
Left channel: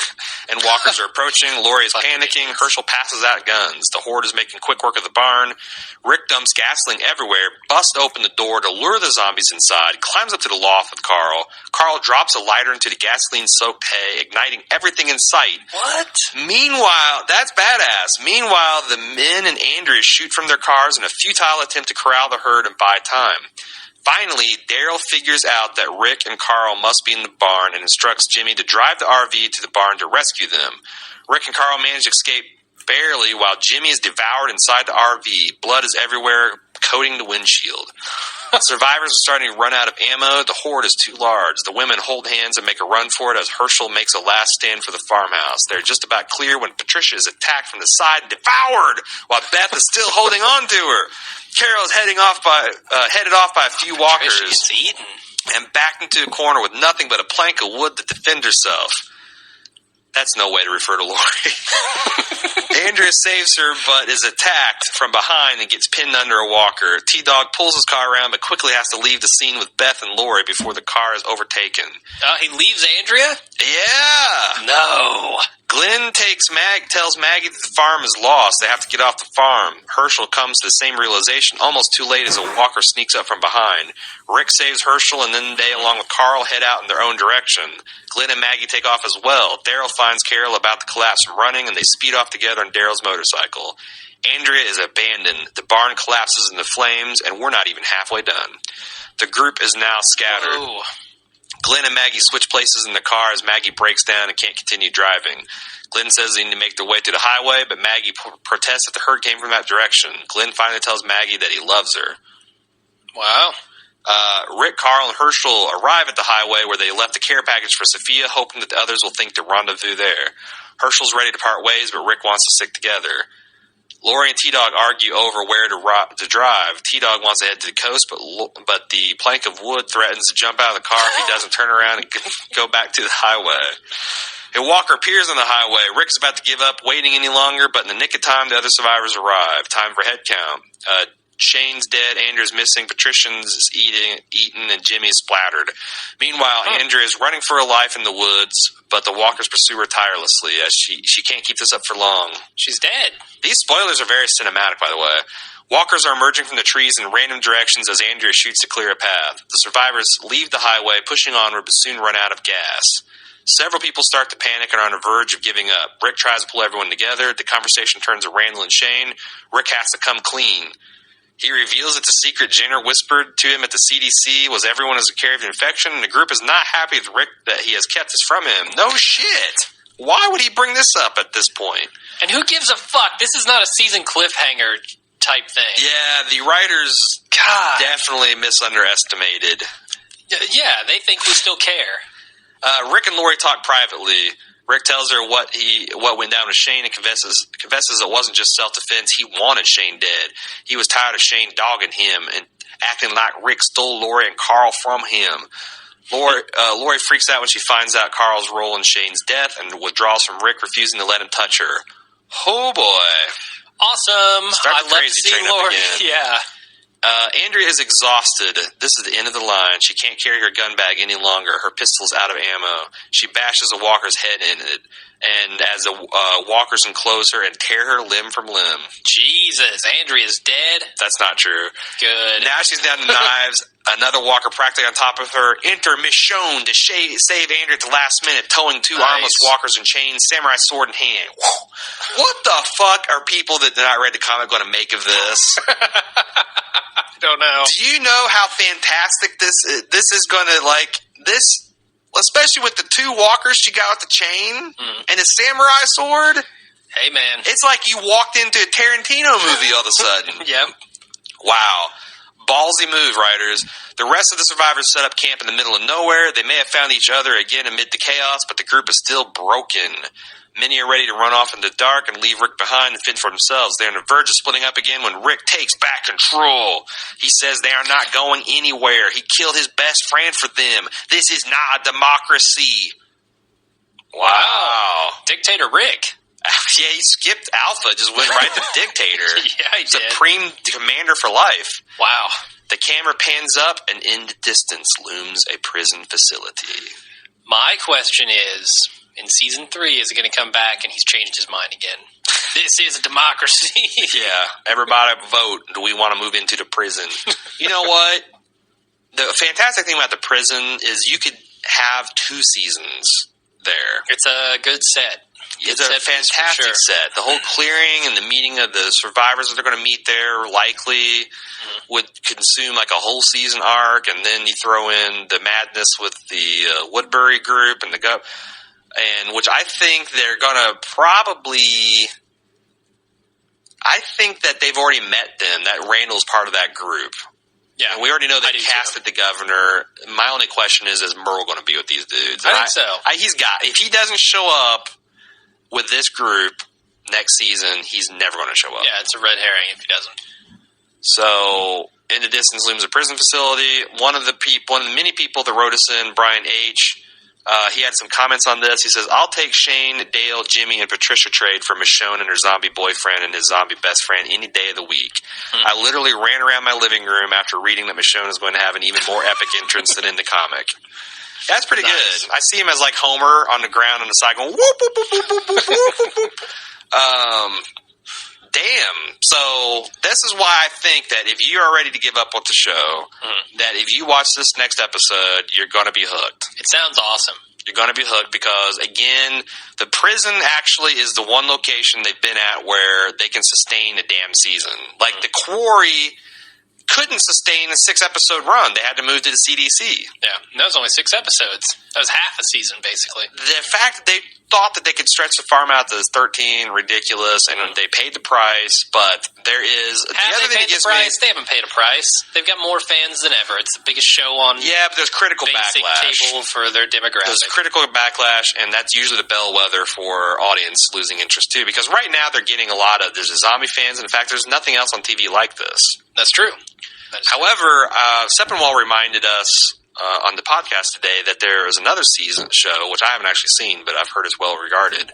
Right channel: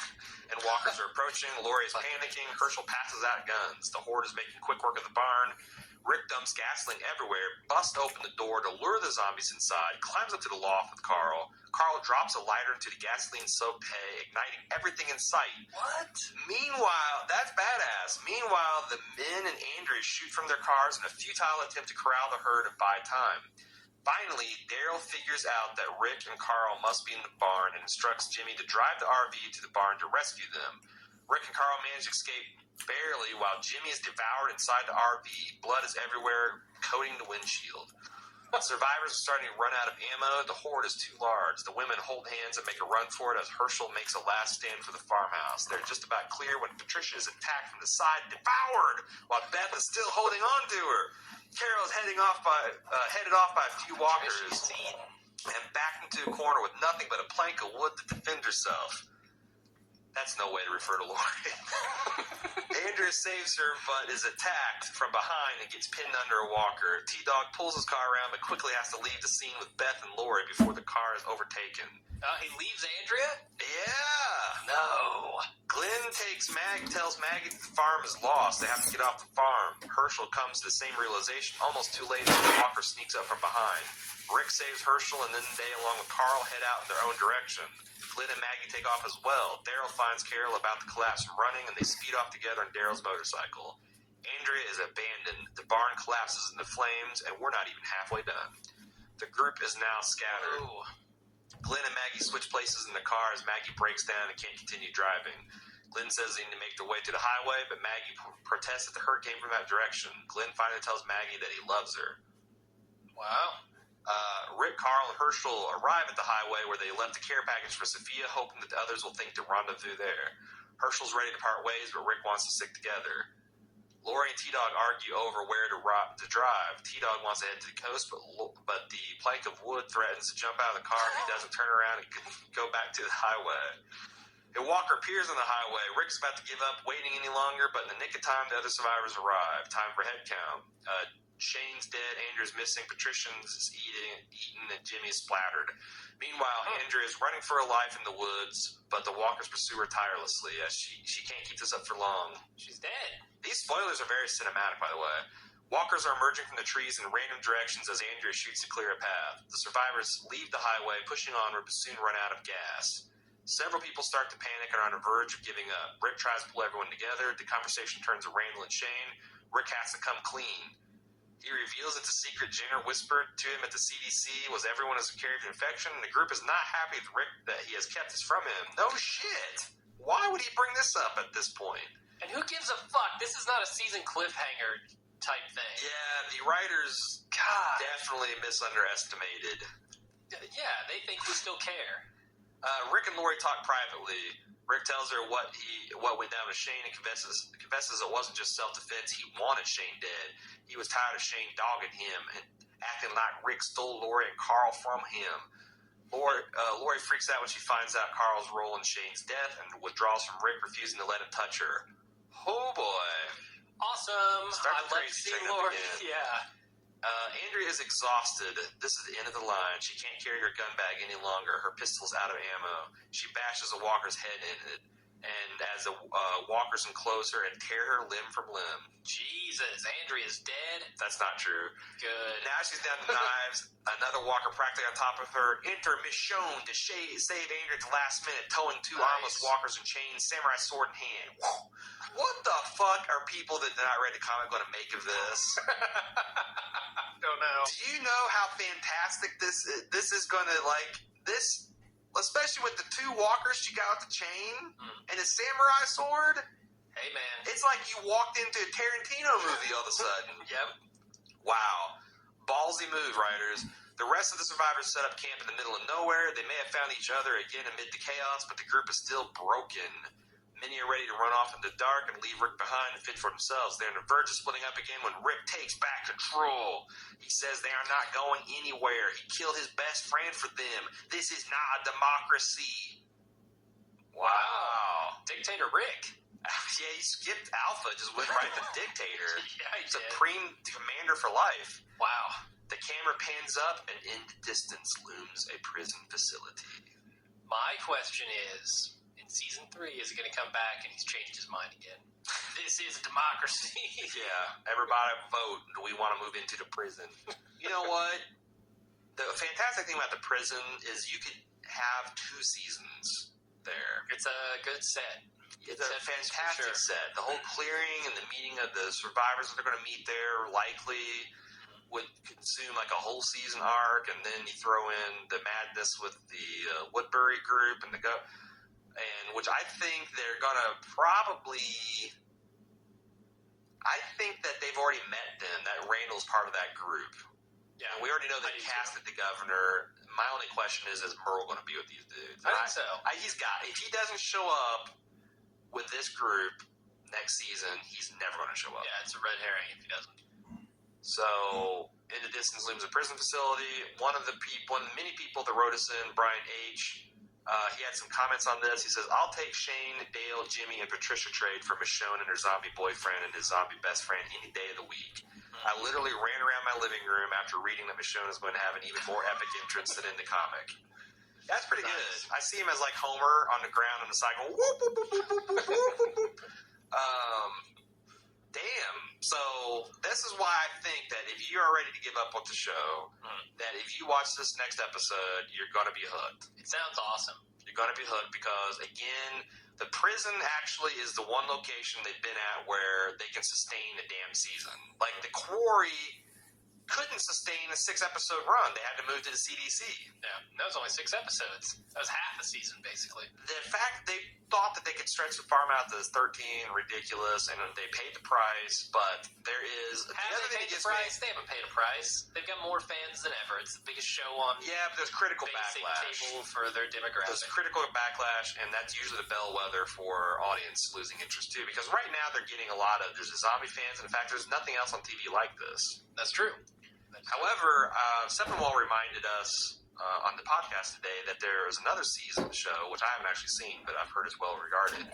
and walkers are approaching. Lori is panicking. Herschel passes out guns. The horde is making quick work of the barn. Rick dumps gasoline everywhere, busts open the door to lure the zombies inside, climbs up to the loft with Carl. Carl drops a lighter into the gasoline-soaked hay, igniting everything in sight. What? Meanwhile, that's badass. Meanwhile, the men and Andrea shoot from their cars in a futile attempt to corral the herd and buy time. Finally, Daryl figures out that Rick and Carl must be in the barn and instructs Jimmy to drive the RV to the barn to rescue them. Rick and Carl manage to escape barely while Jimmy is devoured inside the RV. Blood is everywhere, coating the windshield. Survivors are starting to run out of ammo. The horde is too large. The women hold hands and make a run for it as Herschel makes a last stand for the farmhouse. They're just about clear when Patricia is attacked from the side and devoured, while Beth is still holding on to her. Carol is headed off by a few walkers and backed into a corner with nothing but a plank of wood to defend herself. That's no way to refer to Lori. Andrea saves her, but is attacked from behind and gets pinned under a walker. T-Dog pulls his car around, but quickly has to leave the scene with Beth and Lori before the car is overtaken. He leaves Andrea? Yeah. No. Glenn tells Maggie that the farm is lost. They have to get off the farm. Herschel comes to the same realization almost too late as a walker sneaks up from behind. Rick saves Herschel, and then they, along with Carl, head out in their own direction. Glenn and Maggie take off as well. Daryl finds Carol about to collapse from running, and they speed off together on Daryl's motorcycle. Andrea is abandoned. The barn collapses into flames, and we're not even halfway done. The group is now scattered. Whoa. Glenn and Maggie switch places in the car as Maggie breaks down and can't continue driving. Glenn says they need to make their way to the highway, but Maggie protests that the herd came from that direction. Glenn finally tells Maggie that he loves her. Wow. Rick, Carl, and Herschel arrive at the highway where they left the care package for Sophia, hoping that the others will think to rendezvous there. Herschel's ready to part ways, but Rick wants to stick together. Lori and T-Dog argue over where to drive. T-Dog wants to head to the coast, but the plank of wood threatens to jump out of the car if he doesn't turn around and go back to the highway. A walker appears on the highway. Rick is about to give up waiting any longer, but in the nick of time, the other survivors arrive. Time for head count. Shane's dead, Andrew's missing, Patrician's eaten, and Jimmy's splattered. Meanwhile, Andrea is running for her life in the woods, but the walkers pursue her tirelessly as she can't keep this up for long. She's dead. These spoilers are very cinematic, by the way. Walkers are emerging from the trees in random directions as Andrea shoots to clear a path. The survivors leave the highway, pushing onward, but soon run out of gas. Several people start to panic and are on the verge of giving up. Rick tries to pull everyone together. The conversation turns to Randall and Shane. Rick has to come clean. He reveals that the secret Jenner whispered to him at the CDC was everyone is carrying an infection, and the group is not happy with Rick that he has kept this from him. No shit. Why would he bring this up at this point? And who gives a fuck? This is not a season cliffhanger type thing. Yeah, the writers definitely misunderestimated. Yeah, they think we still care. Rick and Lori talk privately. Rick tells her what went down with Shane and confesses it wasn't just self-defense. He wanted Shane dead. He was tired of Shane dogging him and acting like Rick stole Lori and Carl from him. Lori freaks out when she finds out Carl's role in Shane's death and withdraws from Rick, refusing to let him touch her. Oh, boy. Awesome. Start the crazy train up again. Yeah. Andrea is exhausted. This is the end of the line. She can't carry her gun bag any longer. Her pistol's out of ammo. She bashes a walker's head in it, and as the walkers enclose her and tear her limb from limb. Jesus, Andrea's dead? That's not true. Good. Now she's down to knives. Another walker practically on top of her. Enter Michonne to save Andrea at the last minute, towing two armless walkers in chains, samurai sword in hand. What the fuck are people that did not read the comic going to make of this? I don't know. Do you know how fantastic this is going to, like, this, especially with the two walkers she got with the chain and the samurai sword? Hey, man. It's like you walked into a Tarantino movie all of a sudden. Yep. Wow. Ballsy move, writers. The rest of the survivors set up camp in the middle of nowhere. They may have found each other again amid the chaos, but the group is still broken. Many are ready to run off into the dark and leave Rick behind and fend for themselves. They're on the verge of splitting up again when Rick takes back control. He says they are not going anywhere. He killed his best friend for them. This is not a democracy. Wow. Dictator Rick. Yeah, he skipped Alpha, just went right to Dictator. Yeah, he did. Supreme Commander for life. Wow. The camera pans up, and in the distance looms a prison facility. My question is, in Season 3, is it going to come back and he's changed his mind again? This is a democracy. Yeah, everybody vote. Do we want to move into the prison? You know what? The fantastic thing about the prison is you could have 2 seasons there. It's a good set. It's a fantastic set. The whole clearing and the meeting of the survivors that they're going to meet there likely would consume like a whole season arc, and then you throw in the madness with the Woodbury group and and which I think they're going to probably. I think that they've already met them. That Randall's part of that group. Yeah, and we already know they casted the governor. My only question is Merle going to be with these dudes? I think so. If he doesn't show up with this group next season, he's never going to show up. Yeah, it's a red herring if he doesn't. So, in the distance looms a prison facility. One of the many people that wrote us in, Brian H., he had some comments on this. He says, I'll take Shane, Dale, Jimmy, and Patricia trade for Michonne and her zombie boyfriend and his zombie best friend any day of the week. I literally ran around my living room after reading that Michonne is going to have an even more epic entrance than in the comic. That's pretty Nice. good. I see him as like Homer on the ground on the side going, whoop, whoop, whoop, whoop, whoop, whoop, whoop, whoop. Damn. So this is why I think that if you are ready to give up with the show, that if you watch this next episode, you're going to be hooked. It sounds awesome. You're going to be hooked because, again, the prison actually is the one location they've been at where they can sustain a damn season. Like the Quarry couldn't sustain a 6-episode run. They had to move to the CDC. Yeah, and that was only 6 episodes. That was half a season, basically. The fact that they thought that they could stretch the farm out to 13, ridiculous, and they paid the price, but there is... Have they paid the price? They haven't paid a price. They've got more fans than ever. It's the biggest show on yeah, but there's critical basic backlash. cable for their demographic. There's critical backlash, and that's usually the bellwether for audience losing interest, too, because right now they're getting a lot of... There's a zombie fans. In fact, there's nothing else on TV like this. That's true. However, Sepinwall reminded us on the podcast today that there is another season show, which I haven't actually seen, but I've heard is well regarded,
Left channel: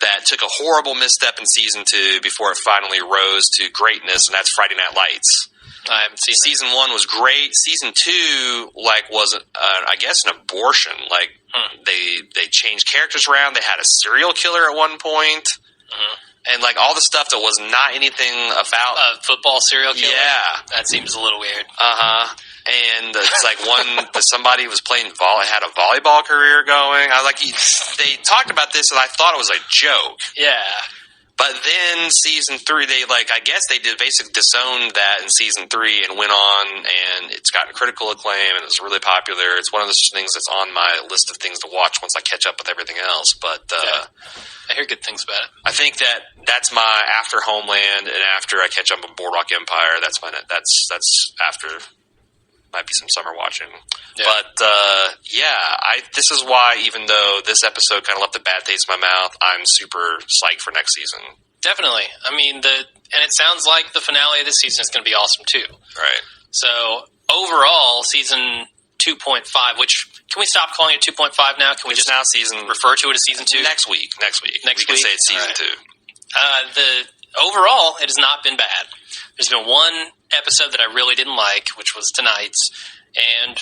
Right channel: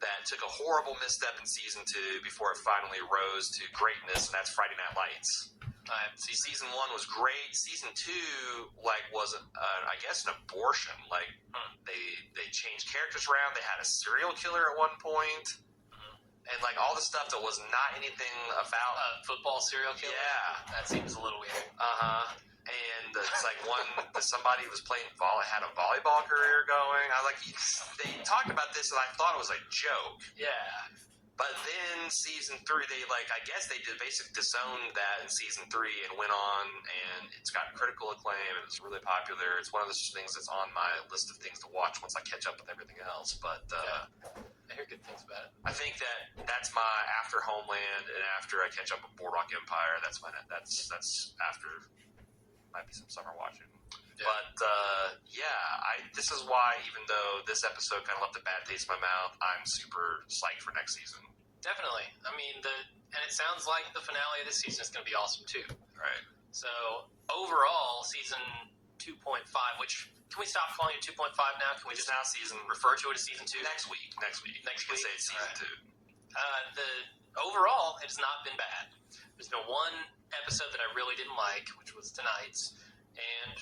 that took a horrible misstep in season 2 before it finally rose to greatness, and that's Friday Night Lights. I haven't seen Season 1 was great. Season 2, was, I guess, an abortion. They changed characters around. They had a serial killer at one point. And, all the stuff that was not anything about... A football serial killer? Yeah. That seems a little weird. Uh-huh. And it's somebody was playing had a volleyball career going. They talked about this, and I thought it was a joke. Yeah. But then season 3, I guess they did basically disowned that in season 3 and went on, and it's gotten critical acclaim, and it's really popular. It's one of those things that's on my list of things to watch once I catch up with everything else. But I hear good things about it. I think that's my after Homeland, and after I catch up with Boardwalk Empire, that's after might be some summer watching. Yeah. But this is why, even though this episode kind of left a bad taste in my mouth, I'm super psyched for next season. Definitely. I mean, and it sounds like the finale of this season is going to be awesome too. Right. So overall, season 2.5, which can we stop calling it 2.5 now? Can we it's just now season refer to it as season 2? Next week. We can say it's season 2. Overall, it has not been bad. There's been one episode that I really didn't like, which was tonight's, and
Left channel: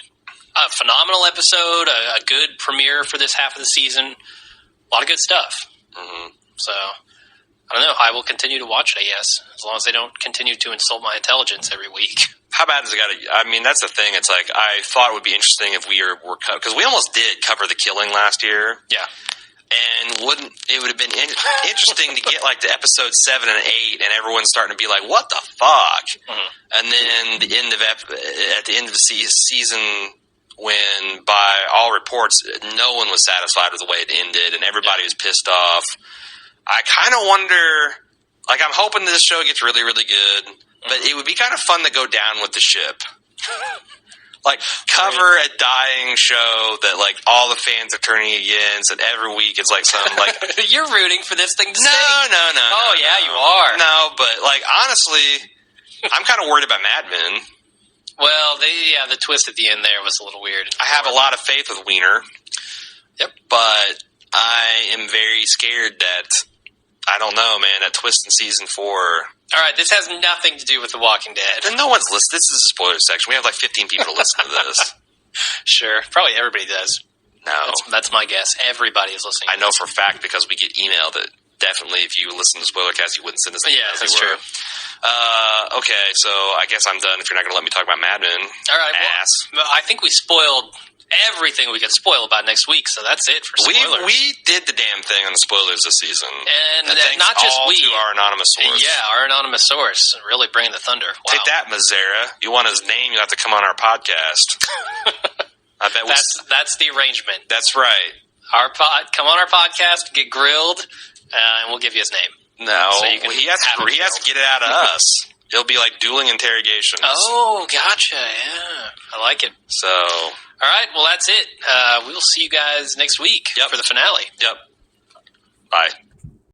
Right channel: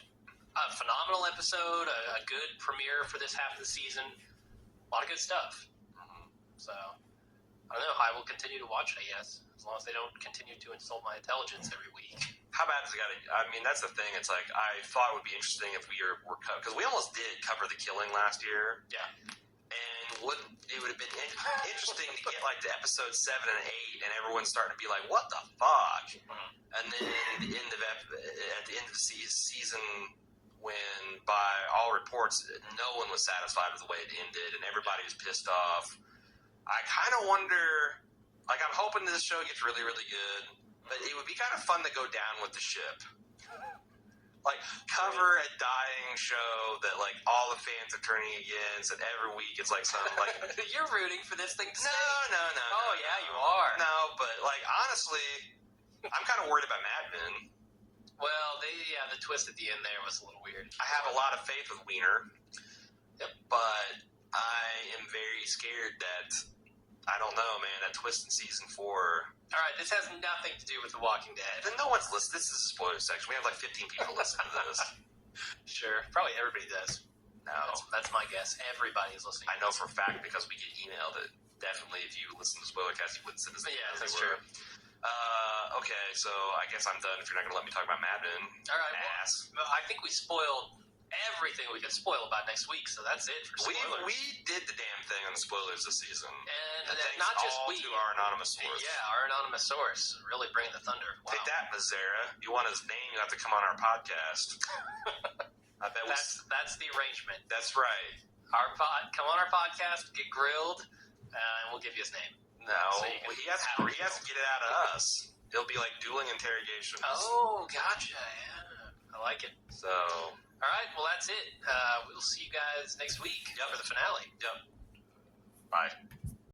a phenomenal episode, a good premiere for this half of the season. A lot of good stuff. Mm-hmm. So, I don't know. I will continue to watch it, I guess, as long as they don't continue to insult my intelligence every week. How bad has it got to... I mean, that's the thing. It's I thought it would be interesting if we were... Because we almost did cover The Killing last year. Yeah. And it would have been interesting to get to episode 7 and 8, and everyone's starting to be like, "What the fuck?" Mm-hmm. And then at the end of the season, when by all reports no one was satisfied with the way it ended, and everybody was pissed off. I kind of wonder. I'm hoping this show gets really, really good, but it would be kind of fun to go down with the ship. Cover a dying show that all the fans are turning against, and every week it's some You're rooting for this thing to stay. No. Oh yeah, you are. No, but honestly, I'm kind of worried about Mad Men. Well, the twist at the end there was a little weird. I have a lot of faith with Wiener. Yep. But I am very scared that I don't know, man. That twist in season 4. All right, this has nothing to do with The Walking Dead. Then no one's listening. This is a spoiler section. We have 15 people to listen to this. Sure, probably everybody does. No, that's my guess. Everybody is listening. I know for a fact because we get email that definitely if you listen to Spoilercast, you wouldn't send us. Yeah, that's true. Okay, so I guess I'm done. If you're not going to let me talk about Mad Men, all right. Well, I think we spoiled everything we could spoil about next week, so that's it for spoilers. We did the damn thing on the spoilers this season, and not just we. To our anonymous source. Yeah, our anonymous source, really bringing the thunder. Wow. Take that, Mazzara. You want his name? You have to come on our podcast. I bet that's the arrangement. That's right. Come on our podcast, get grilled, and we'll give you his name. No, so he has to get it out of us. It'll be like dueling interrogations. Oh, gotcha. Yeah, I like it. So, all right. Well, that's it. We'll see you guys next week for the finale. Yep. Bye.